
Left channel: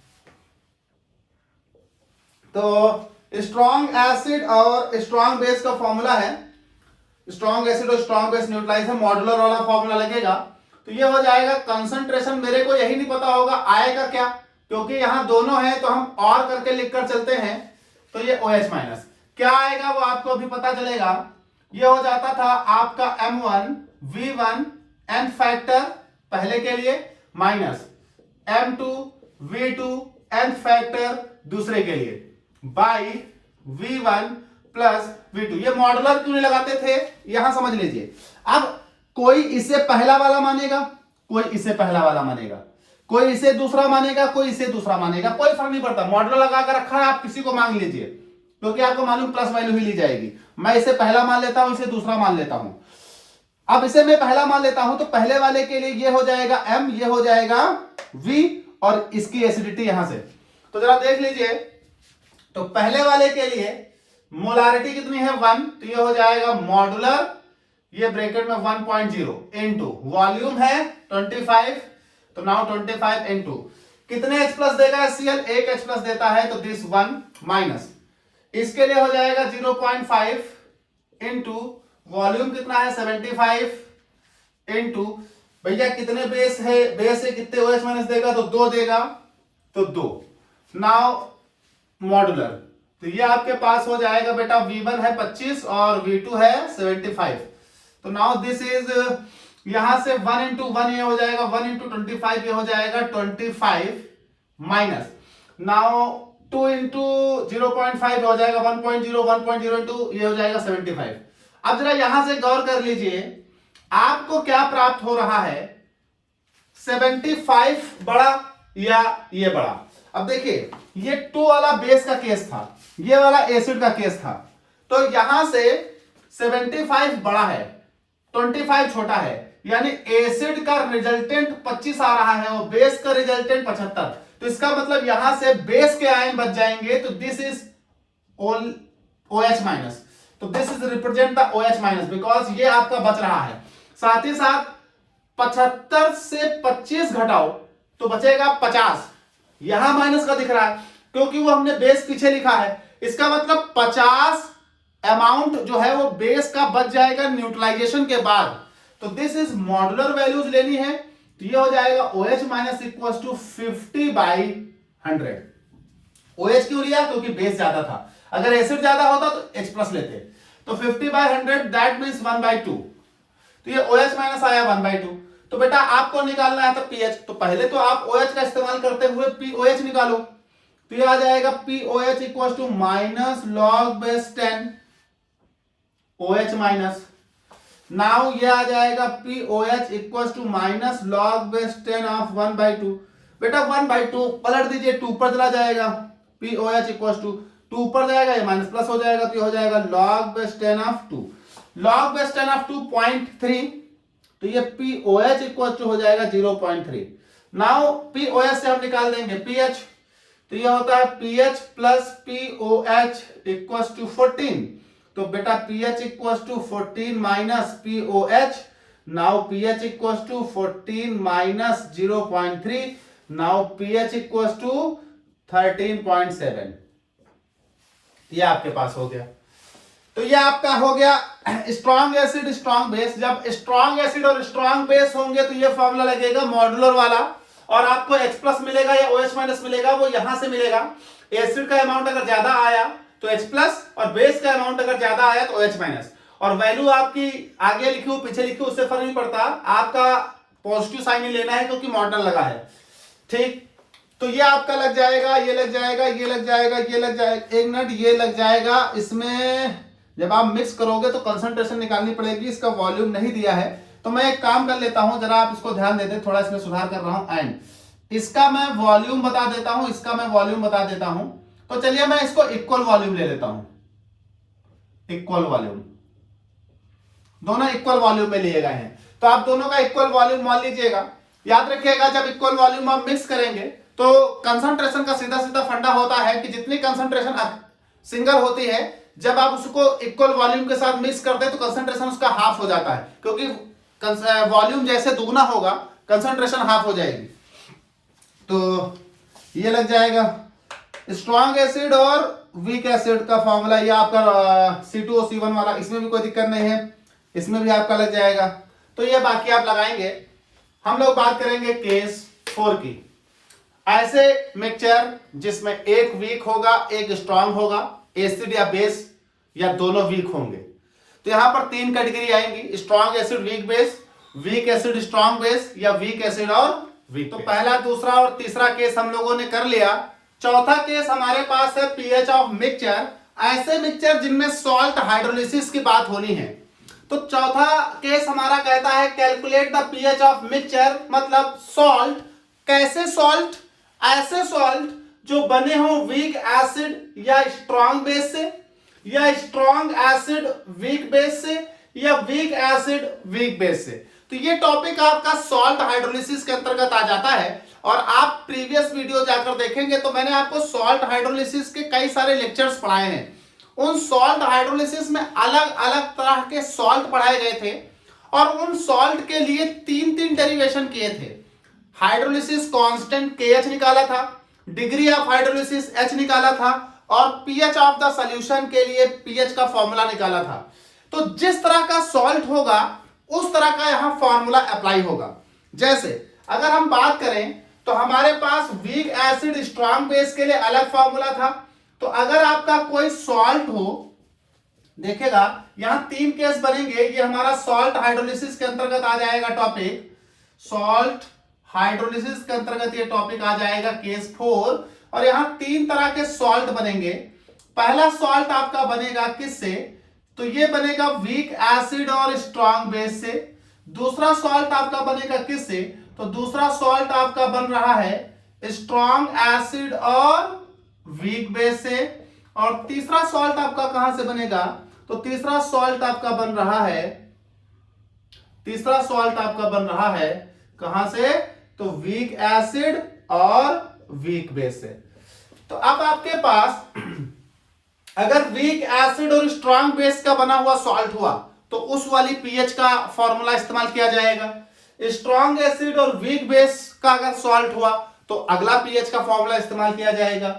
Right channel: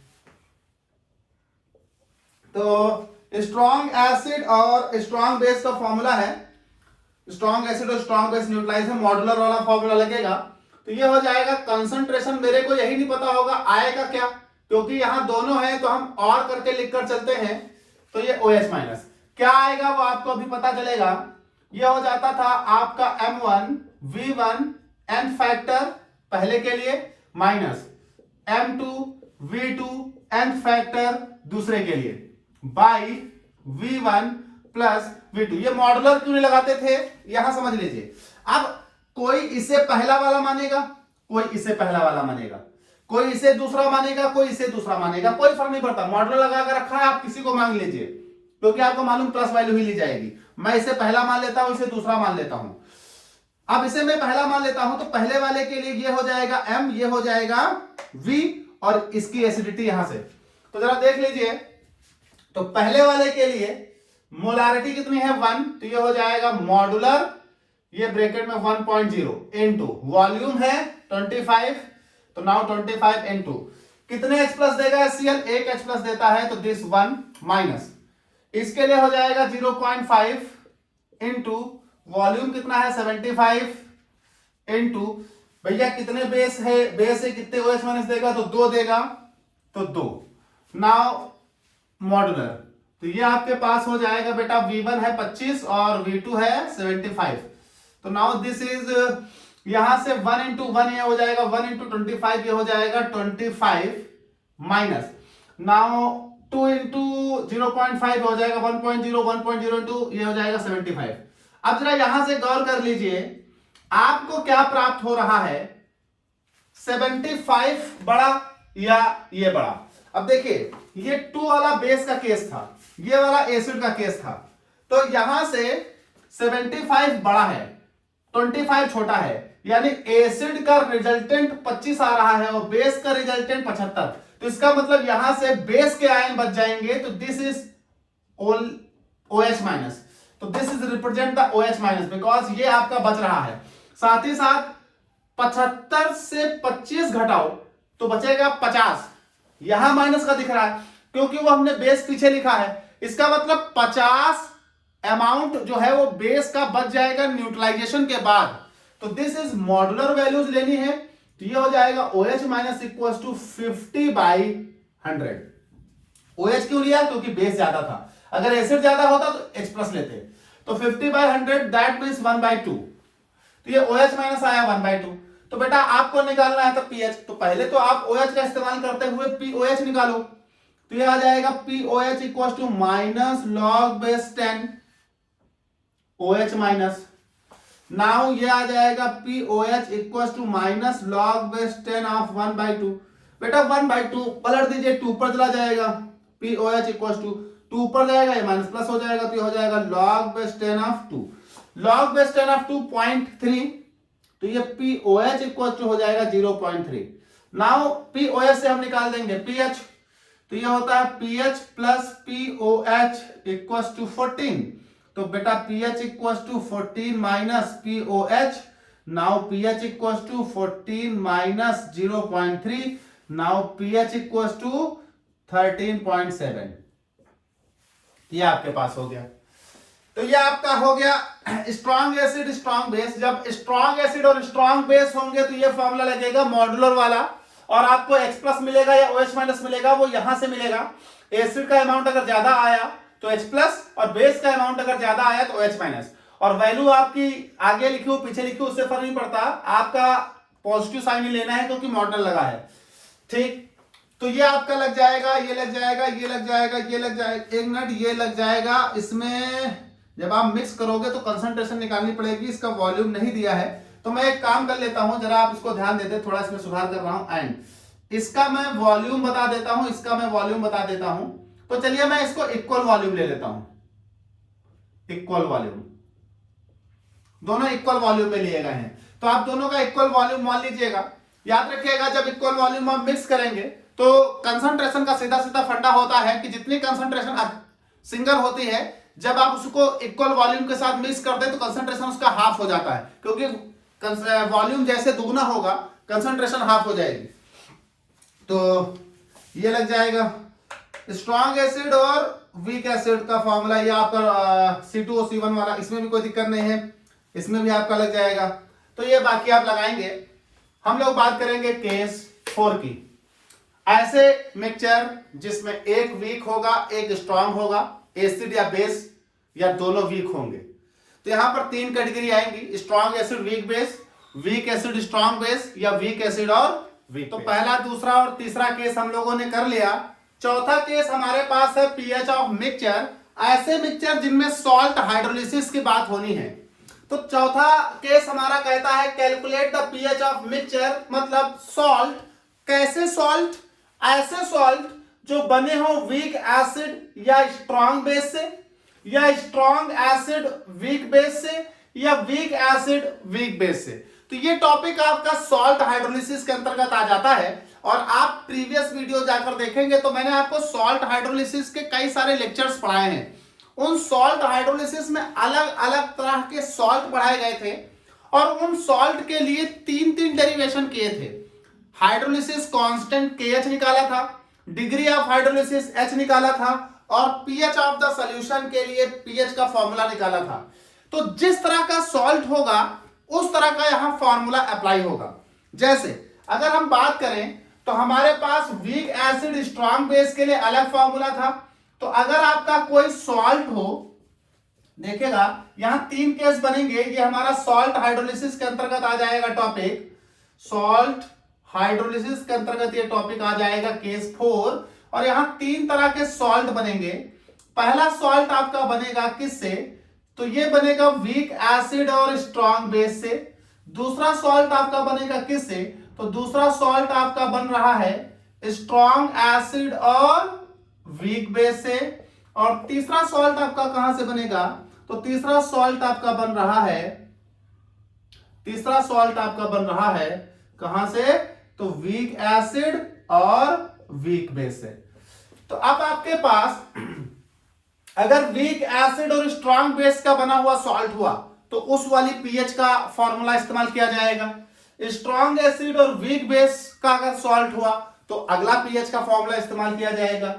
तो स्ट्रॉन्ग एसिड और स्ट्रॉन्ग बेस का फॉर्मूला है, स्ट्रॉन्ग एसिड और स्ट्रॉन्ग बेस न्यूट्रलाइज है, मॉड्यूलर वाला फॉर्मूला लगेगा। तो ये हो जाएगा कंसंट्रेशन। मेरे को यही नहीं पता होगा आएगा क्या, क्योंकि यहां दोनों है तो हम और करके लिखकर चलते हैं। तो ये OH माइनस क्या आएगा वो आपको अभी पता चलेगा। ये हो जाता था आपका M1 V1 n फैक्टर पहले के लिए minus M2 V2 n factor दूसरे के लिए बाई V1 प्लस V2। ये मॉडुलर क्यों नहीं लगाते थे यहां समझ लीजिए। अब कोई इसे पहला वाला मानेगा, कोई इसे पहला वाला मानेगा, कोई इसे दूसरा मानेगा, कोई इसे दूसरा मानेगा, कोई फर्क नहीं पड़ता। मॉडुलर लगा कर रखा है, आप किसी को मान लीजिए क्योंकि आपको मालूम प्लस वैल्यू ही ली जाएगी। मैं इसे पहला मान लेता हूं, इसे दूसरा मान लेता हूं। अब इसे मैं पहला मान लेता हूं तो पहले वाले के लिए ये हो जाएगा M, ये हो जाएगा V और इसकी एसिडिटी यहां से। तो जरा देख लीजिए, तो पहले वाले के लिए मोलारिटी कितनी है 1, तो ये हो जाएगा मॉडुलर, ये ब्रैकेट में 1.0 इनटू वॉल्यूम है 25, तो नाउ 25 इनटू कितने H प्लस देगा HCl, एक H प्लस देता है तो दिस 1 माइनस, इसके लिए हो जाएगा 0.5 इनटू वॉल्यूम कितना है 75 इनटू भैया कितने बेस है, बेस है कितने OH माइनस देगा तो 2 देगा, तो 2 नाउ मॉडुलर। तो ये आपके पास हो जाएगा बेटा V1 है 25 और V2 है 75। तो नाउ दिस इज यहां से 1 इंटू 1 ये हो जाएगा 1 इंटू 25 ये हो जाएगा 25 माइनस नाउ 2 इंटू 0.5 हो जाएगा 1.0, 1.0 इंटू ये हो जाएगा 75। अब जरा यहां से गौर कर लीजिए आपको क्या प्राप्त हो रहा है, 75 बड़ा या ये बड़ा। अब देखिए ये 2 वाला बेस का केस था, ये वाला एसिड का केस था, तो यहां से 75 बड़ा है 25 छोटा है, यानी एसिड का रिजल्टेंट 25 आ रहा है और बेस का रिजल्टेंट 75। तो इसका मतलब यहां से बेस के आयन बच जाएंगे, तो दिस इज OH माइनस, तो this is represent the OH minus because ये आपका बच रहा है। साथ ही साथ 75 से 25 घटाओ तो बचेगा 50, यहां माइनस का दिख रहा है क्योंकि वो हमने बेस पीछे लिखा है। इसका मतलब 50 अमाउंट जो है वो बेस का बच जाएगा न्यूट्रलाइजेशन के बाद। तो दिस इज मॉडुलर वैल्यूज लेनी है, तो ये हो जाएगा OH minus equal to 50/100। OH क्यों लिया, क्योंकि बेस ज्यादा था, अगर एसिड ज्यादा होता तो H प्लस लेते। तो 50/100 दैट मीन्स 1/2, तो ये OH माइनस आया 1/2। तो बेटा आपको निकालना है तो pH, तो पहले तो आप OH का इस्तेमाल करते हुए POH निकालो, तो ये आ जाएगा POH equal to minus log base 10 OH minus. Now ये आ जाएगा POH equal to minus log base 10 of 1/2। बेटा 1/2 पलट दीजिए, 2 पर चला जाएगा, POH इक्वल टू 2 पर जाएगा, ये माइनस प्लस हो जाएगा, तो ये हो जाएगा log base 10 of 2। Log base 10 of 2 0.3, तो ये POH इक्वल टू हो जाएगा 0.3। नाउ POH से हम निकाल देंगे PH, तो ये होता है PH plus POH equal to 14। तो बेटा PH equal to 14 minus POH, now PH equal to 14 minus 0.3, now PH equal to 13.7। ये आपके पास हो गया। तो ये आपका हो गया स्ट्रॉन्ग एसिड स्ट्रॉन्ग बेस। जब स्ट्रॉन्ग एसिड और स्ट्रॉन्ग बेस होंगे तो ये फॉर्मूला लगेगा मॉडुलर वाला, और आपको H प्लस मिलेगा या OH माइनस मिलेगा, वो यहां से मिलेगा। एसिड का अमाउंट अगर ज्यादा आया तो H प्लस, और बेस का अमाउंट अगर ज्यादा आया तो OH माइनस। और वैल्यू आपकी आगे लिखी हो पीछे लिखी हो उससे फर्क नहीं पड़ता, आपका पॉजिटिव साइन ही लेना है क्योंकि मॉडल लगा है। ठीक, तो ये आपका लग जाएगा, ये लग जाएगा, ये लग जाएगा, ये लग जाएगा, 1 मिनट, ये लग जाएगा। इसमें जब आप मिक्स करोगे तो कंसंट्रेशन निकालनी पड़ेगी, इसका वॉल्यूम नहीं दिया है, तो मैं एक काम कर लेता हूं, जरा आप इसको ध्यान देते, थोड़ा इसमें सुधार कर रहा हूं। एंड इसका मैं वॉल्यूम बता देता हूं, इसका मैं वॉल्यूम बता देता हूं। तो चलिए मैं इसको इक्वल वॉल्यूम ले लेता हूं, इक्वल वॉल्यूम, दोनों इक्वल वॉल्यूम में लिए गए हैं, तो आप दोनों का इक्वल वॉल्यूम मान लीजिएगा। याद रखिएगा जब इक्वल वॉल्यूम आप मिक्स करेंगे तो कंसंट्रेशन का सीधा सीधा फंडा होता है कि जितनी कंसंट्रेशन सिंगल होती है, जब आप उसको इक्वल वॉल्यूम के साथ मिक्स करते हैं तो कंसंट्रेशन उसका हाफ हो जाता है, क्योंकि वॉल्यूम जैसे दुगना होगा कंसंट्रेशन हाफ हो जाएगी। तो ये लग जाएगा स्ट्रॉन्ग एसिड और वीक एसिड का फॉर्मूला, ये आपका C2O1 वाला, इसमें भी कोई दिक्कत नहीं है, इसमें भी आपका लग जाएगा। तो ये बाकी आप लगाएंगे। हम लोग बात करेंगे केस 4 की। ऐसे मिक्सचर जिसमें एक वीक होगा एक स्ट्रांग होगा, एसिड या बेस या दोनों वीक होंगे। तो यहां पर 3 कैटेगरी आएंगी, strong acid weak base, weak acid strong base या वीक एसिड और वीक। तो पहला, दूसरा और तीसरा केस हम लोगों ने कर लिया। चौथा केस हमारे पास है पीएच ऑफ मिक्सचर, ऐसे मिक्सचर जिनमें सॉल्ट हाइड्रोलिसिस की बात होनी है। तो चौथा केस हमारा कहता है calculate the pH of mixture, मतलब सॉल्ट, कैसे सॉल्ट, ऐसे सॉल्ट जो बने हो वीक एसिड या स्ट्रांग बेस से, या स्ट्रांग एसिड वीक बेस से, या वीक एसिड वीक बेस से। तो ये टॉपिक आपका सॉल्ट हाइड्रोलिसिस के अंतर्गत आ जाता है। और आप प्रीवियस वीडियो जाकर देखेंगे तो मैंने आपको सॉल्ट हाइड्रोलिसिस के कई सारे लेक्चर्स पढ़ाए हैं। उन सॉल्ट हाइड्रोलिसिस में अलग अलग तरह के सॉल्ट पढ़ाए गए थे और उन सॉल्ट के लिए 3 डेरिवेशन किए थे। हाइड्रोलिसिस कांस्टेंट KH निकाला था, डिग्री ऑफ हाइड्रोलिसिस H निकाला था और पीएच ऑफ द सॉल्यूशन के लिए पीएच का फॉर्मूला निकाला था। तो जिस तरह का सॉल्ट होगा उस तरह का यहां फॉर्मूला अप्लाई होगा। जैसे अगर हम बात करें तो हमारे पास वीक एसिड स्ट्रांग बेस के लिए अलग फॉर्मूला था। तो अगर आपका कोई सॉल्ट हो, देखेगा यहां 3 केस बनेंगे, ये हमारा सॉल्ट हाइड्रोलिसिस के अंतर्गत आ जाएगा टॉपिक, सॉल्ट हाइड्रोलिसिस के अंतर्गत ये टॉपिक आ जाएगा केस 4। और यहां 3 तरह के सॉल्ट बनेंगे। पहला सॉल्ट आपका बनेगा किससे, तो ये बनेगा वीक एसिड और स्ट्रांग बेस से। दूसरा सॉल्ट आपका बनेगा किससे, तो दूसरा सॉल्ट आपका बन रहा है स्ट्रांग एसिड और वीक बेस से। और तीसरा सॉल्ट आपका कहां से बनेगा, तो तीसरा सॉल्ट आपका बन रहा है, तीसरा सॉल्ट आपका बन रहा है कहां से, तो वीक एसिड और वीक बेस से। तो अब आपके पास अगर वीक एसिड और स्ट्रांग बेस का बना हुआ सॉल्ट हुआ तो उस वाली पीएच का फॉर्मूला इस्तेमाल किया जाएगा। स्ट्रांग एसिड और वीक बेस का अगर सॉल्ट हुआ तो अगला पीएच का फॉर्मूला इस्तेमाल किया जाएगा।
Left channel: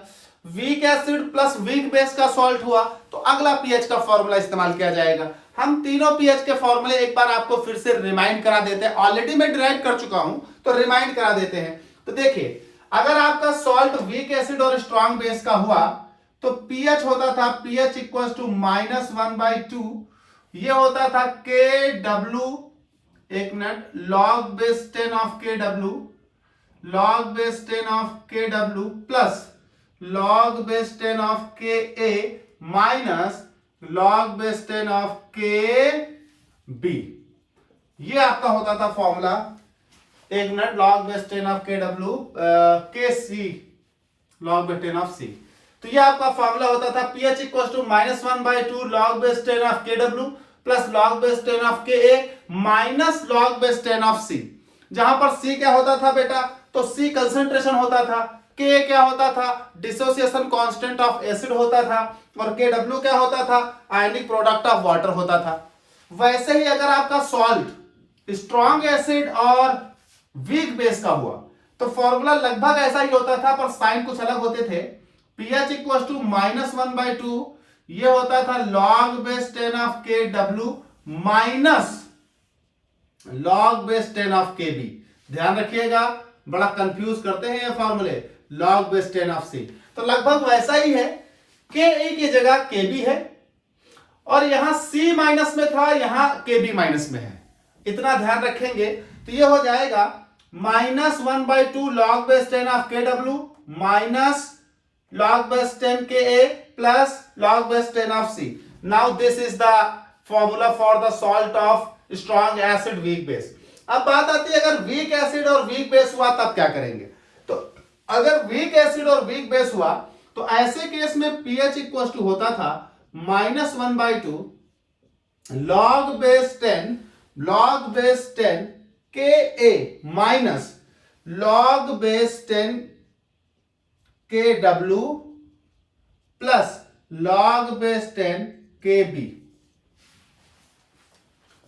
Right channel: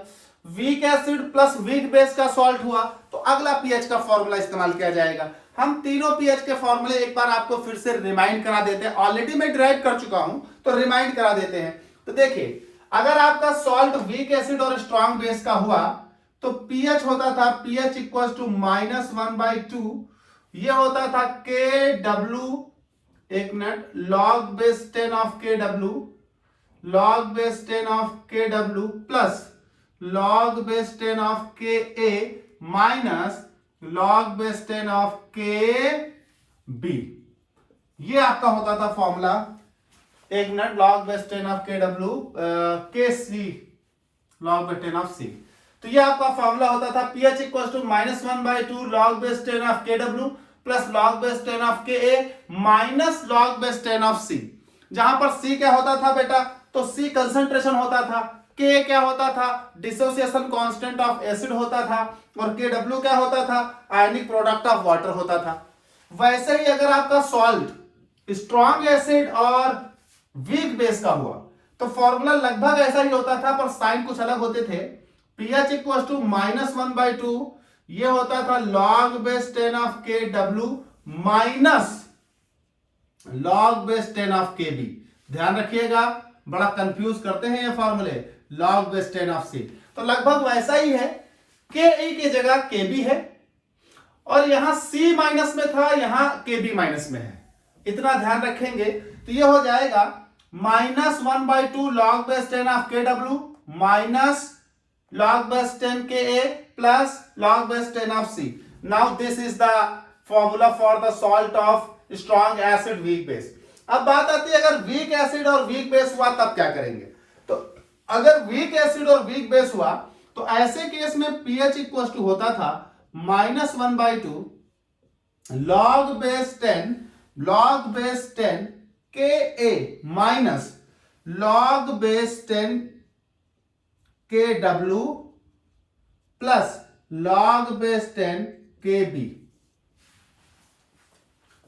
Weak acid plus weak base का सॉल्ट हुआ तो अगला पीएच का फॉर्मूला इस्तेमाल किया जाएगा। हम तीनों पीएच के फॉर्मूले एक बार आपको फिर से रिमाइंड करा देते हैं, ऑलरेडी मैं डिराइव कर चुका हूं तो रिमाइंड करा देते हैं। तो देखिए अगर आपका सॉल्ट वीक एसिड और स्ट्रांग बेस का हुआ तो पीएच होता था पीएच इक्वल टू -1/2, ये होता था KW, एक minute, log base 10 of KW, log base 10 of KW plus log base 10 of KA minus log base 10 of KB। ये आपका होता था फॉर्मूला, एक minute, log base 10 of KW KC log base 10 of C। तो ये आपका formula होता था pH equal to -1/2 log base 10 of KW plus log base 10 of KA minus log base 10 of C। जहां पर C क्या होता था बेटा, तो C कंसंट्रेशन होता था, K क्या होता था, डिसोसिएशन कांस्टेंट ऑफ एसिड होता था, और KW क्या होता था, आयनिक प्रोडक्ट ऑफ वाटर होता था। वैसे ही अगर आपका सॉल्ट स्ट्रॉन्ग एसिड और वीक बेस का हुआ तो फॉर्मूला लगभग ऐसा ही होता था पर साइन कुछ अलग होते थे। pH इक्वल टू -1/2, ये होता था log base 10 of KW minus log base 10 of KB। ध्यान रखिएगा, बड़ा कंफ्यूज करते हैं ये फॉर्मूले, log बेस 10 ऑफ C। तो लगभग वैसा ही है, KA की जगह KB है और यहां C माइनस में था, यहां KB माइनस में है, इतना ध्यान रखेंगे। तो ये हो जाएगा -1/2 log base 10 of KW minus log base 10 Ka plus log base 10 of C. Now this is the formula for the salt of strong acid weak base. अब बात आती है अगर weak acid और weak base हुआ तब क्या करेंगे। तो अगर weak acid और weak base हुआ तो ऐसे केस में pH इक्वल टू होता था -1/2 log base 10 Ka minus log base 10 KW plus log base 10 KB,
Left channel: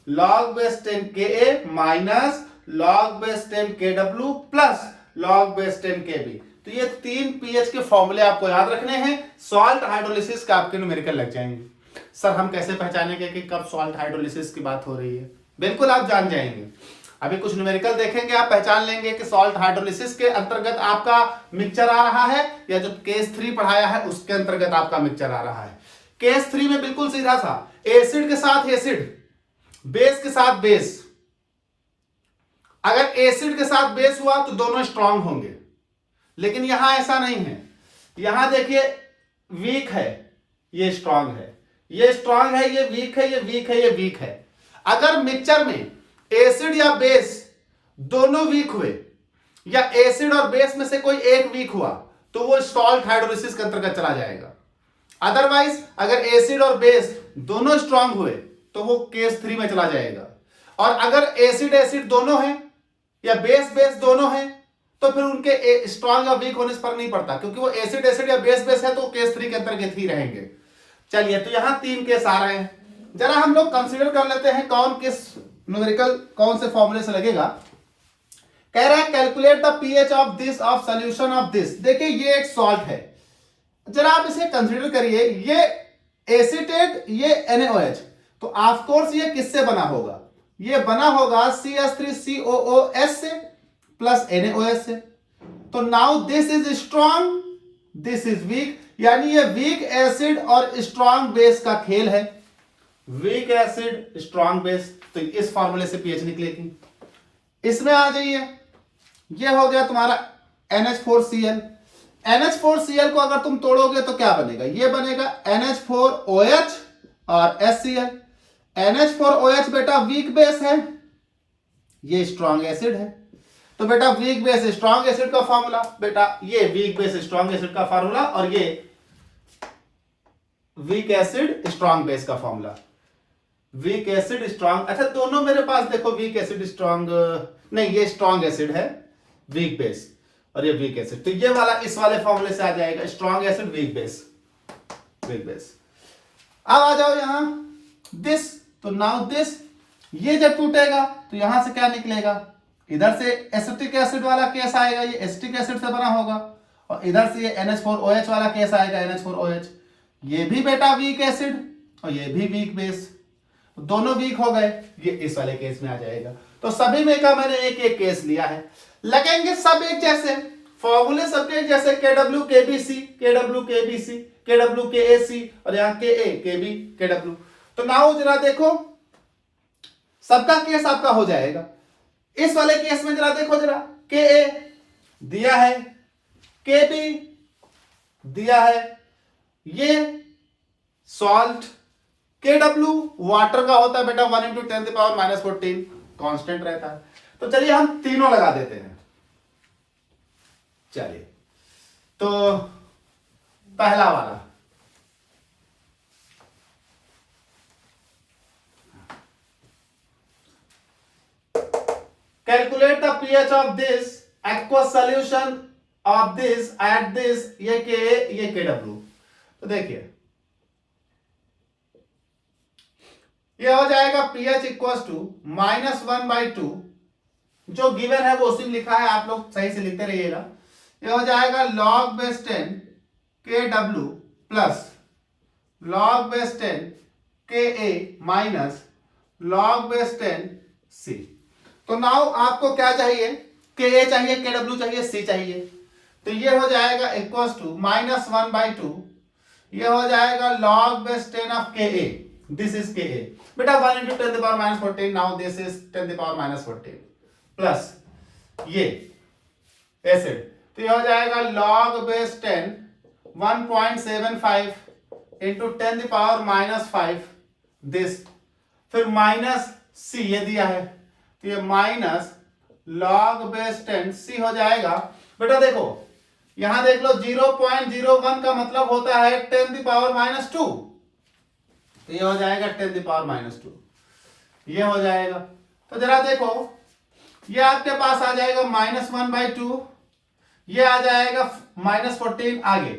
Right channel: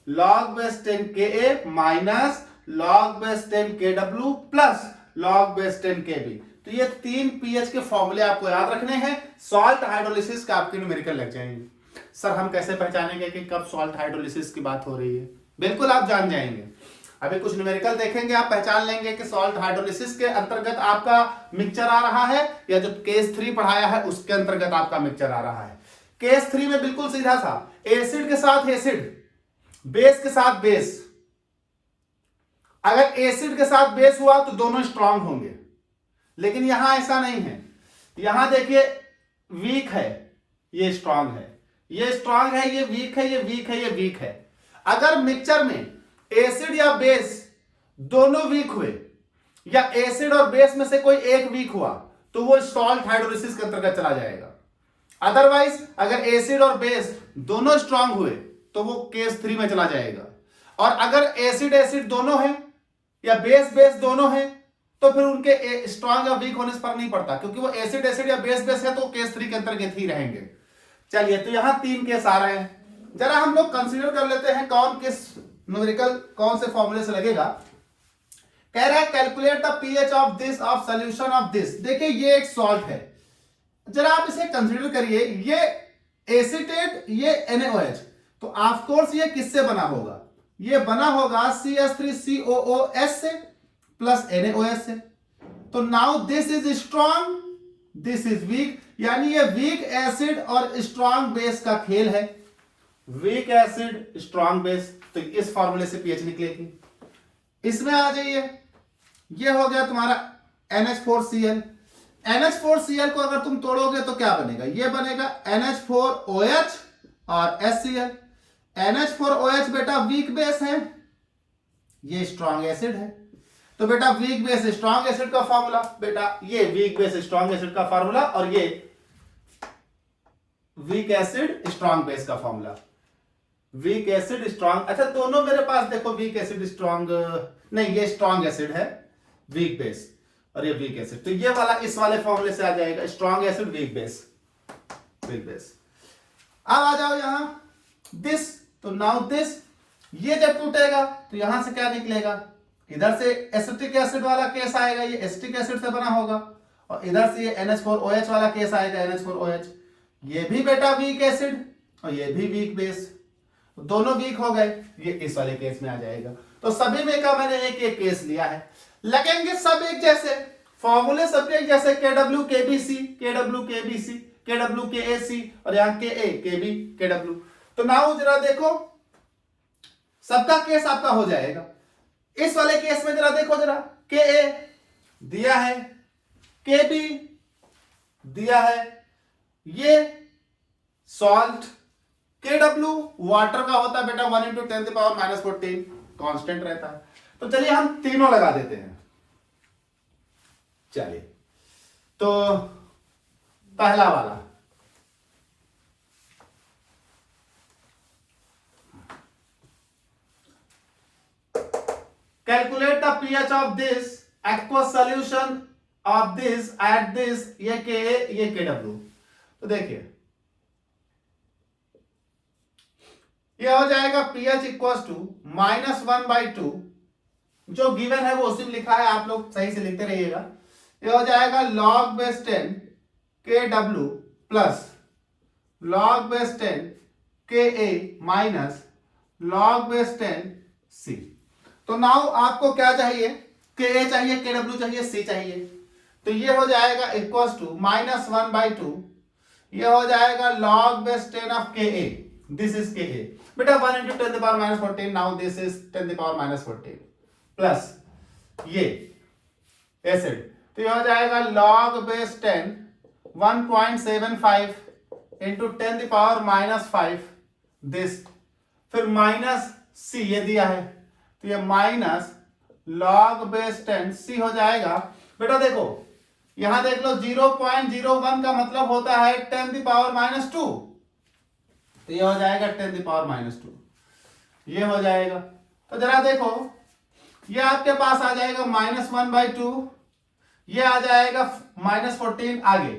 log base 10 KA minus log base 10 KW plus log base 10 KB। तो ये 3 पीएच के फॉर्मूले आपको याद रखने हैं। सॉल्ट हाइड्रोलिसिस का आपके न्यूमेरिकल लग जाएंगे। सर हम कैसे पहचानेंगे कि कब सॉल्ट हाइड्रोलिसिस की बात हो रही है, बिल्कुल आप जान जाएंगे। अभी कुछ न्यूमेरिकल देखेंगे, आप पहचान लेंगे कि सॉल्ट हाइड्रोलिसिस के अंतर्गत आपका मिक्सचर आ रहा है या जो केस 3 पढ़ाया है उसके अंतर्गत आपका मिक्सचर आ रहा है। केस 3 में बिल्कुल सीधा सा एसिड के साथ एसिड, बेस के साथ बेस। अगर एसिड के साथ बेस हुआ तो दोनों स्ट्रांग होंगे, लेकिन यहां ऐसा नहीं है। यहां देखिए वीक है, ये स्ट्रांग है, ये स्ट्रांग है, ये वीक है, ये वीक है, ये वीक है। अगर मिक्सचर में एसिड या बेस दोनों वीक हुए या एसिड और बेस में से कोई एक वीक हुआ तो वो सॉल्ट हाइड्रोलिसिस के अंतर्गत चला जाएगा। अदरवाइज अगर एसिड और बेस दोनों स्ट्रांग हुए तो वो केस 3 में चला जाएगा। और अगर एसिड एसिड दोनों है या बेस बेस दोनों है तो फिर उनके स्ट्रांग या वीक होने से फर्क नहीं पड़ता, क्योंकि वो एसिड एसिड या बेस बेस है तो केस 3 के अंतर्गत ही रहेंगे। चलिए, तो यहां 3 केस आ रहे हैं, जरा हम लोग कंसीडर कर लेते हैं कौन किस न्यूमेरिकल कौन से फॉर्मूले से लगेगा। कह रहा है calculate the pH of this of solution of this. देखिए ये एक सॉल्ट है, जरा आप इसे कंसीडर करिए, ये एसीटेट, ये NaOH, तो ऑफ कोर्स ये किससे बना होगा? ये बना होगा CH3COOS से प्लस NaOH से। तो now this is strong, this is weak, यानी ये वीक एसिड और स्ट्रॉन्ग बेस का खेल है। वीक एसिड स्ट्रॉन्ग बेस, तो इस फॉर्मूले से पीएच निकलेगी। इसमें आ जाइए, ये हो गया तुम्हारा NH4Cl। NH4Cl को अगर तुम तोड़ोगे तो क्या बनेगा? ये बनेगा NH4OH और HCl। NH4OH बेटा वीक बेस है, ये स्ट्रॉन्ग एसिड है, तो बेटा वीक बेस स्ट्रॉन्ग एसिड का फार्मूला, बेटा ये वीक बेस स्ट्रॉन्ग एसिड का फार्मूला और ये वीक एसिड स्ट्रॉन्ग बेस का फार्मूला। वीक एसिड स्ट्रॉन्ग, अच्छा दोनों मेरे पास देखो वीक एसिड स्ट्रॉन्ग नहीं, ये स्ट्रॉन्ग एसिड है वीक बेस और ये वीक एसिड, तो ये वाला इस वाले फॉर्मूले से आ जाएगा, strong acid weak base, weak base. अब आ जाओ यहां दिस, तो नाउ दिस, ये जब टूटेगा तो यहां से क्या निकलेगा? इधर से एसिटिक एसिड वाला केस आएगा, ये एसिटिक एसिड से बना होगा, और इधर से ये NH4OH वाला केस आएगा, NH4OH। ये भी बेटा वीक एसिड और ये भी वीक बेस, दोनों वीक हो गए, ये इस वाले केस में आ जाएगा। तो सभी में का मैंने एक एक केस लिया है, लगेंगे सब एक जैसे, फॉर्मूले सबके एक जैसे, KW KBC KW KBC KW KAC और यहाँ KA KB KW। तो नाउ जरा देखो, सबका केस आपका हो जाएगा। इस वाले केस में जरा देखो, जरा KA दिया है, KB दिया है, ये सॉल्ट, KW वाटर का होता है बेटा 1 × 10⁻⁻14 कांस्टेंट रहता है। तो चलिए हम तीनों लगा देते हैं। चलिए, तो पहला वाला calculate the pH of this aqueous solution of this at this, ये KA ये KW। तो देखिए ये हो जाएगा pH इक्वल्स टू -1/2, जो गिवन है वो उसी में लिखा है, आप लोग सही से लिखते रहिएगा। ये हो जाएगा log base 10 KW plus log base 10 KA minus log base 10 C। तो नाउ आपको क्या चाहिए? KA चाहिए, KW चाहिए, C चाहिए। तो ये हो जाएगा इक्वल्स टू -1/2, ये हो जाएगा log base 10 of KA, this is KA बेटा 1 × 10⁻⁻14, नाउ दिस इज 10⁻⁻14 प्लस ये एसिड, तो ये हो जाएगा log बेस 10 1.75 × 10⁻⁻5 दिस, फिर माइनस C ये दिया है, तो ये माइनस log बेस 10 C हो जाएगा। बेटा देखो यहां देख लो 0.01 का मतलब होता है 10⁻⁻2, तो ये हो जाएगा 10⁻⁻2, ये हो जाएगा। तो जरा देखो ये आपके पास आ जाएगा -1/2, ये आ जाएगा -14 आगे,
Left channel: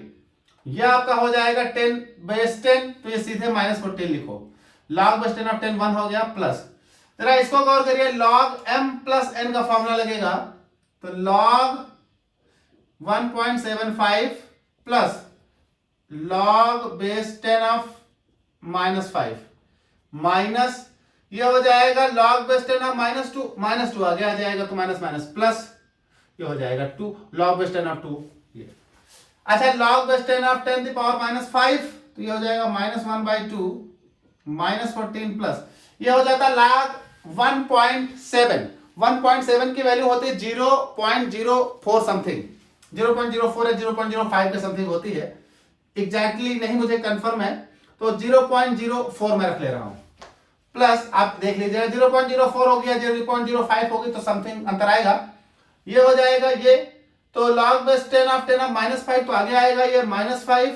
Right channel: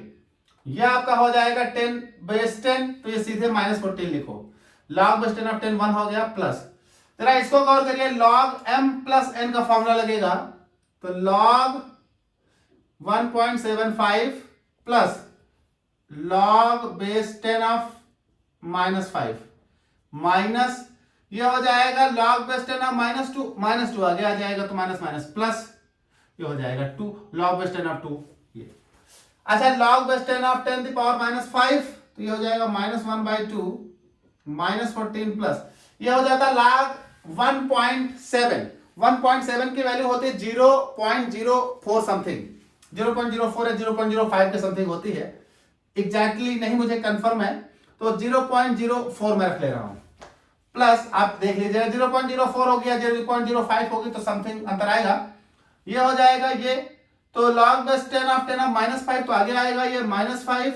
ये आपका हो जाएगा 10 बेस 10, तो ये सीधे -14 लिखो, log बेस 10 ऑफ 10 1 हो गया प्लस, जरा इसको गौर करिए, log m प्लस n का फॉर्मूला लगेगा, तो log 1.75 plus log base 10 of -5 minus ये हो जाएगा log base 10 of minus two आगे आ जाएगा तो माइनस माइनस प्लस, ये हो जाएगा 2 log बेस 10 ऑफ 2 ये। अच्छा log base 10 of 10 the power minus 5 तो ये हो जाएगा माइनस 1/2 माइनस 14 प्लस, ये हो जाता log 1.7। 1.7 की वैल्यू होती है 0.04 समथिंग, 0.04 या 0.05 के समथिंग होती है, एग्जैक्टली नहीं मुझे कंफर्म है, तो 0.04 में रख ले रहा हूं। प्लस आप देख लीजिएगा 0.04 हो गया, 0.05 होगी तो समथिंग अंतर आएगा, ये हो जाएगा ये। तो log बेस 10 ऑफ माइनस 5 तो आगे आएगा ये माइनस 5,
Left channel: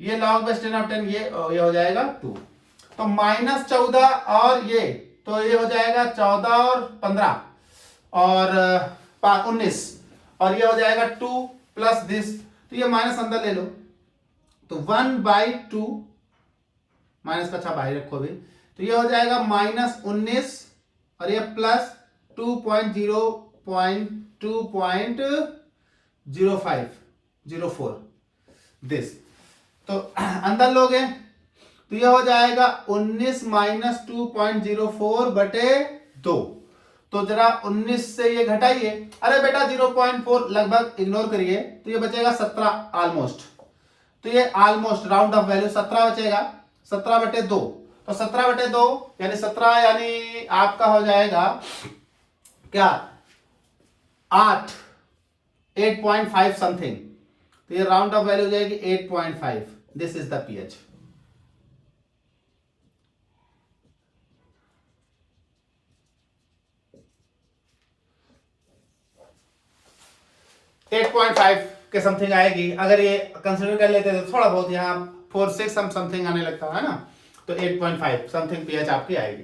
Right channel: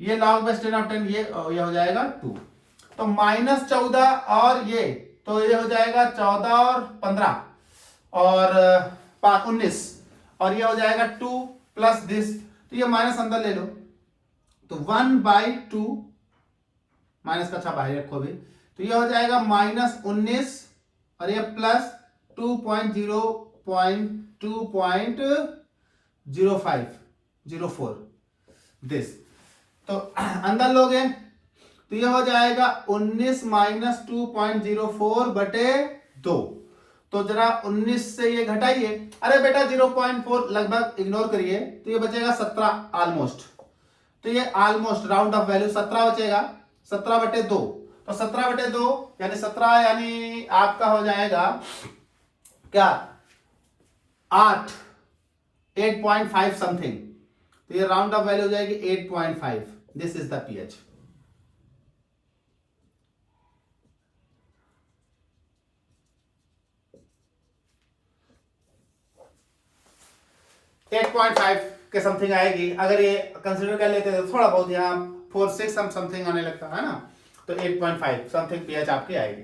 ये log बेस 10 ऑफ 10 ये हो जाएगा 2, तो माइनस 14 और ये तो ये हो जाएगा 14 और 15 और 19 और ये हो जाएगा 2 प्लस दिस, तो ये माइनस अंदर ले लो तो 1/2 माइनस का अच्छा बाहर रखो भी, तो ये हो जाएगा माइनस 19 और ये प्लस 2.04 दिस, तो अंदर लोगे तो ये हो जाएगा 19 माइनस 2.04 बटे 2, तो जरा 19 से ये घटाइए, अरे बेटा 0.4 लगभग इग्नोर करिए, तो ये बचेगा 17 ऑलमोस्ट, तो ये ऑलमोस्ट राउंड ऑफ वैल्यू 17 बचेगा, 17 बटे 2, तो 17 बटे 2 यानी 17 यानी आपका हो जाएगा क्या 8.5 समथिंग, तो ये राउंड ऑफ वैल्यू हो जाएगी 8.5, दिस इज द पीएच। के समथिंग आएगी, अगर ये कंसीडर कर लेते तो थोड़ा बहुत यहाँ 4-6 समथिंग आने लगता है ना, तो 8.5 समथिंग पीएच आपकी आएगी।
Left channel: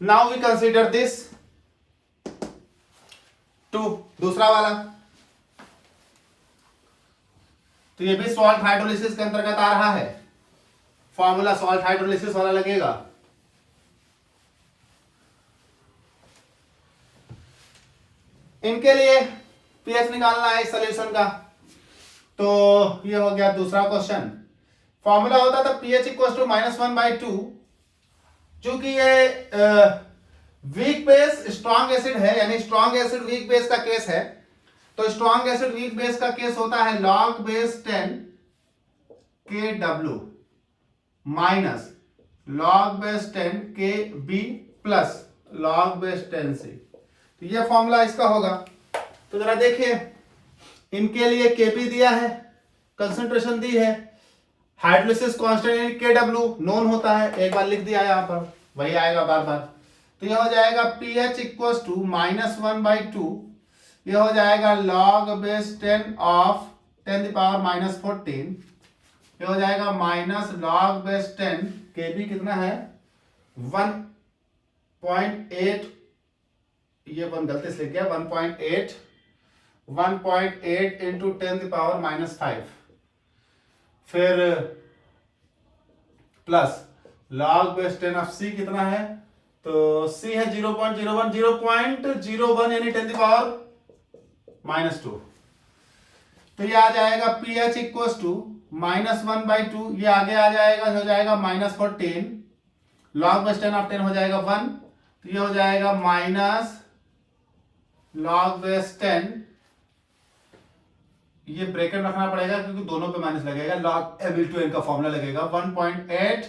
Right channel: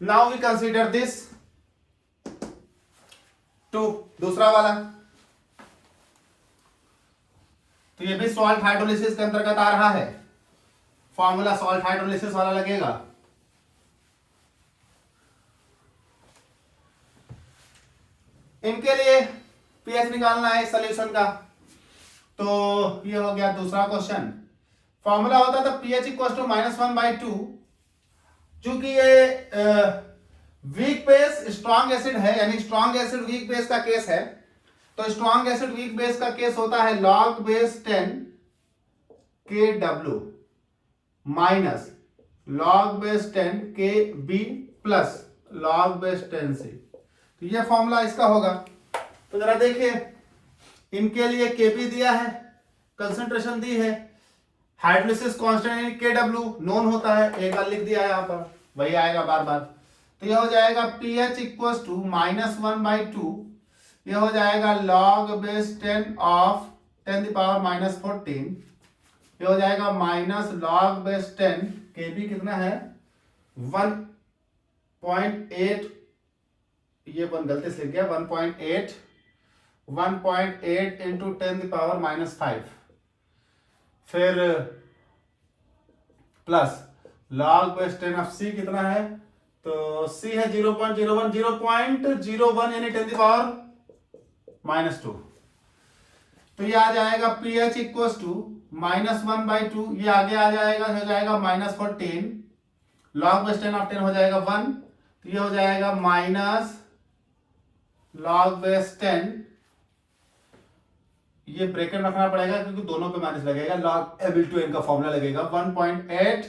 नाउ वी कंसीडर दिस 2 दूसरा वाला, तो ये भी सॉल्ट हाइड्रोलिसिस के अंतर्गत आ रहा है, फॉर्मूला सॉल्ट हाइड्रोलिसिस वाला लगेगा। इनके लिए पीएच निकालना है सॉल्यूशन का, तो ये हो गया दूसरा क्वेश्चन। फॉर्मूला होता था पीएच इक्वल टू -1/2, चूंकि ये वीक बेस स्ट्रॉन्ग एसिड है, यानी स्ट्रॉन्ग एसिड वीक बेस का केस है, तो स्ट्रॉन्ग एसिड वीक बेस का केस होता है log base 10 Kw minus log base 10 Kb plus log base 10 C, तो ये फॉर्मूला इसका होगा। तो जरा देखिए, इनके लिए Kp दिया है, कंसंट्रेशन दी है, हाइड्रोलिसिस कांस्टेंट Kw नोन होता है, एक बार लिख दिया है यहाँ पर, वही आएगा बार बार, तो ये हो जाएगा pH इक्वल्स टू -1/2, ये हो जाएगा log बेस 10 ऑफ 10⁻⁻14, ये हो जाएगा माइनस log बेस 10 Kb कितना है 1.8, ये वन गलती से लिख गया 1.8 इंटू 10⁻⁻5, फिर plus log base 10 of C कितना है, तो C है 0.01 यानी 10⁻⁻2, तो ये आ जाएगा pH इक्वल्स टू -1/2, ये आगे आ जाएगा, हो जाएगा -14, log बेस 10 ऑफ 10 हो जाएगा 1, तो ये हो जाएगा माइनस log बेस 10, ये ब्रैकेट रखना पड़ेगा क्योंकि दोनों पे माइनस लगेगा, log Ab/N का फॉर्मूला लगेगा 1.8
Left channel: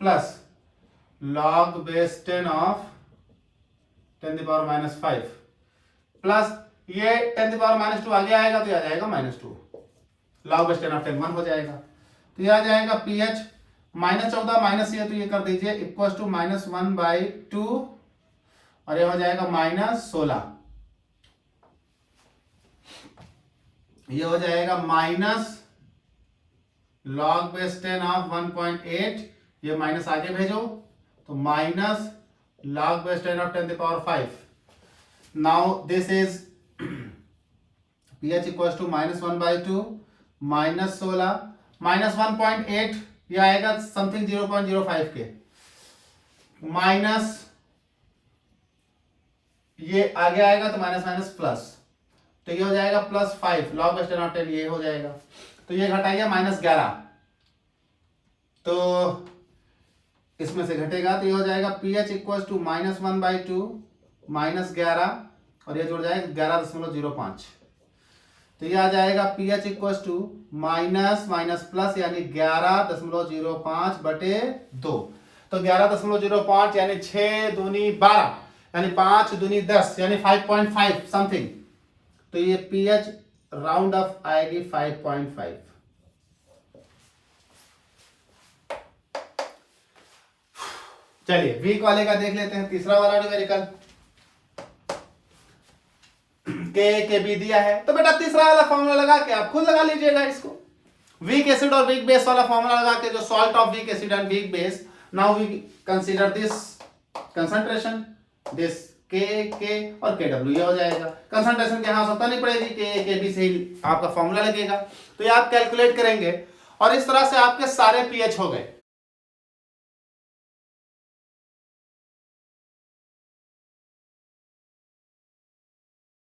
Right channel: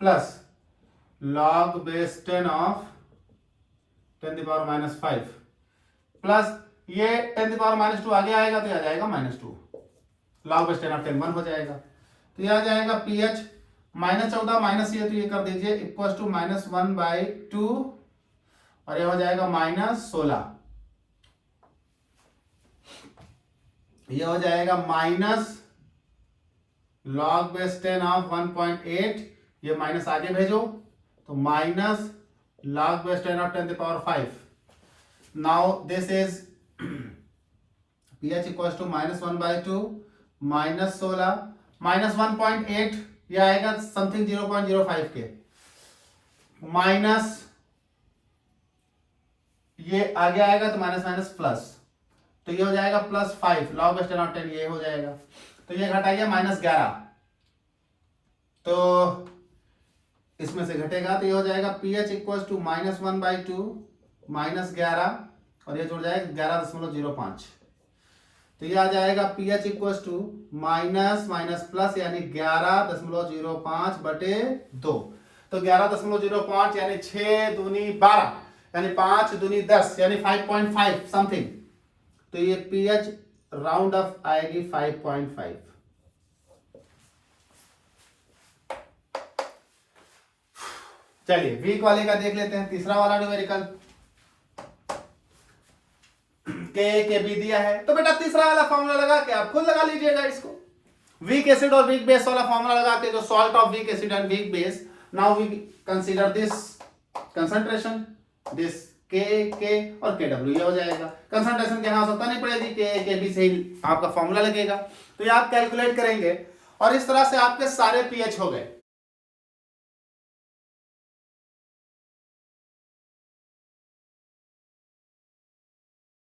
plus log base 10 of 10⁻⁻5 plus ये 10⁻⁻2 आगे आएगा तो ये आ जाएगा -2, log बेस 10 ऑफ 10 1 हो जाएगा, तो ये आ जाएगा pH -14 माइनस ये, तो ये कर दीजिए इक्वल टू -1/2 और ये हो जाएगा -16, ये हो जाएगा माइनस log बेस 10 ऑफ 1.8, ये माइनस आगे भेजो तो minus log base 10 of 10⁵। Now this is pH equal to -1/2 -16 -1.8, ये आएगा समथिंग 0.05 के, माइनस ये आगे आएगा तो माइनस माइनस प्लस, तो ये हो जाएगा +5 log बेस 10 ऑफ 10, ये हो जाएगा, तो ये घटाइए -11, तो इसमें से घटेगा तो ये हो जाएगा pH इक्वल टू -1/2 -11 और ये जुड़ जाएगा 11.05। तो ये आ जाएगा pH equal to minus minus plus यानी 11.05/2। तो 11.05 यानी 6 दूनी 12 यानी 5 दूनी 10 यानी 5.5 समथिंग। तो ये pH राउंड ऑफ आएगी 5.5। चलिए वीक वाले का देख लेते हैं, तीसरा वाला न्यूमेरिकल के बी दिया है। तो बेटा तीसरा वाला फॉर्मूला लगा के आप खुद लगा लीजिएगा इसको। वीक एसिड और वीक बेस वाला फॉर्मूला लगा के, जो salt of weak acid and weak base, now we consider this concentration, this के और के डब्ल्यू, ये हो जाएगा। कंसंट्रेशन के यहां आवश्यकता नहीं पड़ेगी, के बी से ही आपका फॉर्मूला लगेगा। तो ये आप कैलकुलेट करेंगे और इस तरह से आपके सारे पीएच हो गए।